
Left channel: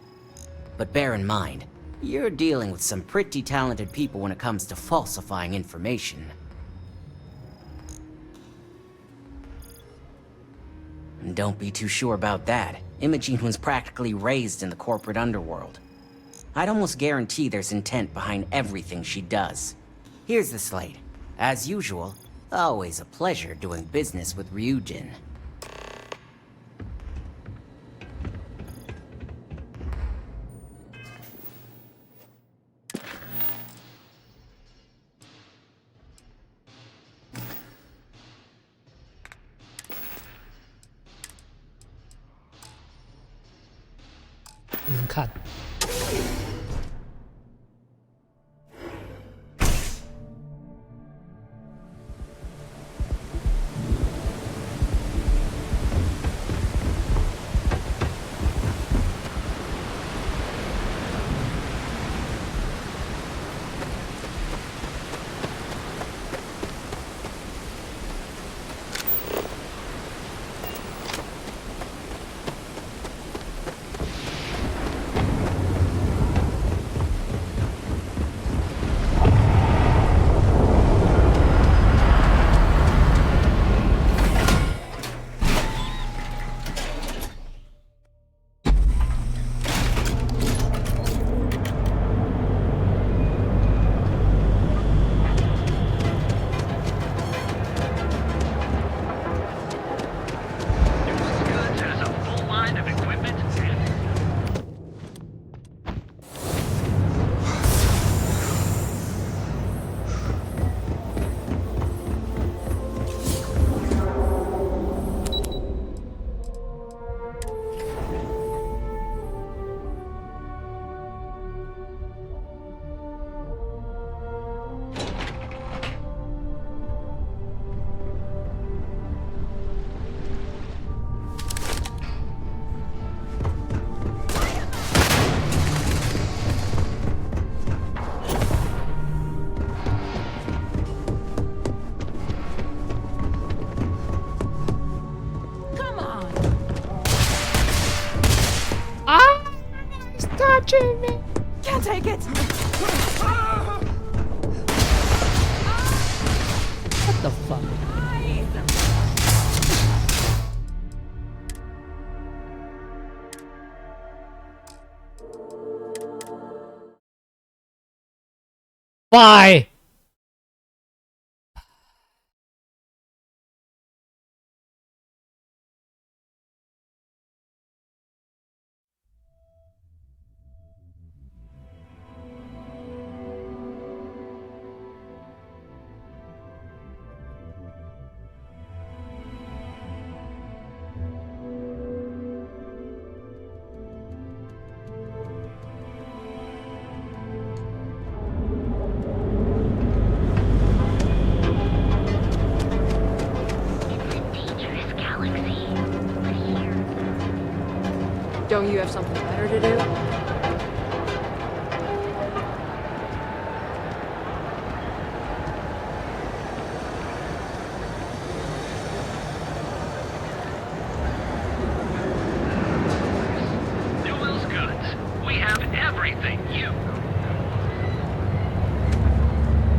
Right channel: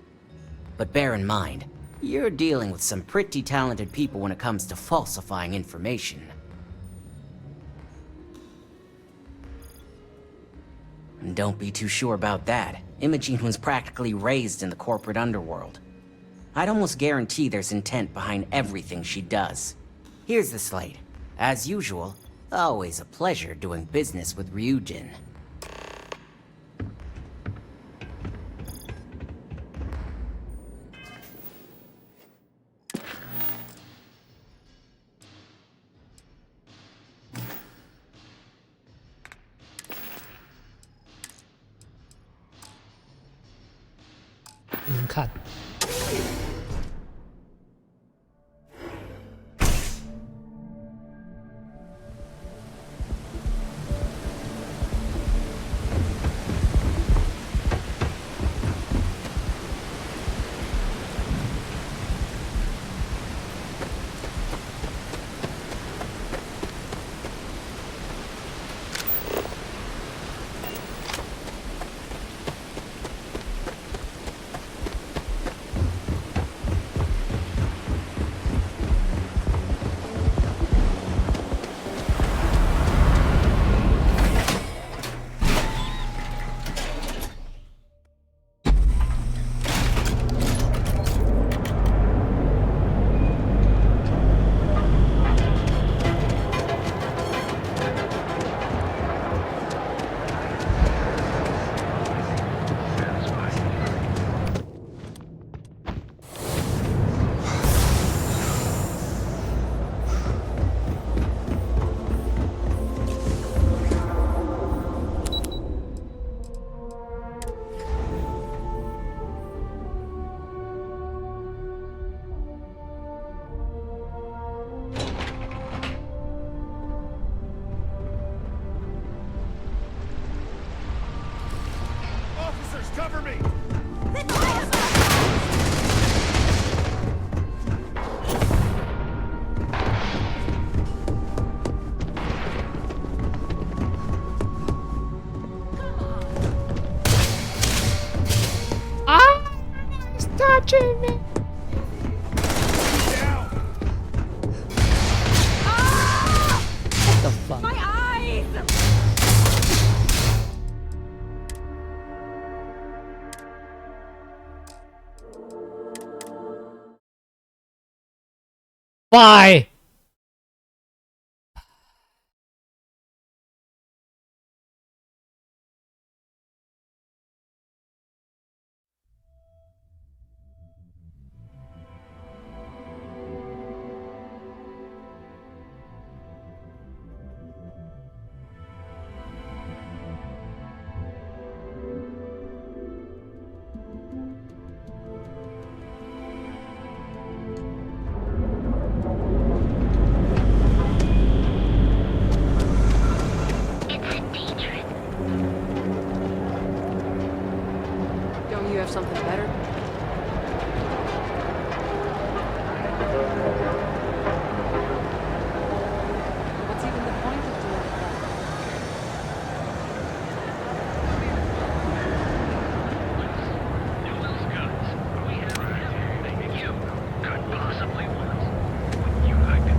But bear in mind, you're dealing with some pretty talented people when it comes to falsifying information. And don't be too sure about that. Imogene was practically raised in the corporate underworld. I'd almost guarantee there's intent behind everything she does. Here's the slate. As usual, always a pleasure doing business with Ryujin.看。touching me! Can't take it! What the fuck? My eyes! Why? Don't you have something better to do? Newell's Goods. We have everything you could possibly want. Wouldn't you like to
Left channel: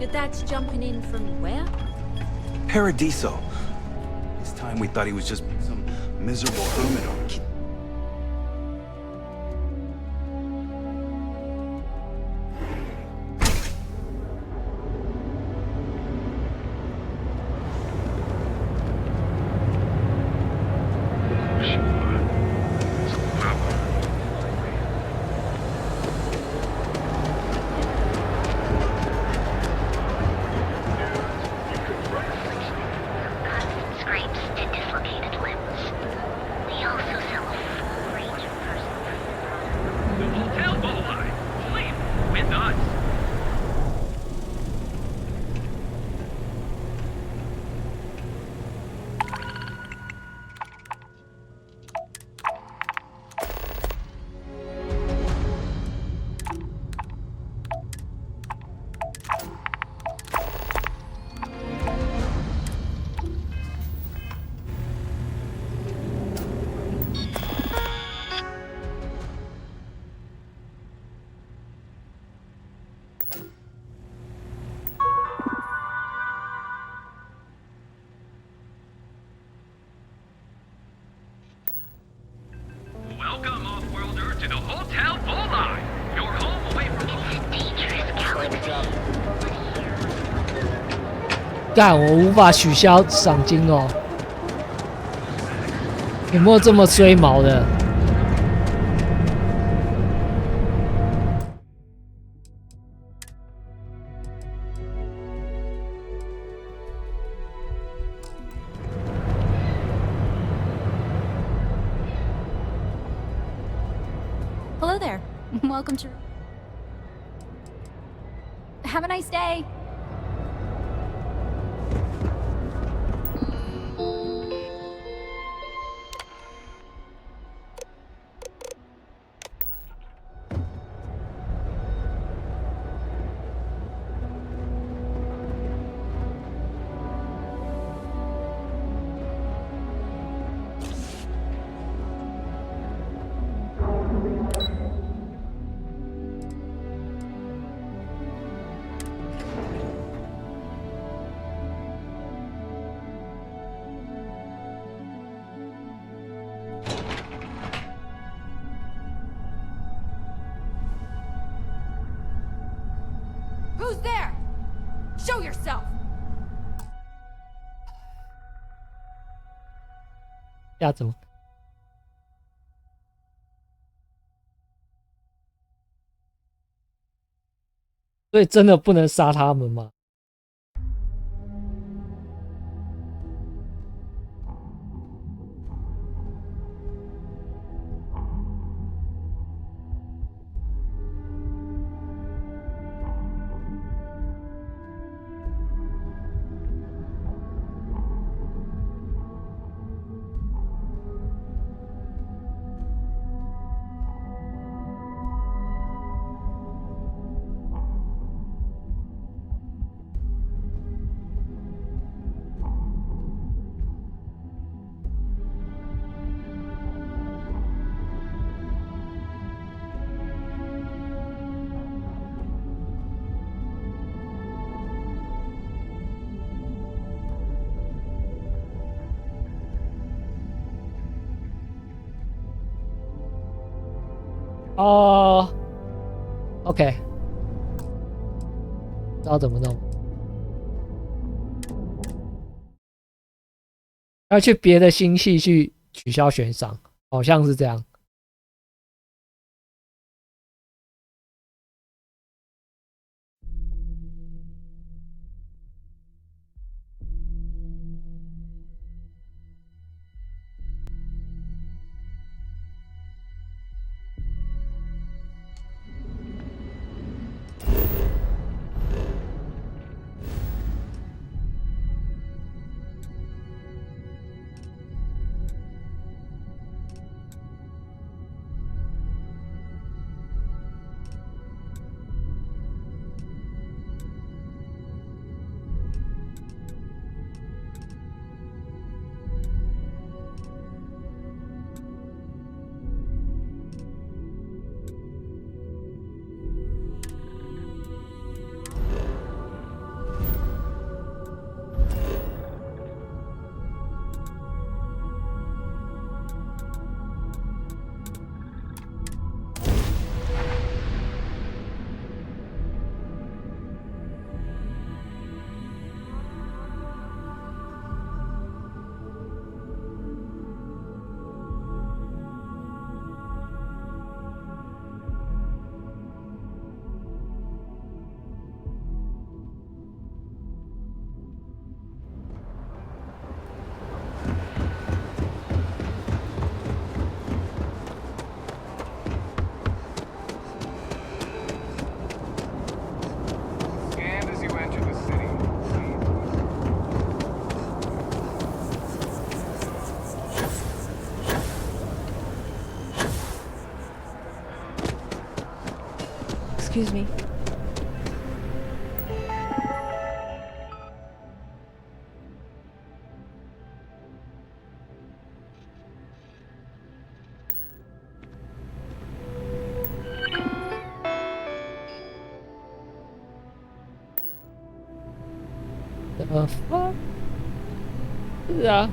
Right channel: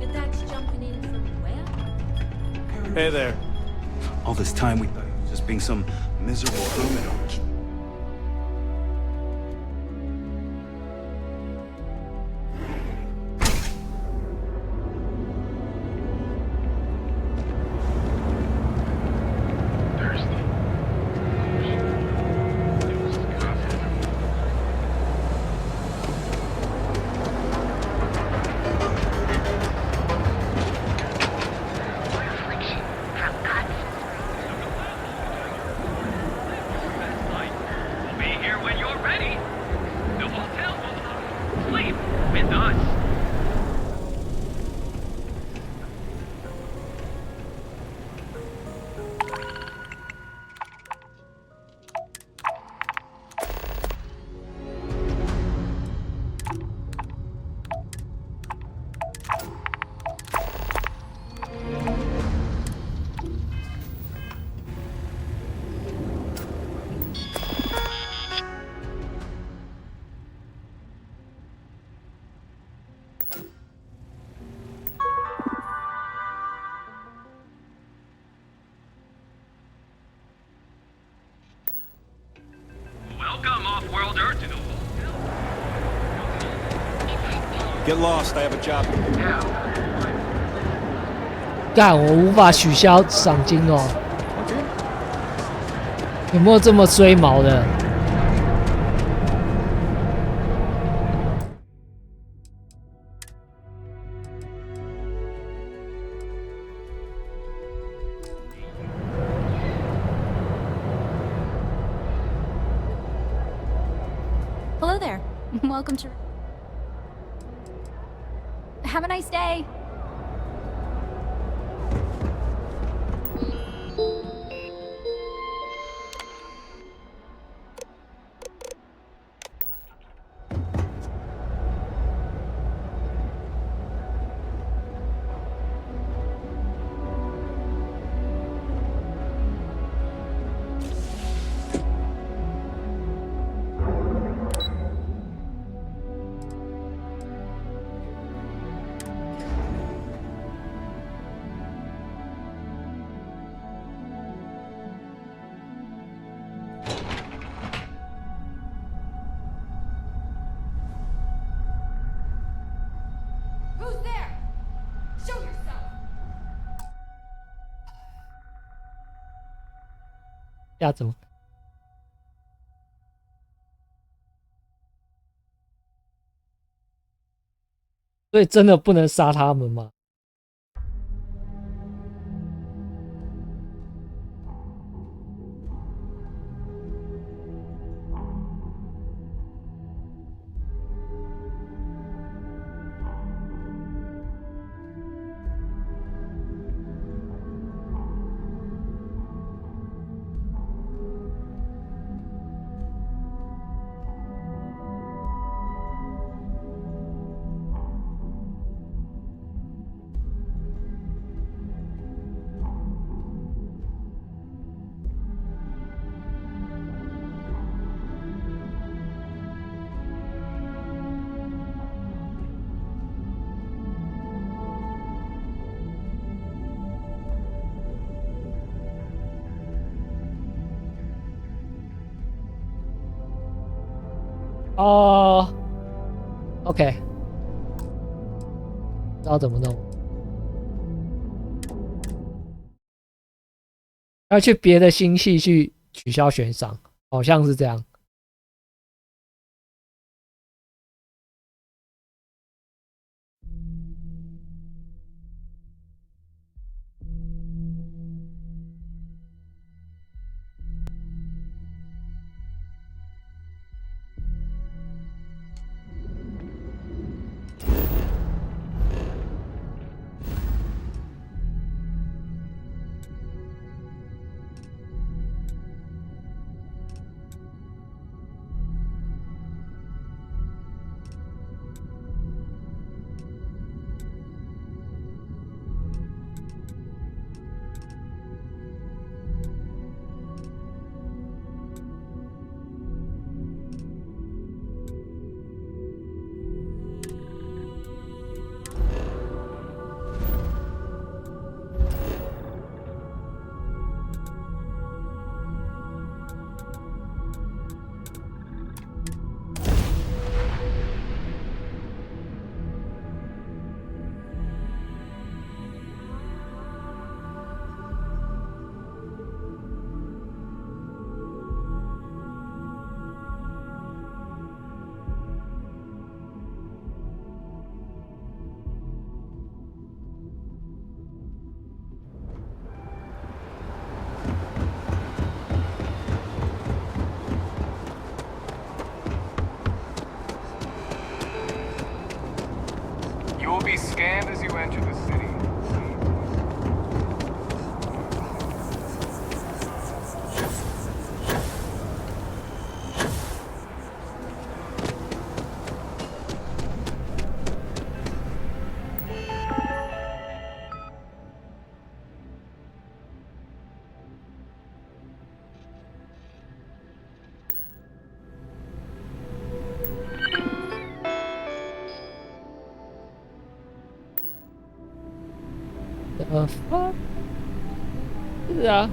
know? That's jumping in from where? Paradiso. All this time we thought he was just being some miserable hermit or Welcome, off-worlder, to the Hotel Bullseye. Your home away from... Get lost, I have a job. 干，我无法取消赏金哦。有没有这么衰毛的？ Hello there. Welcome to... Have a nice day. Who's there? Show yourself! 要怎么？所以真的不能杀他们吗？哦 ，OK， 知道怎么弄，要去别的星系去取消悬赏，好像是这样。fuck？ 是啊。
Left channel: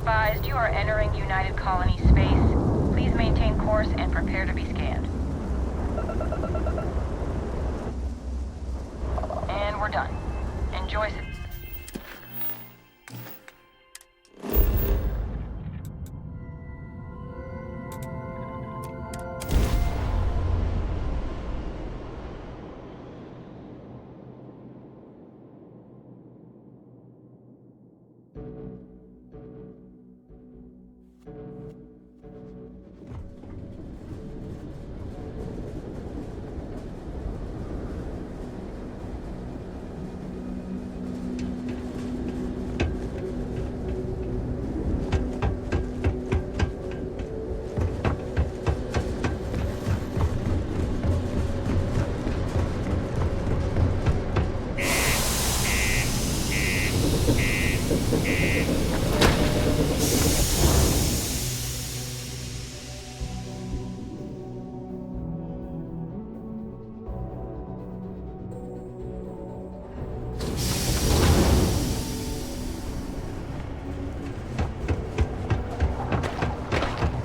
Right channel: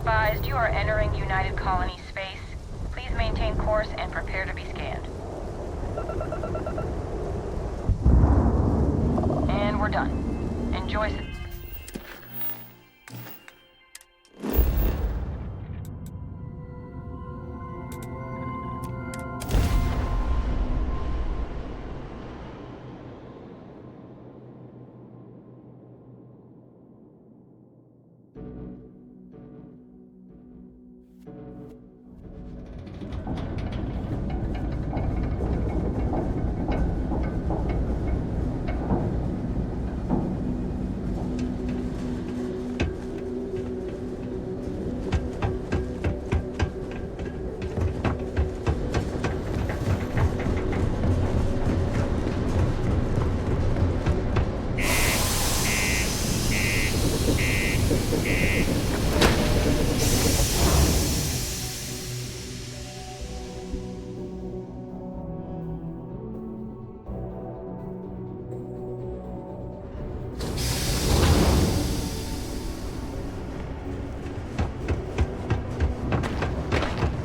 advised, you are entering United Colony space. Please maintain course and prepare to be scanned. And we're done. Enjoy.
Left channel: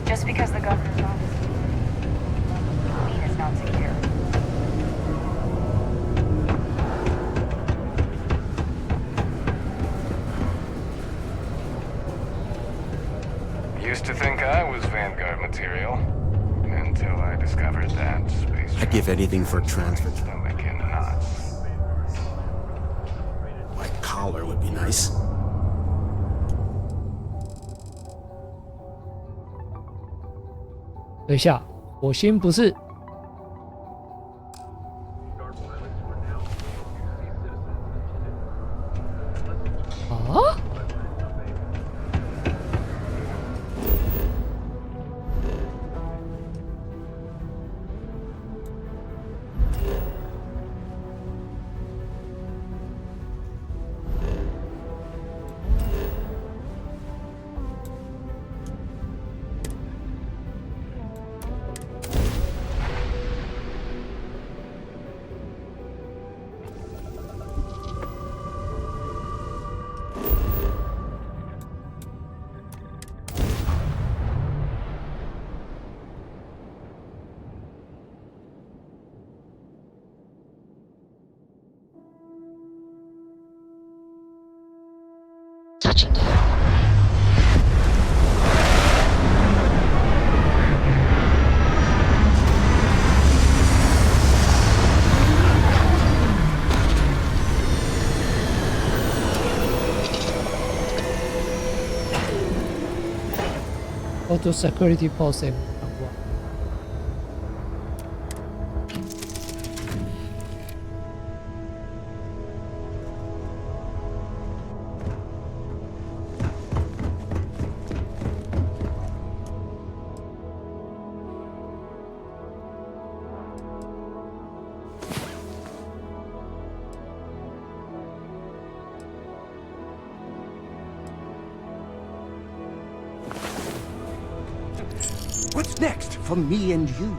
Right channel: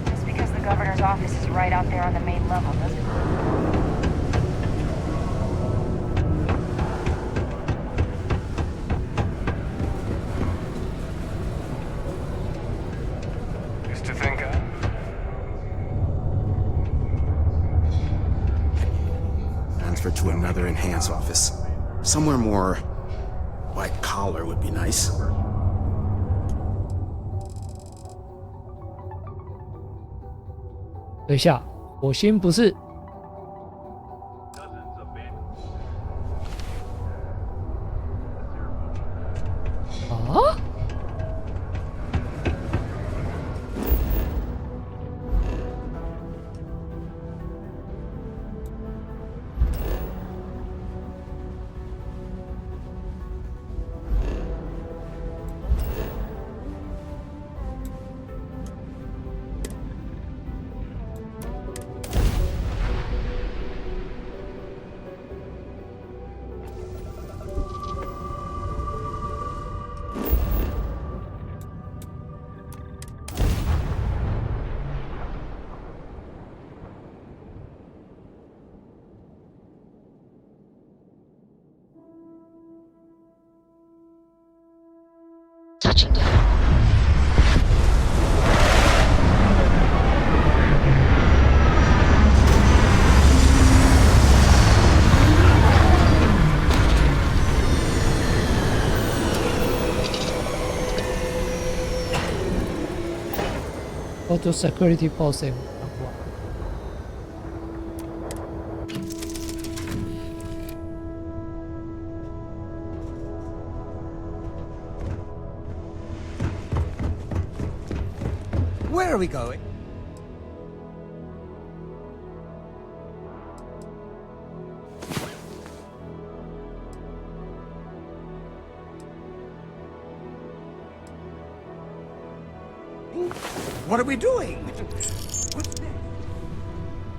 Just because the governor's office is right out there on the main level doesn't mean it's not secure. Used to think I was Vanguard material, until I discovered that space. I'd give anything for a transfer to another enhanced office. Somewhere more white collar would be nice. 等一下，火星不是啊？Touching down. Go to security post and Where are we going? What are we doing? What's next for me and you?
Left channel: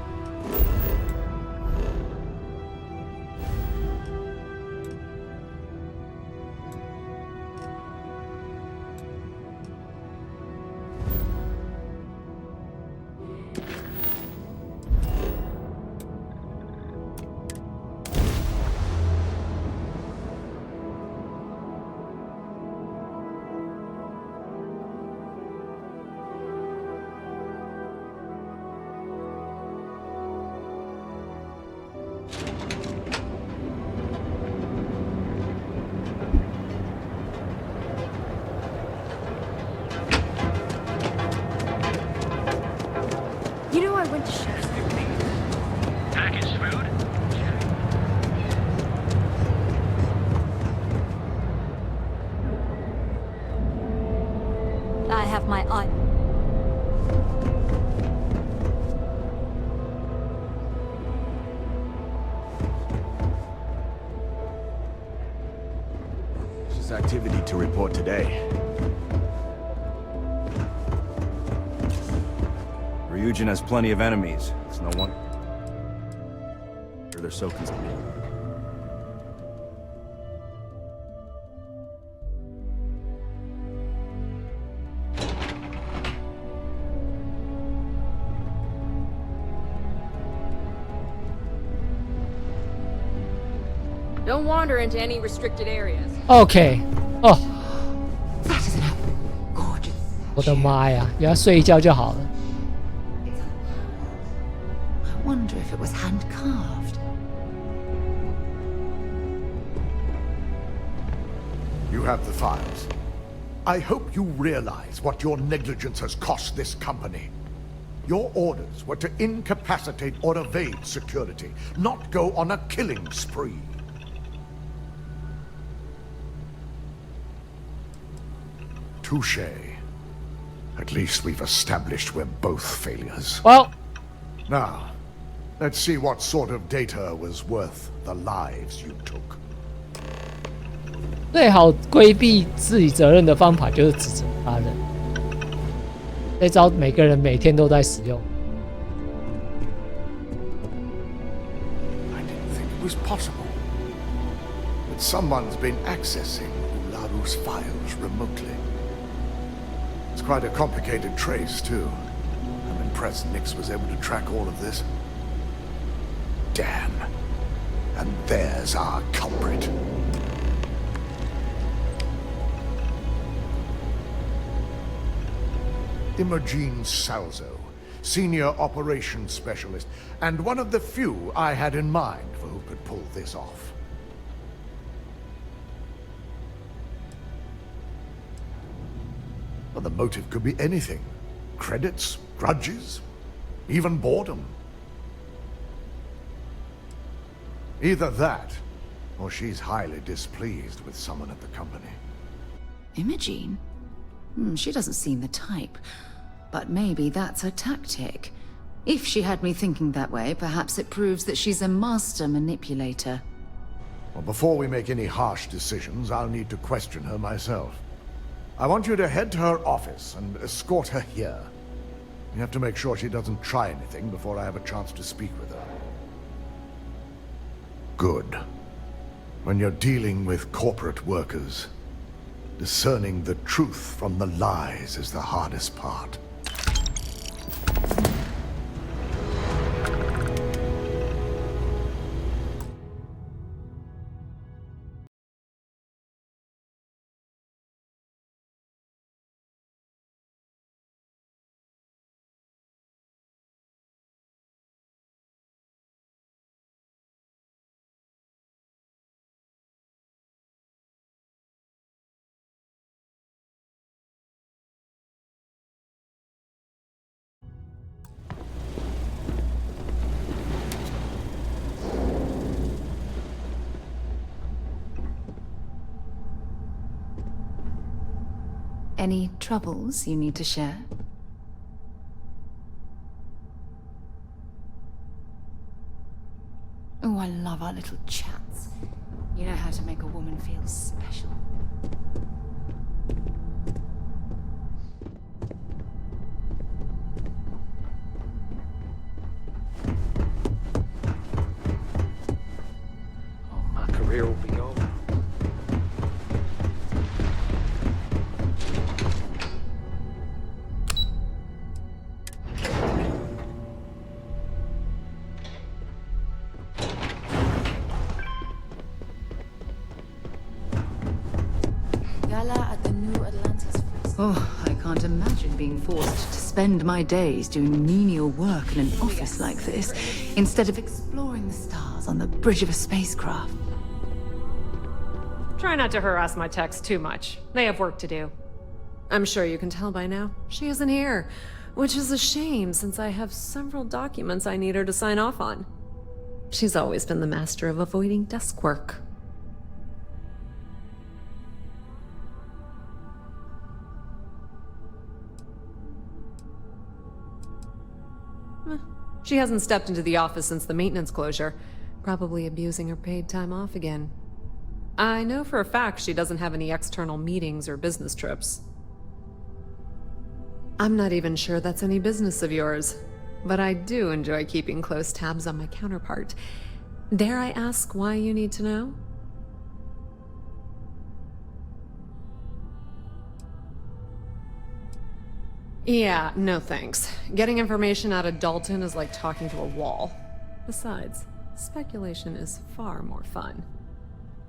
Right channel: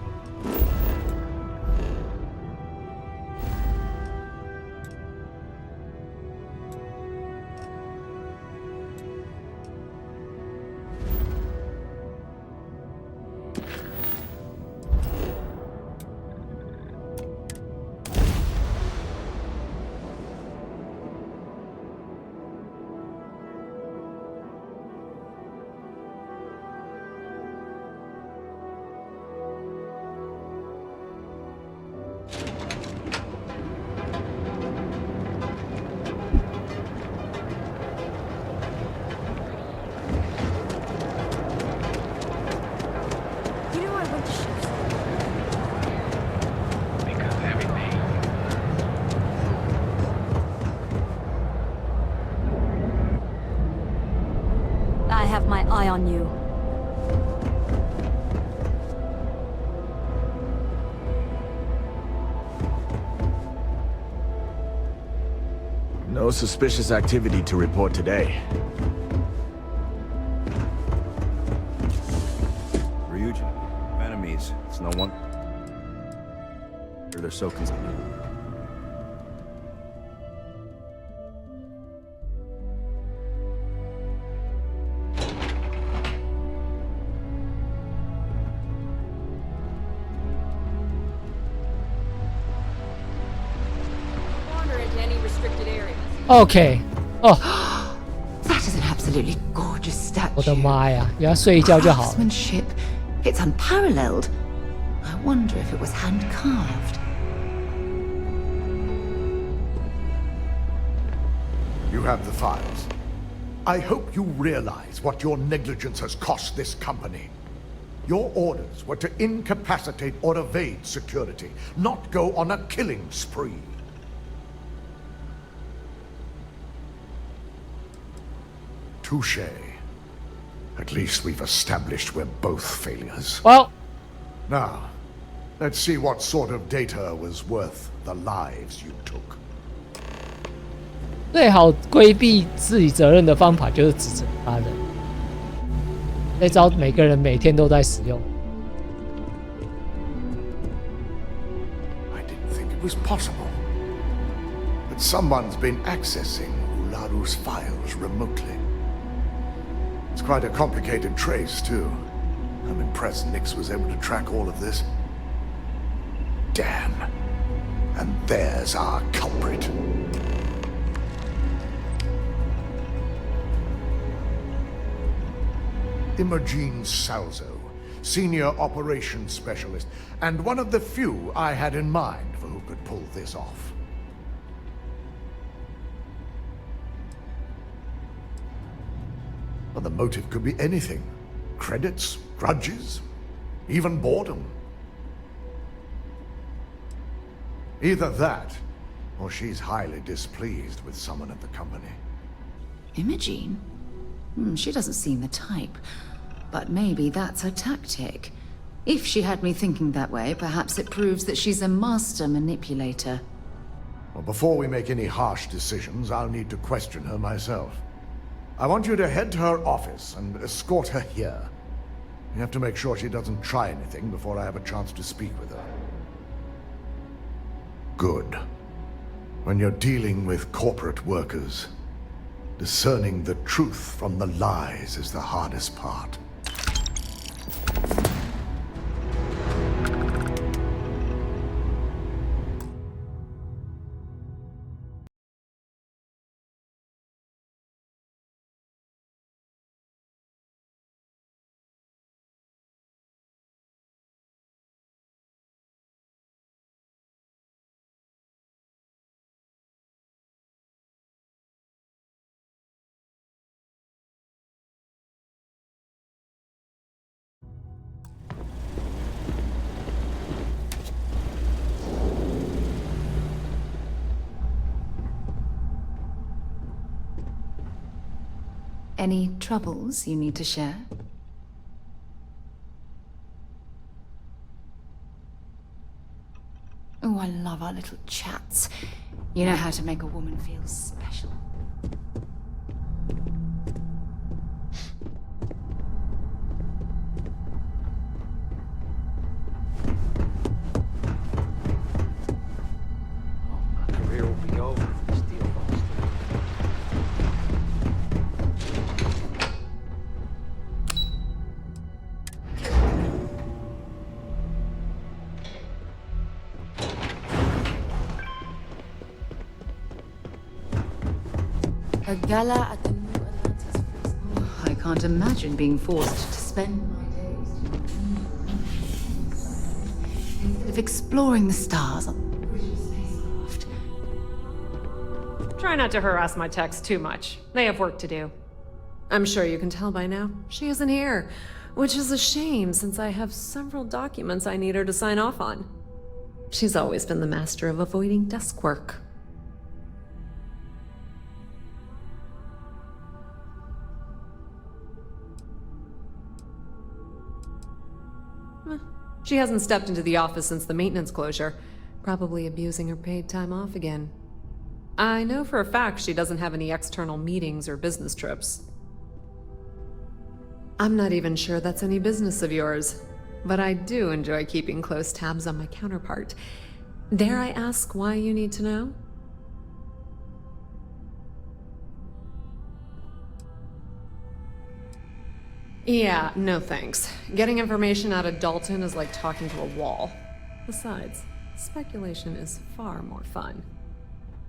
You know, I went to Shasta. I have my eye on you. No suspicious activity to report today. Ryujin has plenty of enemies. It's no one. They're so concerned. Don't wander into any restricted areas. OK， 哦， That is an absolutely gorgeous statue. 我的妈呀，原来睡一觉就好了。 Craftsmanship, it's unparalleled. I wonder if it was hand carved. You have the files. I hope you realize what your negligence has cost this company. Your orders were to incapacitate or evade security, not go on a killing spree. Touché. At least we've established we're both failures. Well, now, let's see what sort of data was worth the lives you took. 最好规避自己责任的方法就是指责他人。这招每个人每天都在使用。 I didn't think it was possible. But someone's been accessing Ularu's files remotely. It's quite a complicated trace, too. I'm impressed Nix was able to track all of this. Damn. And there's our culprit. Imogene Salzo, Senior Operations Specialist, and one of the few I had in mind for who could pull this off. Well, the motive could be anything. Credits, grudges, even boredom. Either that, or she's highly displeased with someone at the company. Imogene? She doesn't seem the type. But maybe that's her tactic. If she had me thinking that way, perhaps it proves that she's a master manipulator. Well, before we make any harsh decisions, I'll need to question her myself. I want you to head to her office and escort her here. You have to make sure she doesn't try anything before I have a chance to speak with her. Good. When you're dealing with corporate workers, discerning the truth from the lies is the hardest part. Any troubles you need to share? Oh, I love our little chats. You know how to make a woman feel special. Oh, my career will be over. A gala at the New Atlantis. Oh, I can't imagine being forced to spend my days doing menial work in an office like this, instead of exploring the stars on the bridge of a spacecraft. Try not to harass my techs too much. They have work to do. I'm sure you can tell by now, she isn't here, which is a shame since I have several documents I need her to sign off on. She's always been the master of avoiding desk work. She hasn't stepped into the office since the maintenance closure, probably abusing her paid time off again. I know for a fact she doesn't have any external meetings or business trips. I'm not even sure that's any business of yours, but I do enjoy keeping close tabs on my counterpart. Dare I ask why you need to know? Yeah, no thanks. Getting information out of Dalton is like talking to a wall. Besides, speculation is far more fun.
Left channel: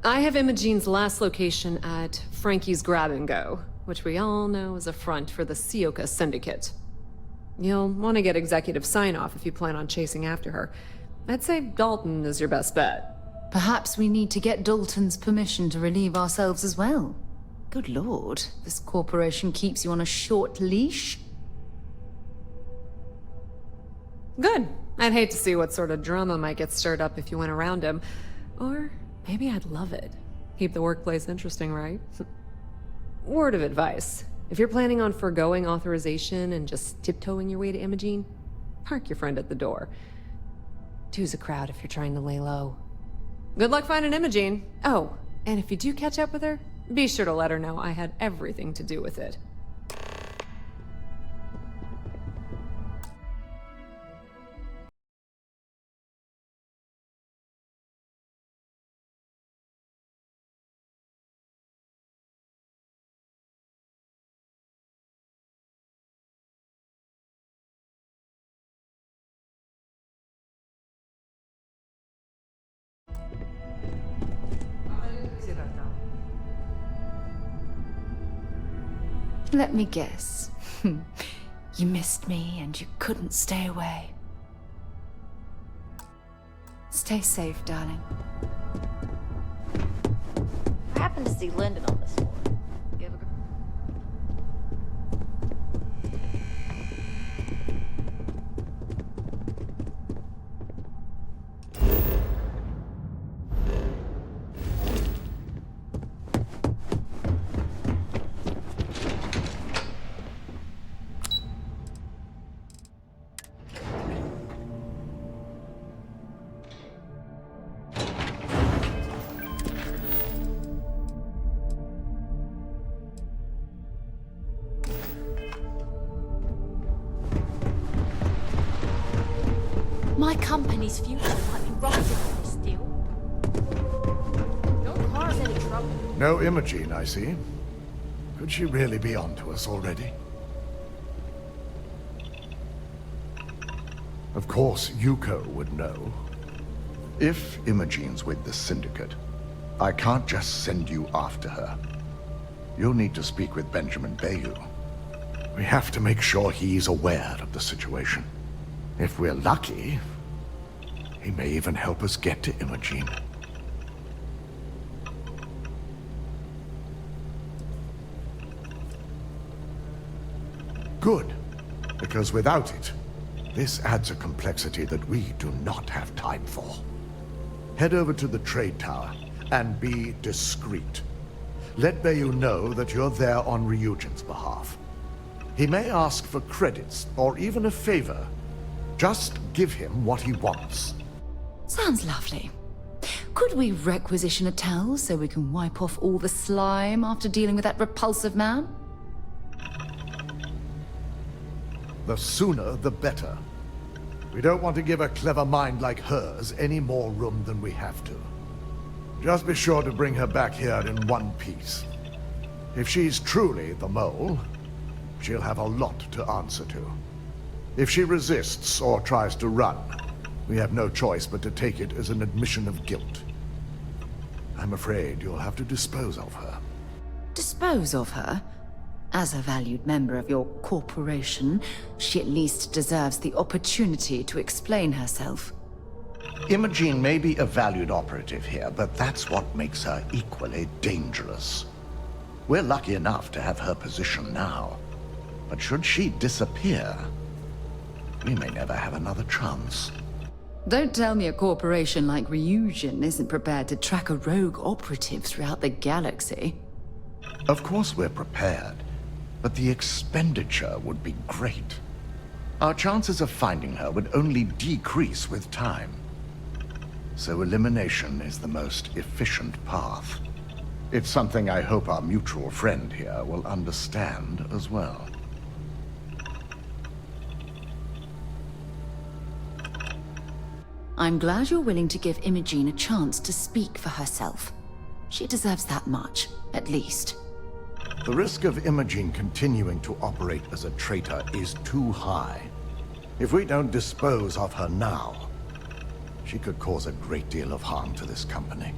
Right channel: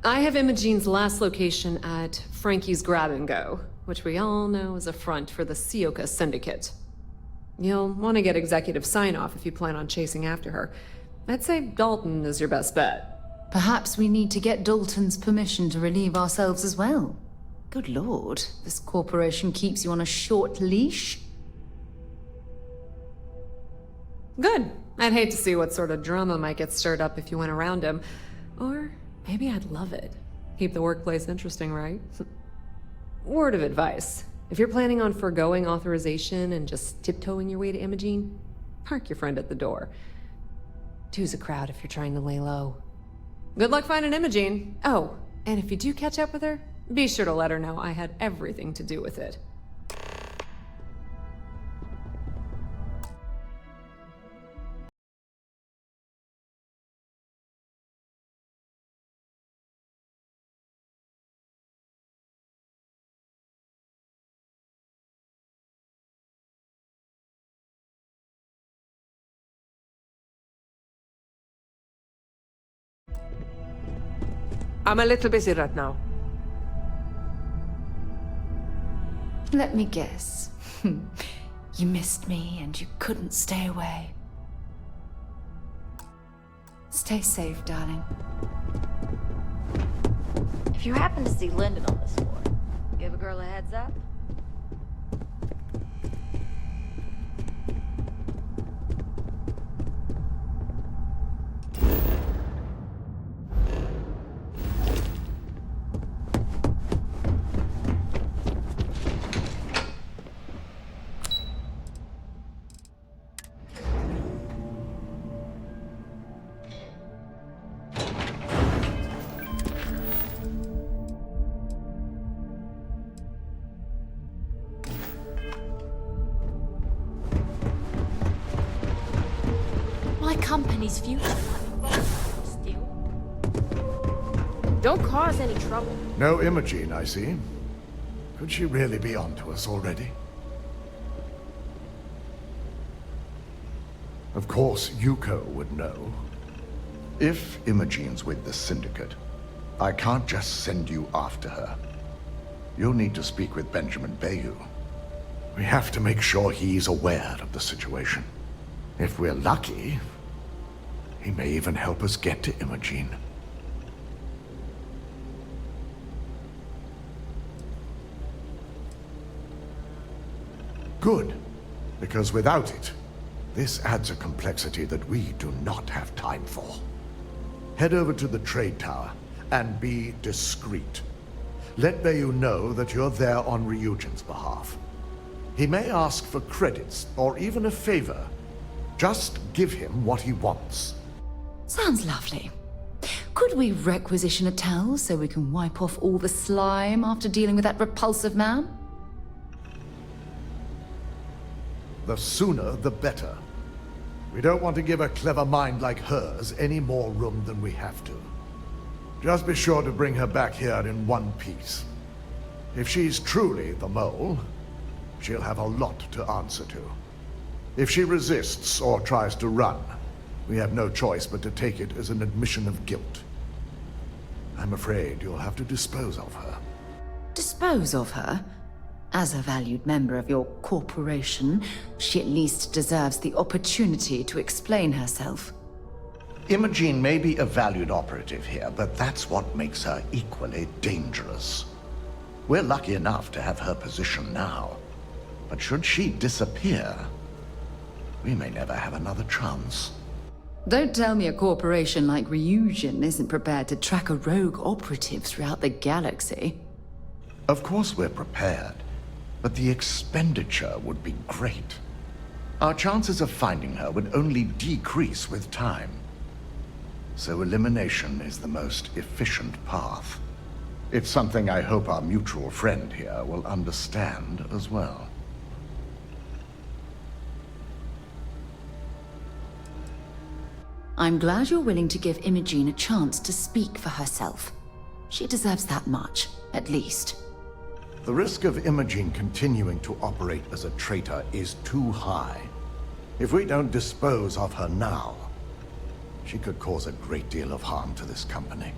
I have Imogene's last location at Frankie's Grab and Go, which we all know is a front for the Sioka Syndicate. You'll want to get executive sign-off if you plan on chasing after her. I'd say Dalton is your best bet. Perhaps we need to get Dalton's permission to relieve ourselves as well. Good lord, this corporation keeps you on a short leash. Good. I'd hate to see what sort of drama might get stirred up if you went around him. Or maybe I'd love it. Keep the workplace interesting, right? Word of advice. If you're planning on foregoing authorization and just tiptoeing your way to Imogene, park your friend at the door. Two's a crowd if you're trying to lay low. Good luck finding Imogene. Oh, and if you do catch up with her, be sure to let her know I had everything to do with it. I'm a little busy right now. Let me guess. You missed me and you couldn't stay away. Stay safe, darling. If you happen to see Lyndon on this floor, give a girl a heads up. My company's future might be rotten if you steal. Don't cause any trouble. No Imogene, I see. Could she really be onto us already? Of course, Yuko would know. If Imogene's with the Syndicate, I can't just send you after her. You'll need to speak with Benjamin Bayou. We have to make sure he's aware of the situation. If we're lucky, he may even help us get to Imogene. Good, because without it, this adds a complexity that we do not have time for. Head over to the trade tower and be discreet. Let Bayou know that you're there on Ryujin's behalf. He may ask for credits or even a favor. Just give him what he wants. Sounds lovely. Could we requisition a towel so we can wipe off all the slime after dealing with that repulsive man? The sooner, the better. We don't want to give a clever mind like hers any more room than we have to. Just be sure to bring her back here in one piece. If she's truly the mole, she'll have a lot to answer to. If she resists or tries to run, we have no choice but to take it as an admission of guilt. I'm afraid you'll have to dispose of her. Dispose of her? As a valued member of your corporation, she at least deserves the opportunity to explain herself. Imogene may be a valued operative here, but that's what makes her equally dangerous. We're lucky enough to have her position now, but should she disappear, we may never have another chance. Don't tell me a corporation like Ryujin isn't prepared to track a rogue operative throughout the galaxy. Of course we're prepared, but the expenditure would be great. Our chances of finding her would only decrease with time. So elimination is the most efficient path. It's something I hope our mutual friend here will understand as well. I'm glad you're willing to give Imogene a chance to speak for herself. She deserves that much, at least. The risk of Imogene continuing to operate as a traitor is too high. If we don't dispose of her now, she could cause a great deal of harm to this company.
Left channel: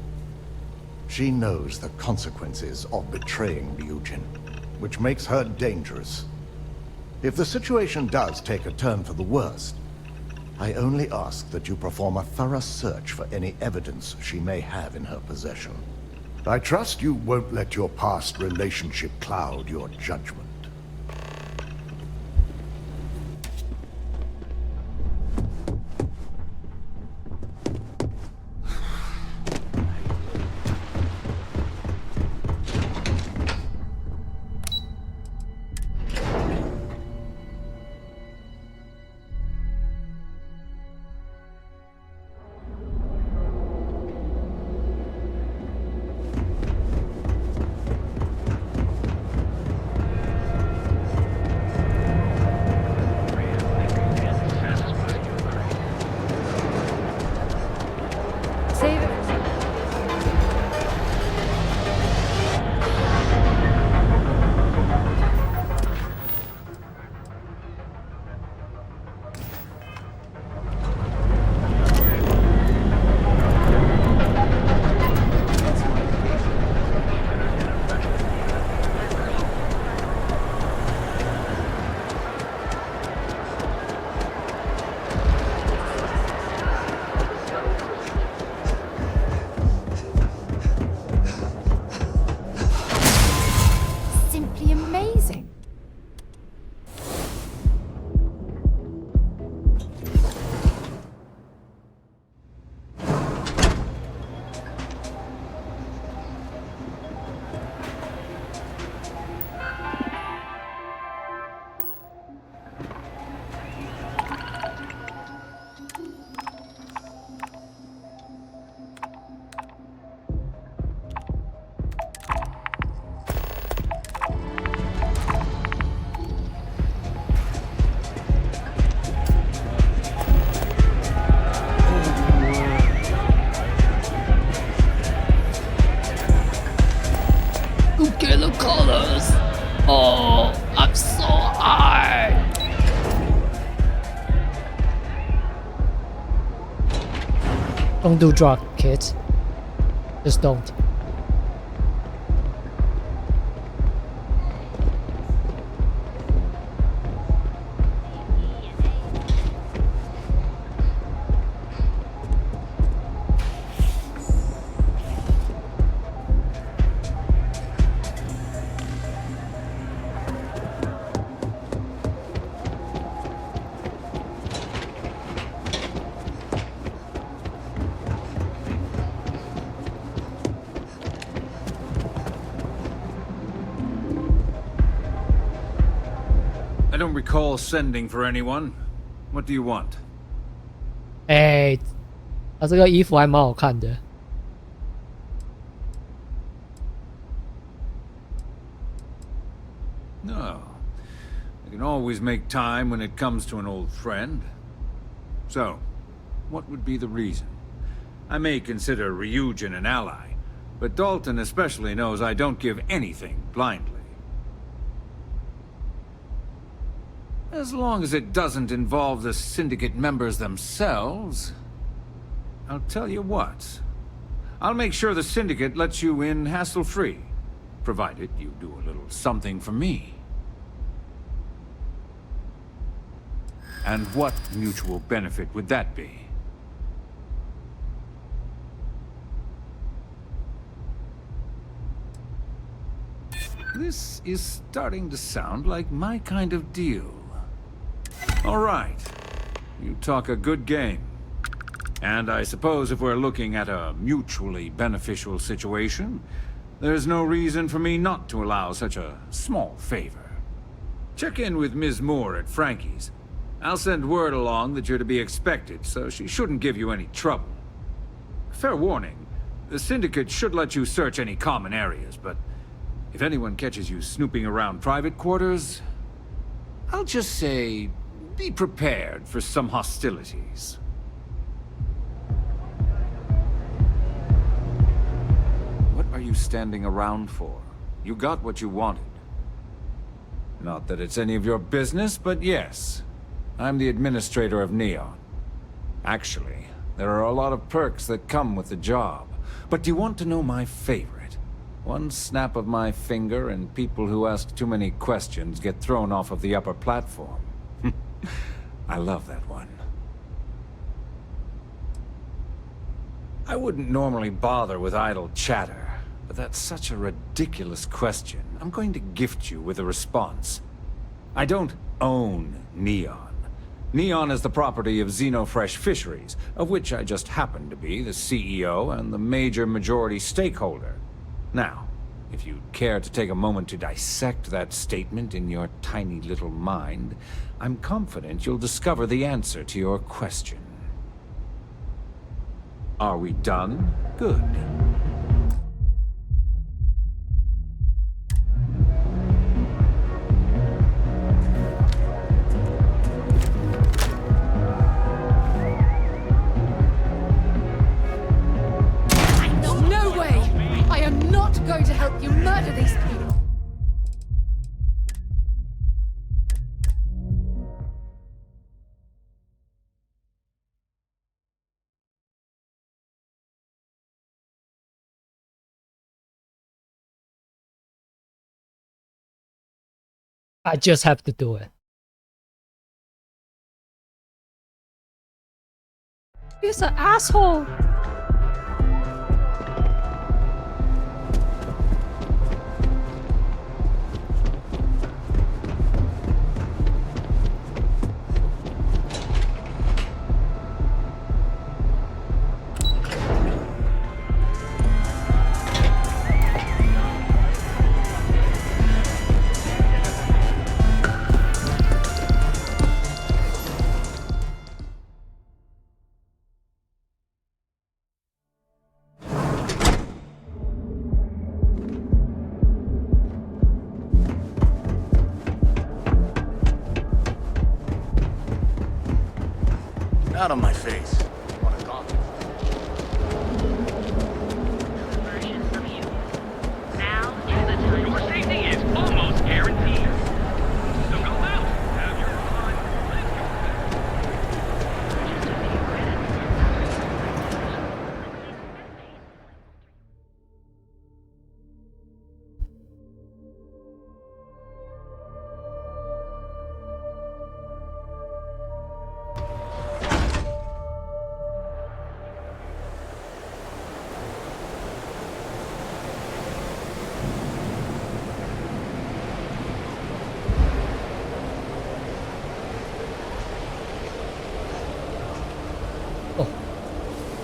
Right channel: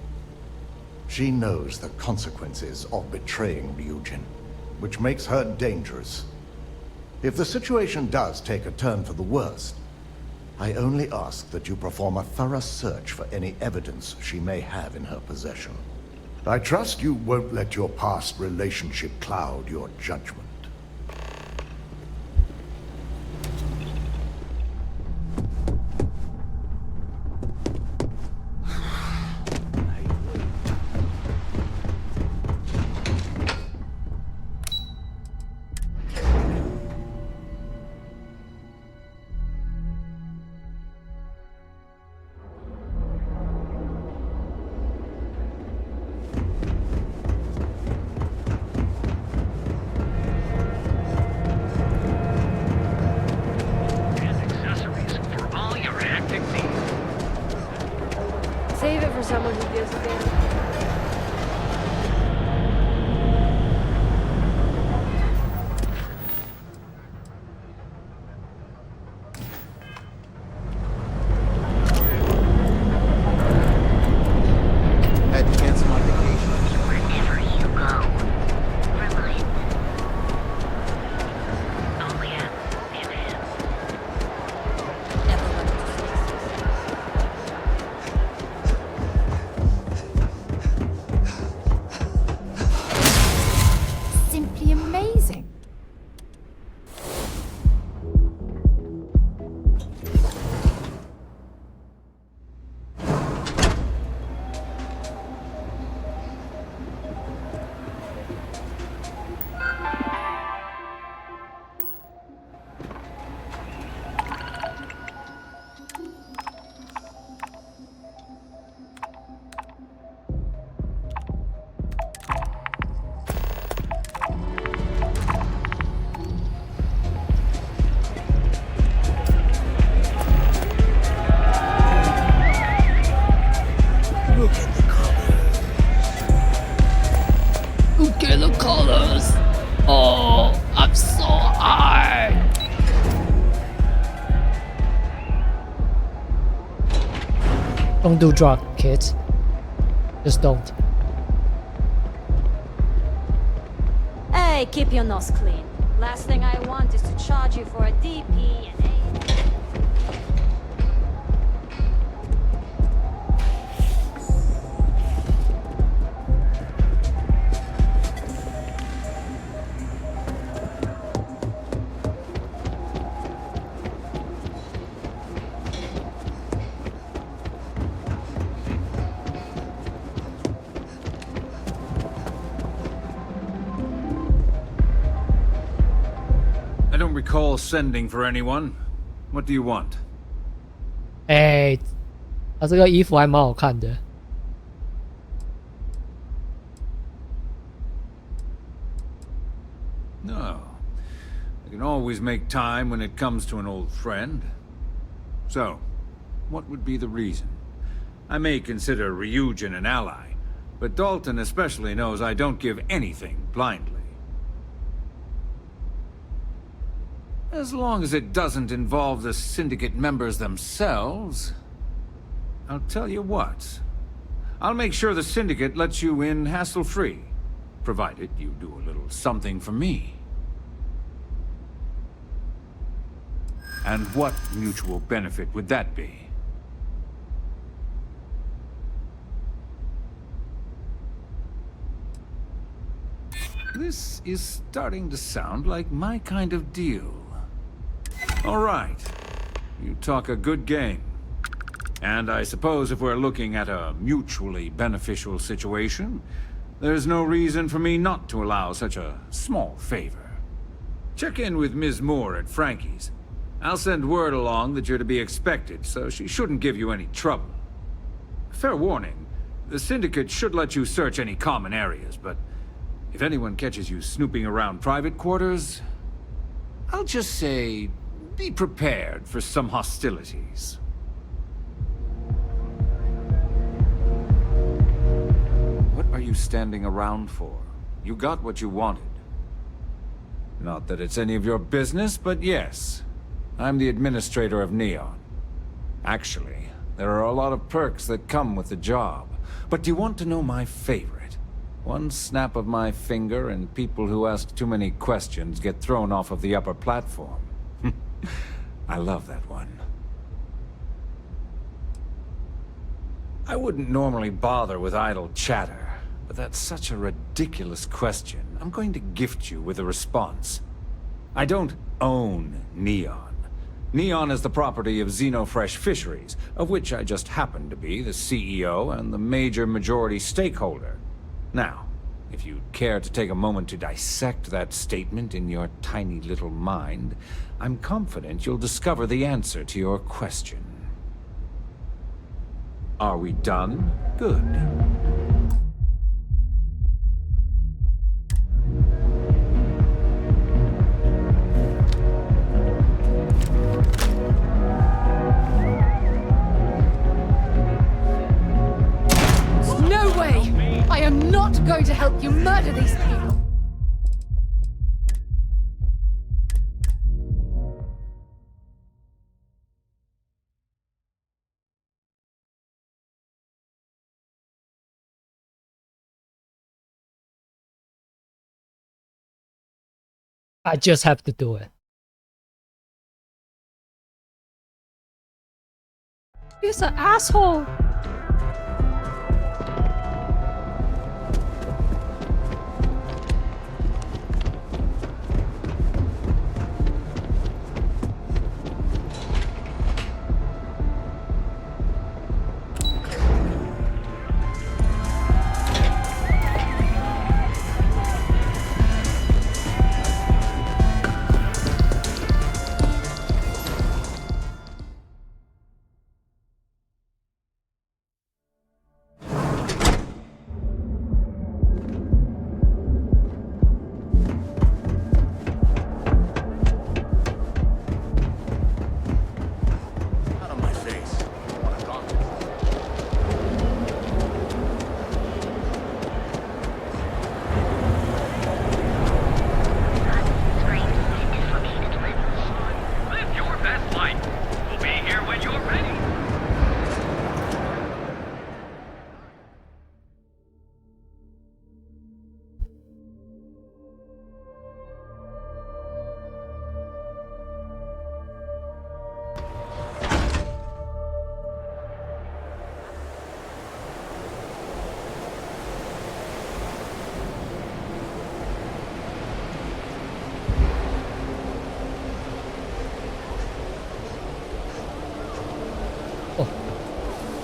She knows the consequences of betraying Ryujin, which makes her dangerous. If the situation does take a turn for the worst, I only ask that you perform a thorough search for any evidence she may have in her possession. I trust you won't let your past relationship cloud your judgment. Save it for someone who gives it. Had to cancel my vacation. Simply amazing. Look at the colors. Oh, I'm so high. Don't do drug, kids. Just don't. Hey, keep your nose clean. Last thing I want is to charge you for a DP and A. I don't recall sending for anyone. What do you want? 哎，他这个衣服还蛮好看的。No. I can always make time when it comes to an old friend. So, what would be the reason? I may consider Ryujin an ally, but Dalton especially knows I don't give anything blindly. As long as it doesn't involve the Syndicate members themselves, I'll tell you what. I'll make sure the Syndicate lets you in hassle-free, provided you do a little something for me. And what mutual benefit would that be? This is starting to sound like my kind of deal. All right. You talk a good game. And I suppose if we're looking at a mutually beneficial situation, there's no reason for me not to allow such a small favor. Check in with Ms. Moore at Frankie's. I'll send word along that you're to be expected, so she shouldn't give you any trouble. Fair warning, the Syndicate should let you search any common areas, but if anyone catches you snooping around private quarters, I'll just say, be prepared for some hostilities. What are you standing around for? You got what you wanted. Not that it's any of your business, but yes. I'm the administrator of Neon. Actually, there are a lot of perks that come with the job, But do you want to know my favorite? One snap of my finger and people who ask too many questions get thrown off of the upper platform. I love that one. I wouldn't normally bother with idle chatter, but that's such a ridiculous question. I'm going to gift you with a response. I don't own Neon. Neon is the property of Xenofresh Fisheries, of which I just happen to be the CEO and the major majority stakeholder. Now, if you'd care to take a moment to dissect that statement in your tiny little mind, I'm confident you'll discover the answer to your question. Are we done? Good. No way! I am not going to help you murder these people! I just have to do it. He's an asshole. Out of my face. I want to talk to you.哦，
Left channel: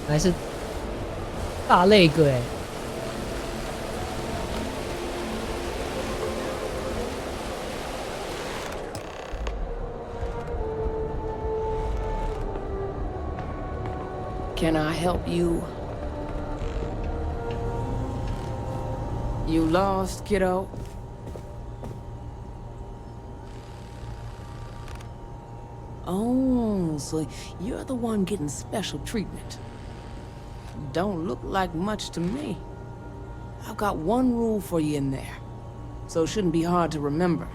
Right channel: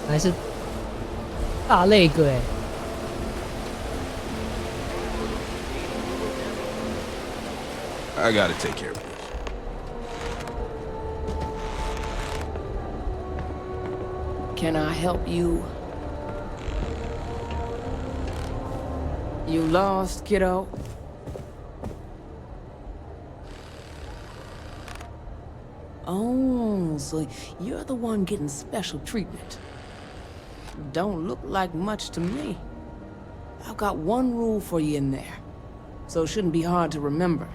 还是大那个哎。I gotta take care of it. Can I help you? You lost, kiddo? Oh, so you're the one getting special treatment. Don't look like much to me. I've got one rule for you in there, so it shouldn't be hard to remember.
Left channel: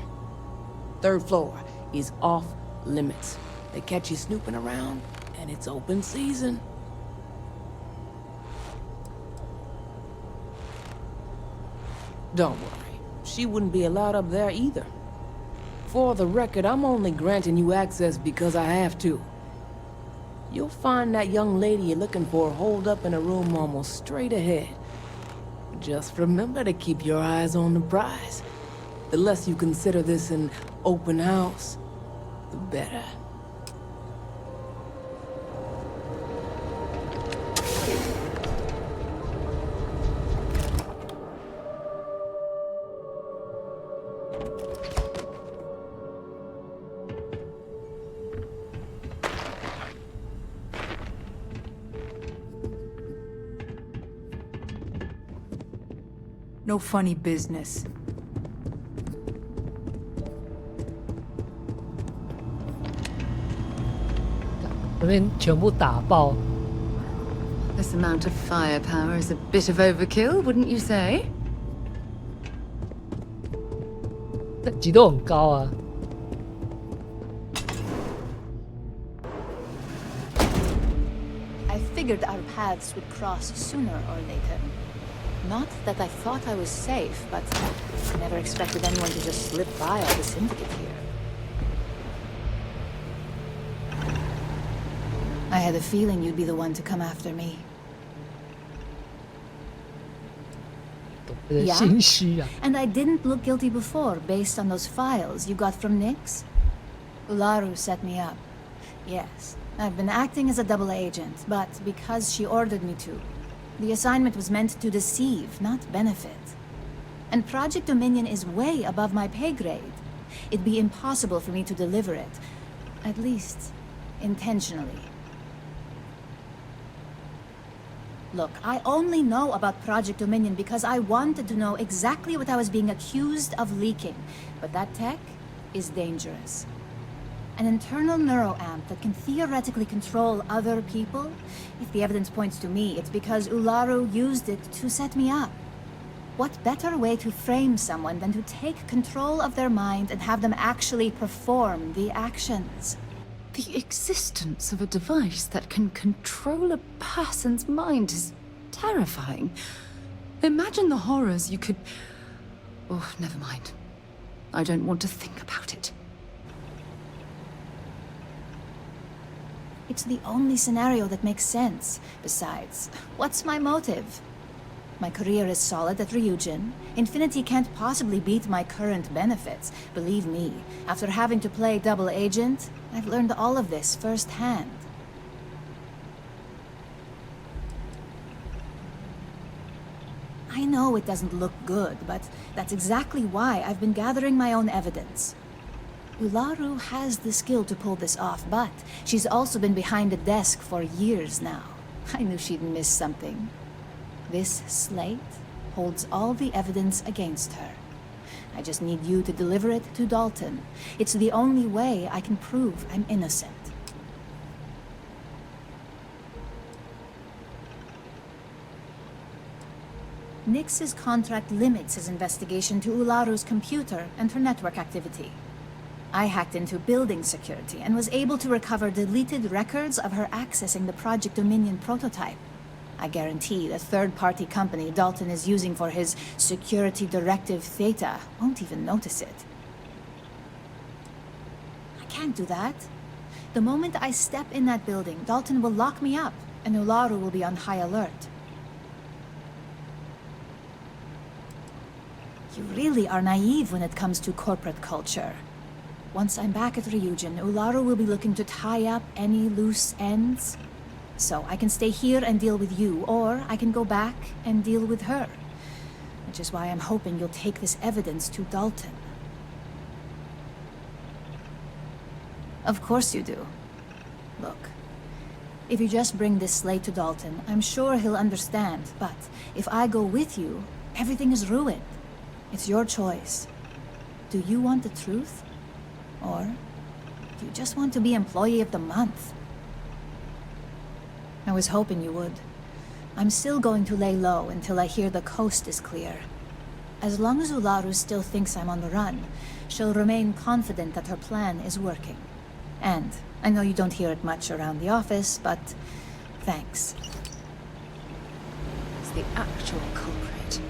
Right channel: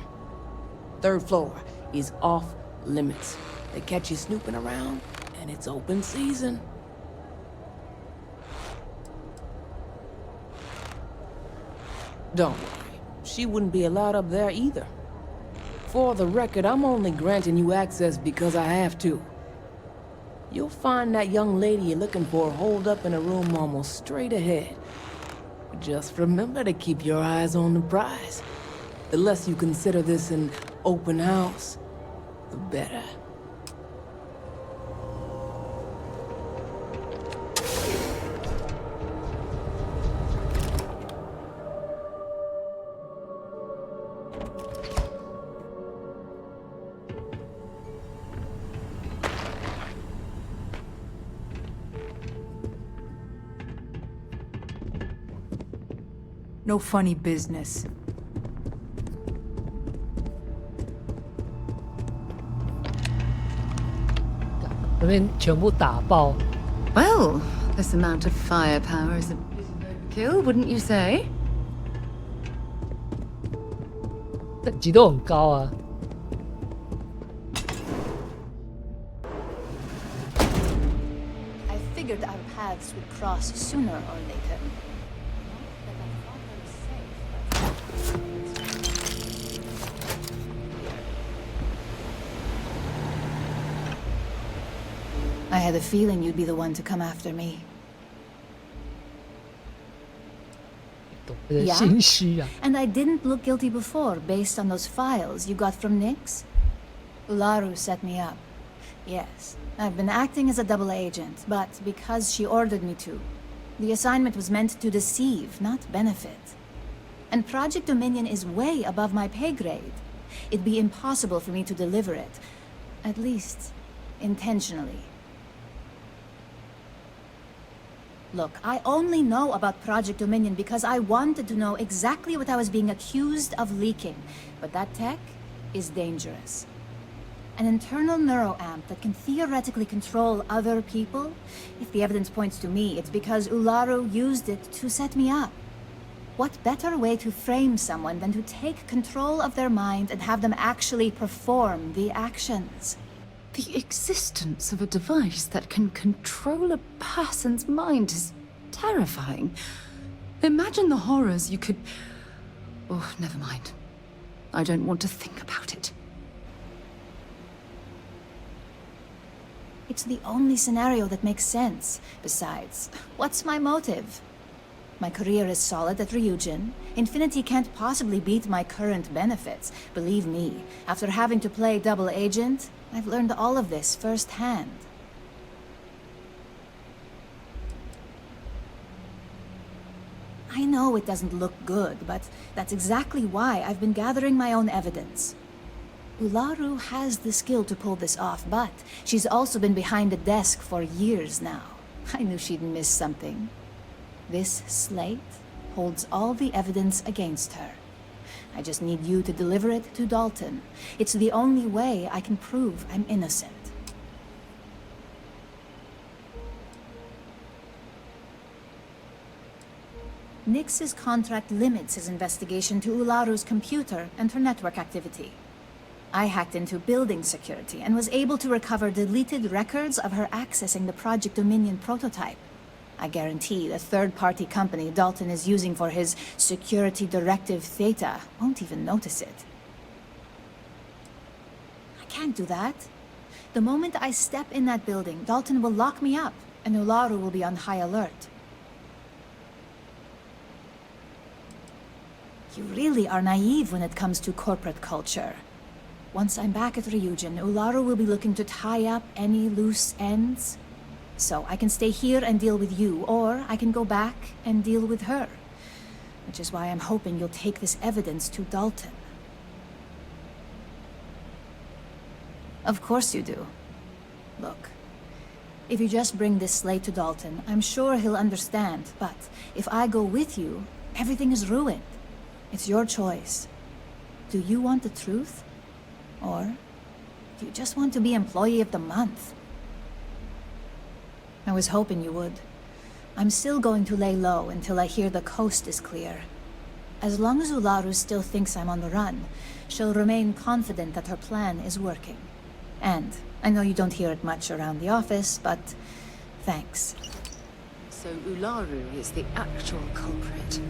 3rd floor is off limits. They catch you snooping around, and it's open season. Don't worry, she wouldn't be allowed up there either. For the record, I'm only granting you access because I have to. You'll find that young lady you're looking for holed up in a room almost straight ahead. Just remember to keep your eyes on the prize. The less you consider this an open house, the better. No funny business. Well, this amount of firepower is a bit of overkill, wouldn't you say? 等级都很高啊。figured our paths would cross sooner or later. Not that I thought I was safe, but I never expected anyone to just slip by all the syndicate here. I had a feeling you'd be the one to come after me. Yeah? And I didn't look guilty before, based on those files you got from Nyx? Ularu set me up. Yes, I've been acting as a double agent, but because she ordered me to. The assignment was meant to deceive, not benefit. And Project Dominion is way above my pay grade. It'd be impossible for me to deliver it. At least, intentionally. Look, I only know about Project Dominion because I wanted to know exactly what I was being accused of leaking. But that tech is dangerous. An internal neuroamp that can theoretically control other people? If the evidence points to me, it's because Ularu used it to set me up. What better way to frame someone than to take control of their mind and have them actually perform the actions? The existence of a device that can control a person's mind is terrifying. Imagine the horrors you could... Oh, never mind. I don't want to think about it. It's the only scenario that makes sense. Besides, what's my motive? My career is solid at Ryujin. Infinity can't possibly beat my current benefits. Believe me, after having to play double agent, I've learned all of this firsthand. I know it doesn't look good, but that's exactly why I've been gathering my own evidence. Ularu has the skill to pull this off, but she's also been behind the desk for years now. I knew she'd miss something. This slate holds all the evidence against her. I just need you to deliver it to Dalton. It's the only way I can prove I'm innocent. Nyx's contract limits his investigation to Ularu's computer and her network activity. I hacked into building security and was able to recover deleted records of her accessing the Project Dominion prototype. I guarantee the third-party company Dalton is using for his security directive Theta won't even notice it. I can't do that. The moment I step in that building, Dalton will lock me up, and Ularu will be on high alert. You really are naive when it comes to corporate culture. Once I'm back at Ryujin, Ularu will be looking to tie up any loose ends. So I can stay here and deal with you, or I can go back and deal with her. Which is why I'm hoping you'll take this evidence to Dalton. Of course you do. Look, if you just bring this slate to Dalton, I'm sure he'll understand. But if I go with you, everything is ruined. It's your choice. Do you want the truth? Or do you just want to be Employee of the Month? I was hoping you would. I'm still going to lay low until I hear the coast is clear. As long as Ularu still thinks I'm on the run, she'll remain confident that her plan is working. And I know you don't hear it much around the office, but thanks. So Ularu is the actual culprit.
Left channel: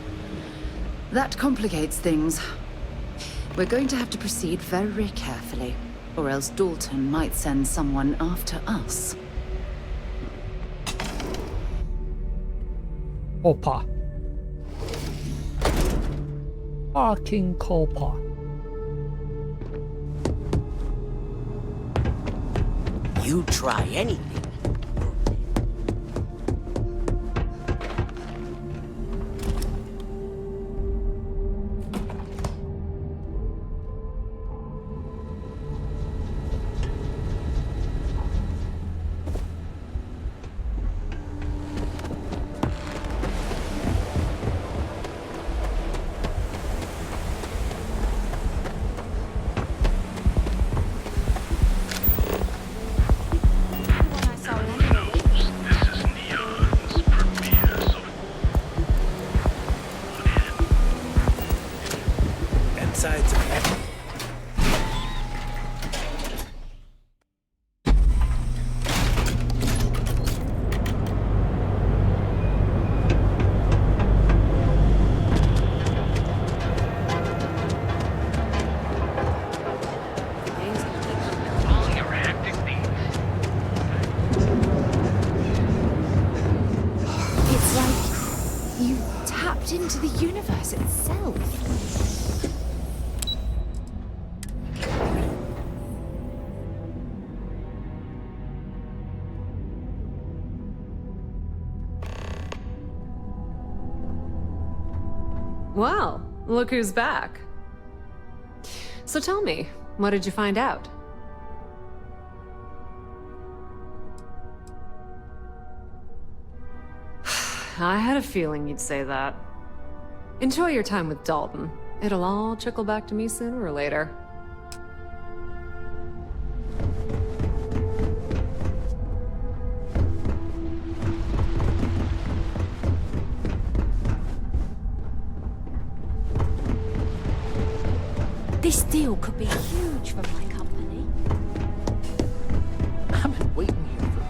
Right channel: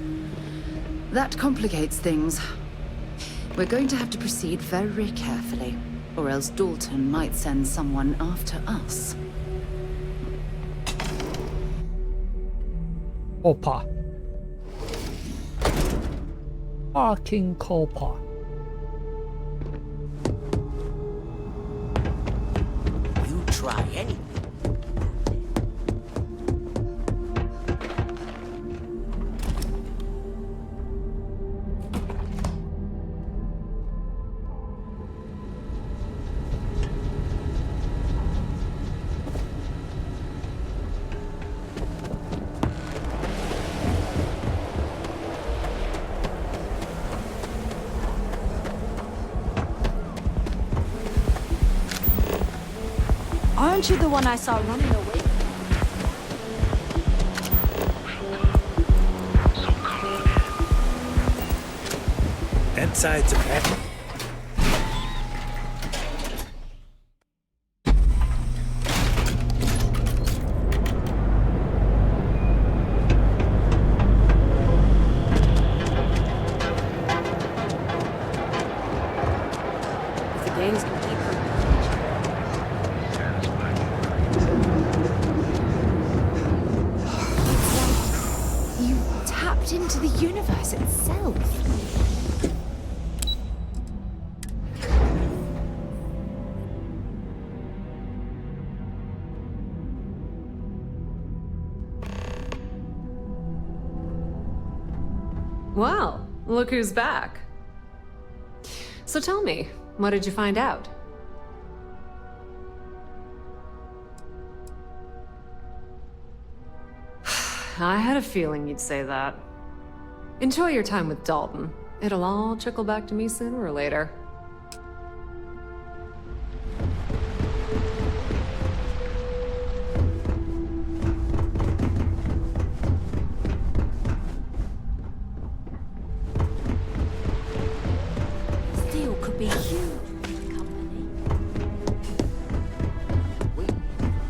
That complicates things. We're going to have to proceed very carefully, or else Dalton might send someone after us. Opa. Fucking Copa. You try anything. Aren't you the one I saw running away? Insides of heaven. tapped into the universe itself. Well, look who's back. So tell me, what did you find out? I had a feeling you'd say that. Enjoy your time with Dalton. It'll all trickle back to me sooner or later. This deal could be huge for my company. I've been waiting here for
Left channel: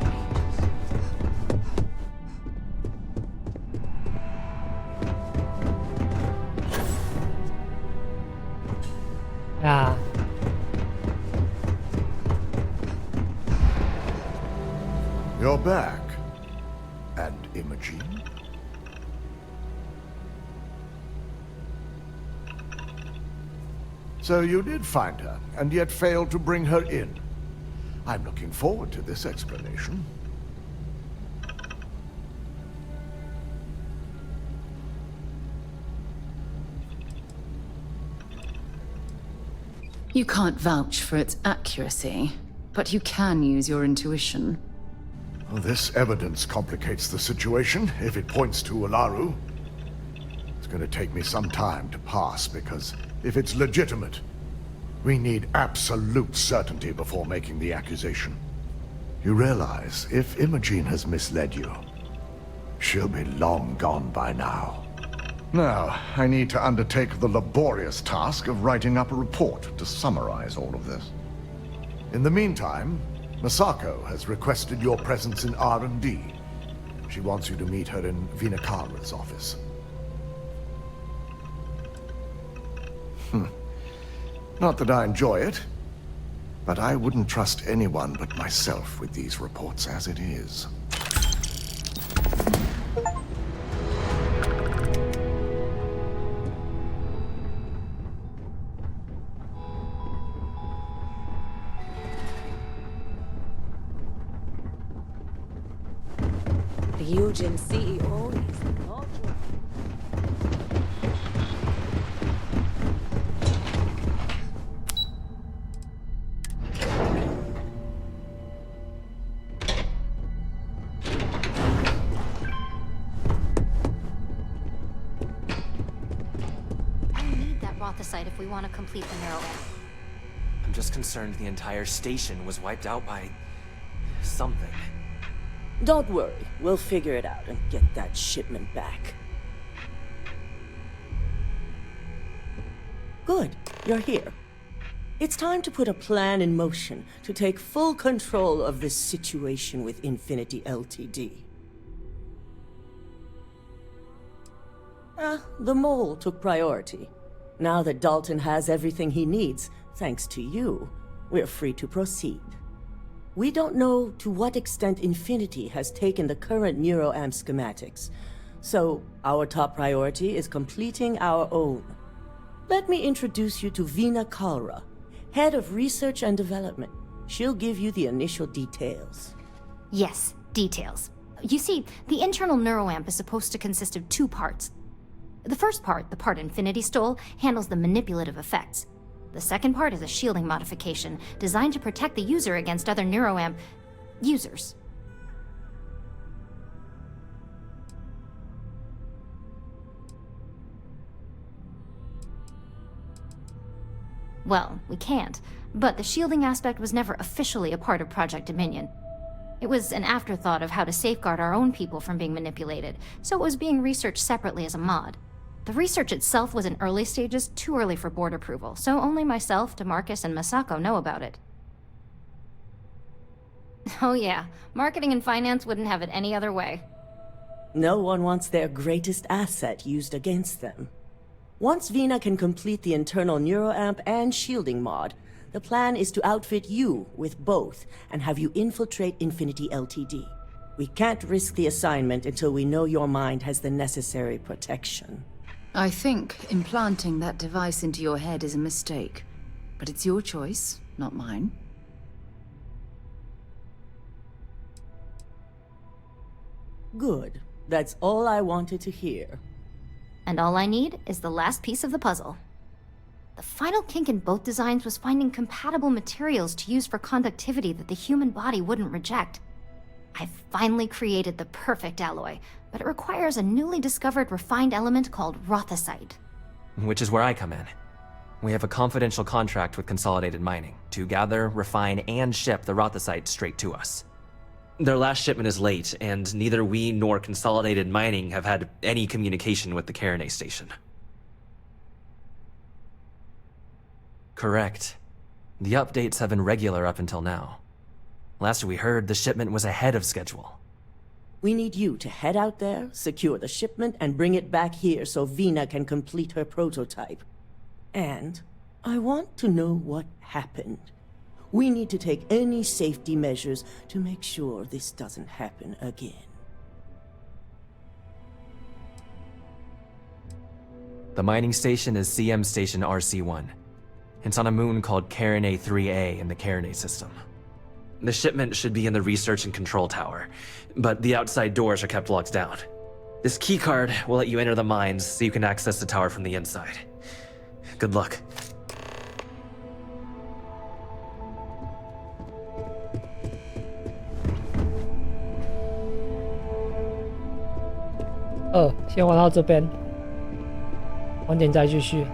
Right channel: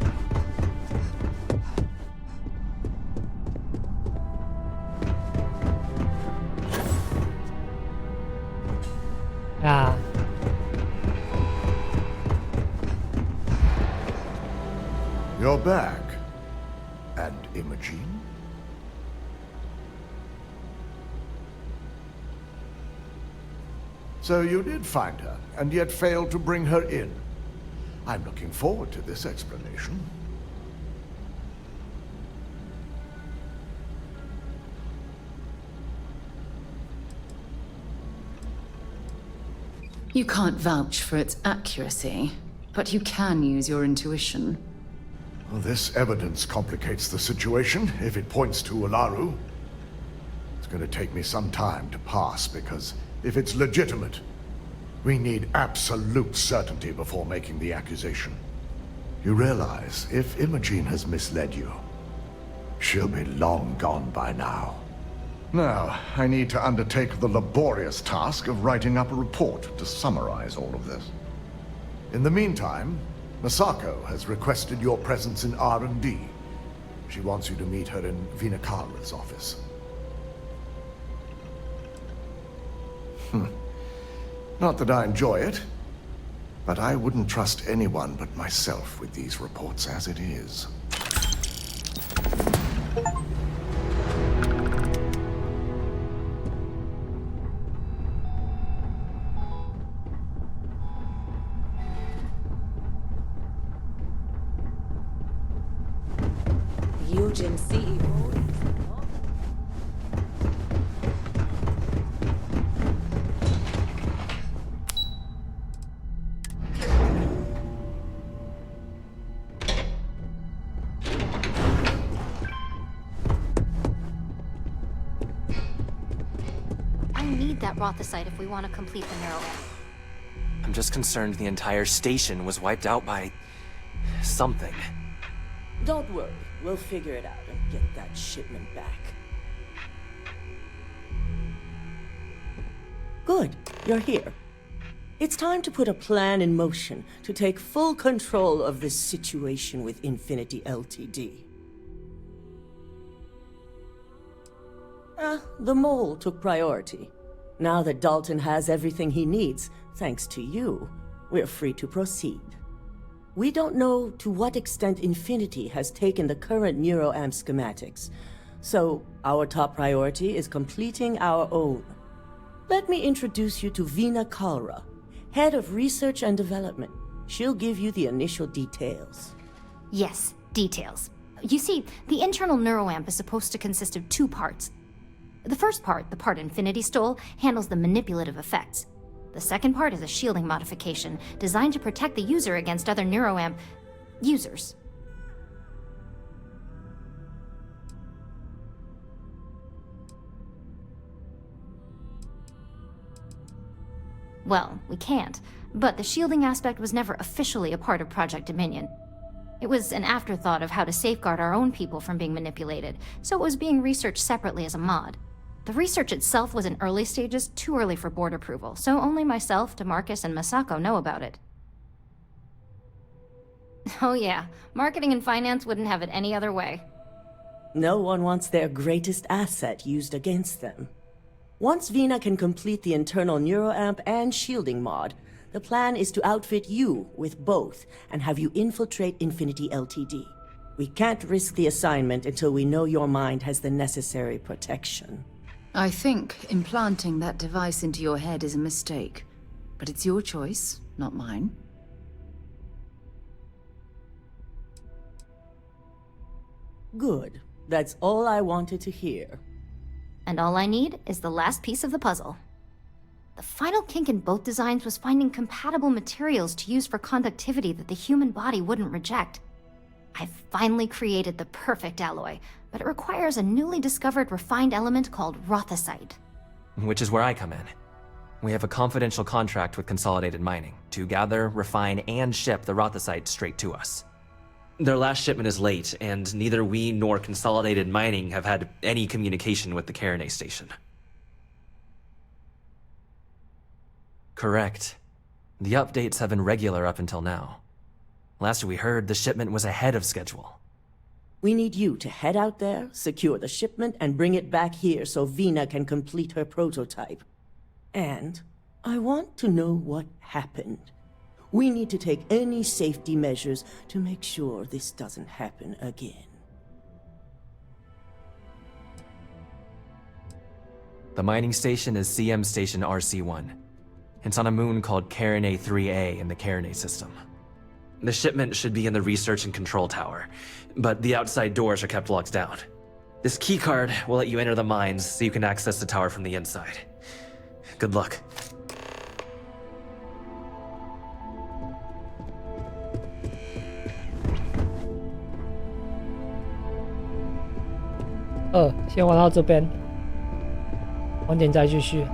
Ah. You're back. And Imogene? So you did find her, and yet failed to bring her in. I'm looking forward to this explanation. You can't vouch for its accuracy, but you can use your intuition. Well, this evidence complicates the situation, if it points to Ularu. It's going to take me some time to pass, because if it's legitimate, we need absolute certainty before making the accusation. You realize, if Imogene has misled you, she'll be long gone by now. Now, I need to undertake the laborious task of writing up a report to summarize all of this. In the meantime, Masako has requested your presence in R&D. She wants you to meet her in Vinakara's office. Not that I enjoy it, but I wouldn't trust anyone but myself with these reports as it is. The Eugen CEO is not. I need that Rothosite if we want to complete the neuroamp. I'm just concerned the entire station was wiped out by something. Don't worry, we'll figure it out and get that shipment back. Good, you're here. It's time to put a plan in motion to take full control of this situation with Infinity Ltd. The mole took priority. Now that Dalton has everything he needs, thanks to you, we're free to proceed. We don't know to what extent Infinity has taken the current neuroamp schematics, so our top priority is completing our own. Let me introduce you to Vina Kalra, Head of Research and Development. She'll give you the initial details. Yes, details. You see, the internal neuroamp is supposed to consist of two parts. The first part, the part Infinity stole, handles the manipulative effects. The second part is a shielding modification, designed to protect the user against other neuroamp users. Well, we can't, but the shielding aspect was never officially a part of Project Dominion. It was an afterthought of how to safeguard our own people from being manipulated, so it was being researched separately as a mod. The research itself was in early stages, too early for board approval, so only myself, DeMarcus, and Masako know about it. Oh yeah, marketing and finance wouldn't have it any other way. No one wants their greatest asset used against them. Once Vina can complete the internal neuroamp and shielding mod, the plan is to outfit you with both and have you infiltrate Infinity Ltd. We can't risk the assignment until we know your mind has the necessary protection. I think implanting that device into your head is a mistake. But it's your choice, not mine. Good. That's all I wanted to hear. And all I need is the last piece of the puzzle. The final kink in both designs was finding compatible materials to use for conductivity that the human body wouldn't reject. I've finally created the perfect alloy, but it requires a newly discovered refined element called rothicite. Which is where I come in. We have a confidential contract with Consolidated Mining to gather, refine, and ship the rothicite straight to us. Their last shipment is late, and neither we nor Consolidated Mining have had any communication with the Karenay station. Correct. The updates have been regular up until now. Last we heard, the shipment was ahead of schedule. We need you to head out there, secure the shipment, and bring it back here so Vina can complete her prototype. And I want to know what happened. We need to take any safety measures to make sure this doesn't happen again. The mining station is CM Station RC-1. It's on a moon called Karenay 3A in the Karenay system. The shipment should be in the research and control tower, but the outside doors are kept locked down. This keycard will let you enter the mines so you can access the tower from the inside. Good luck.先玩到这边，晚点再继续。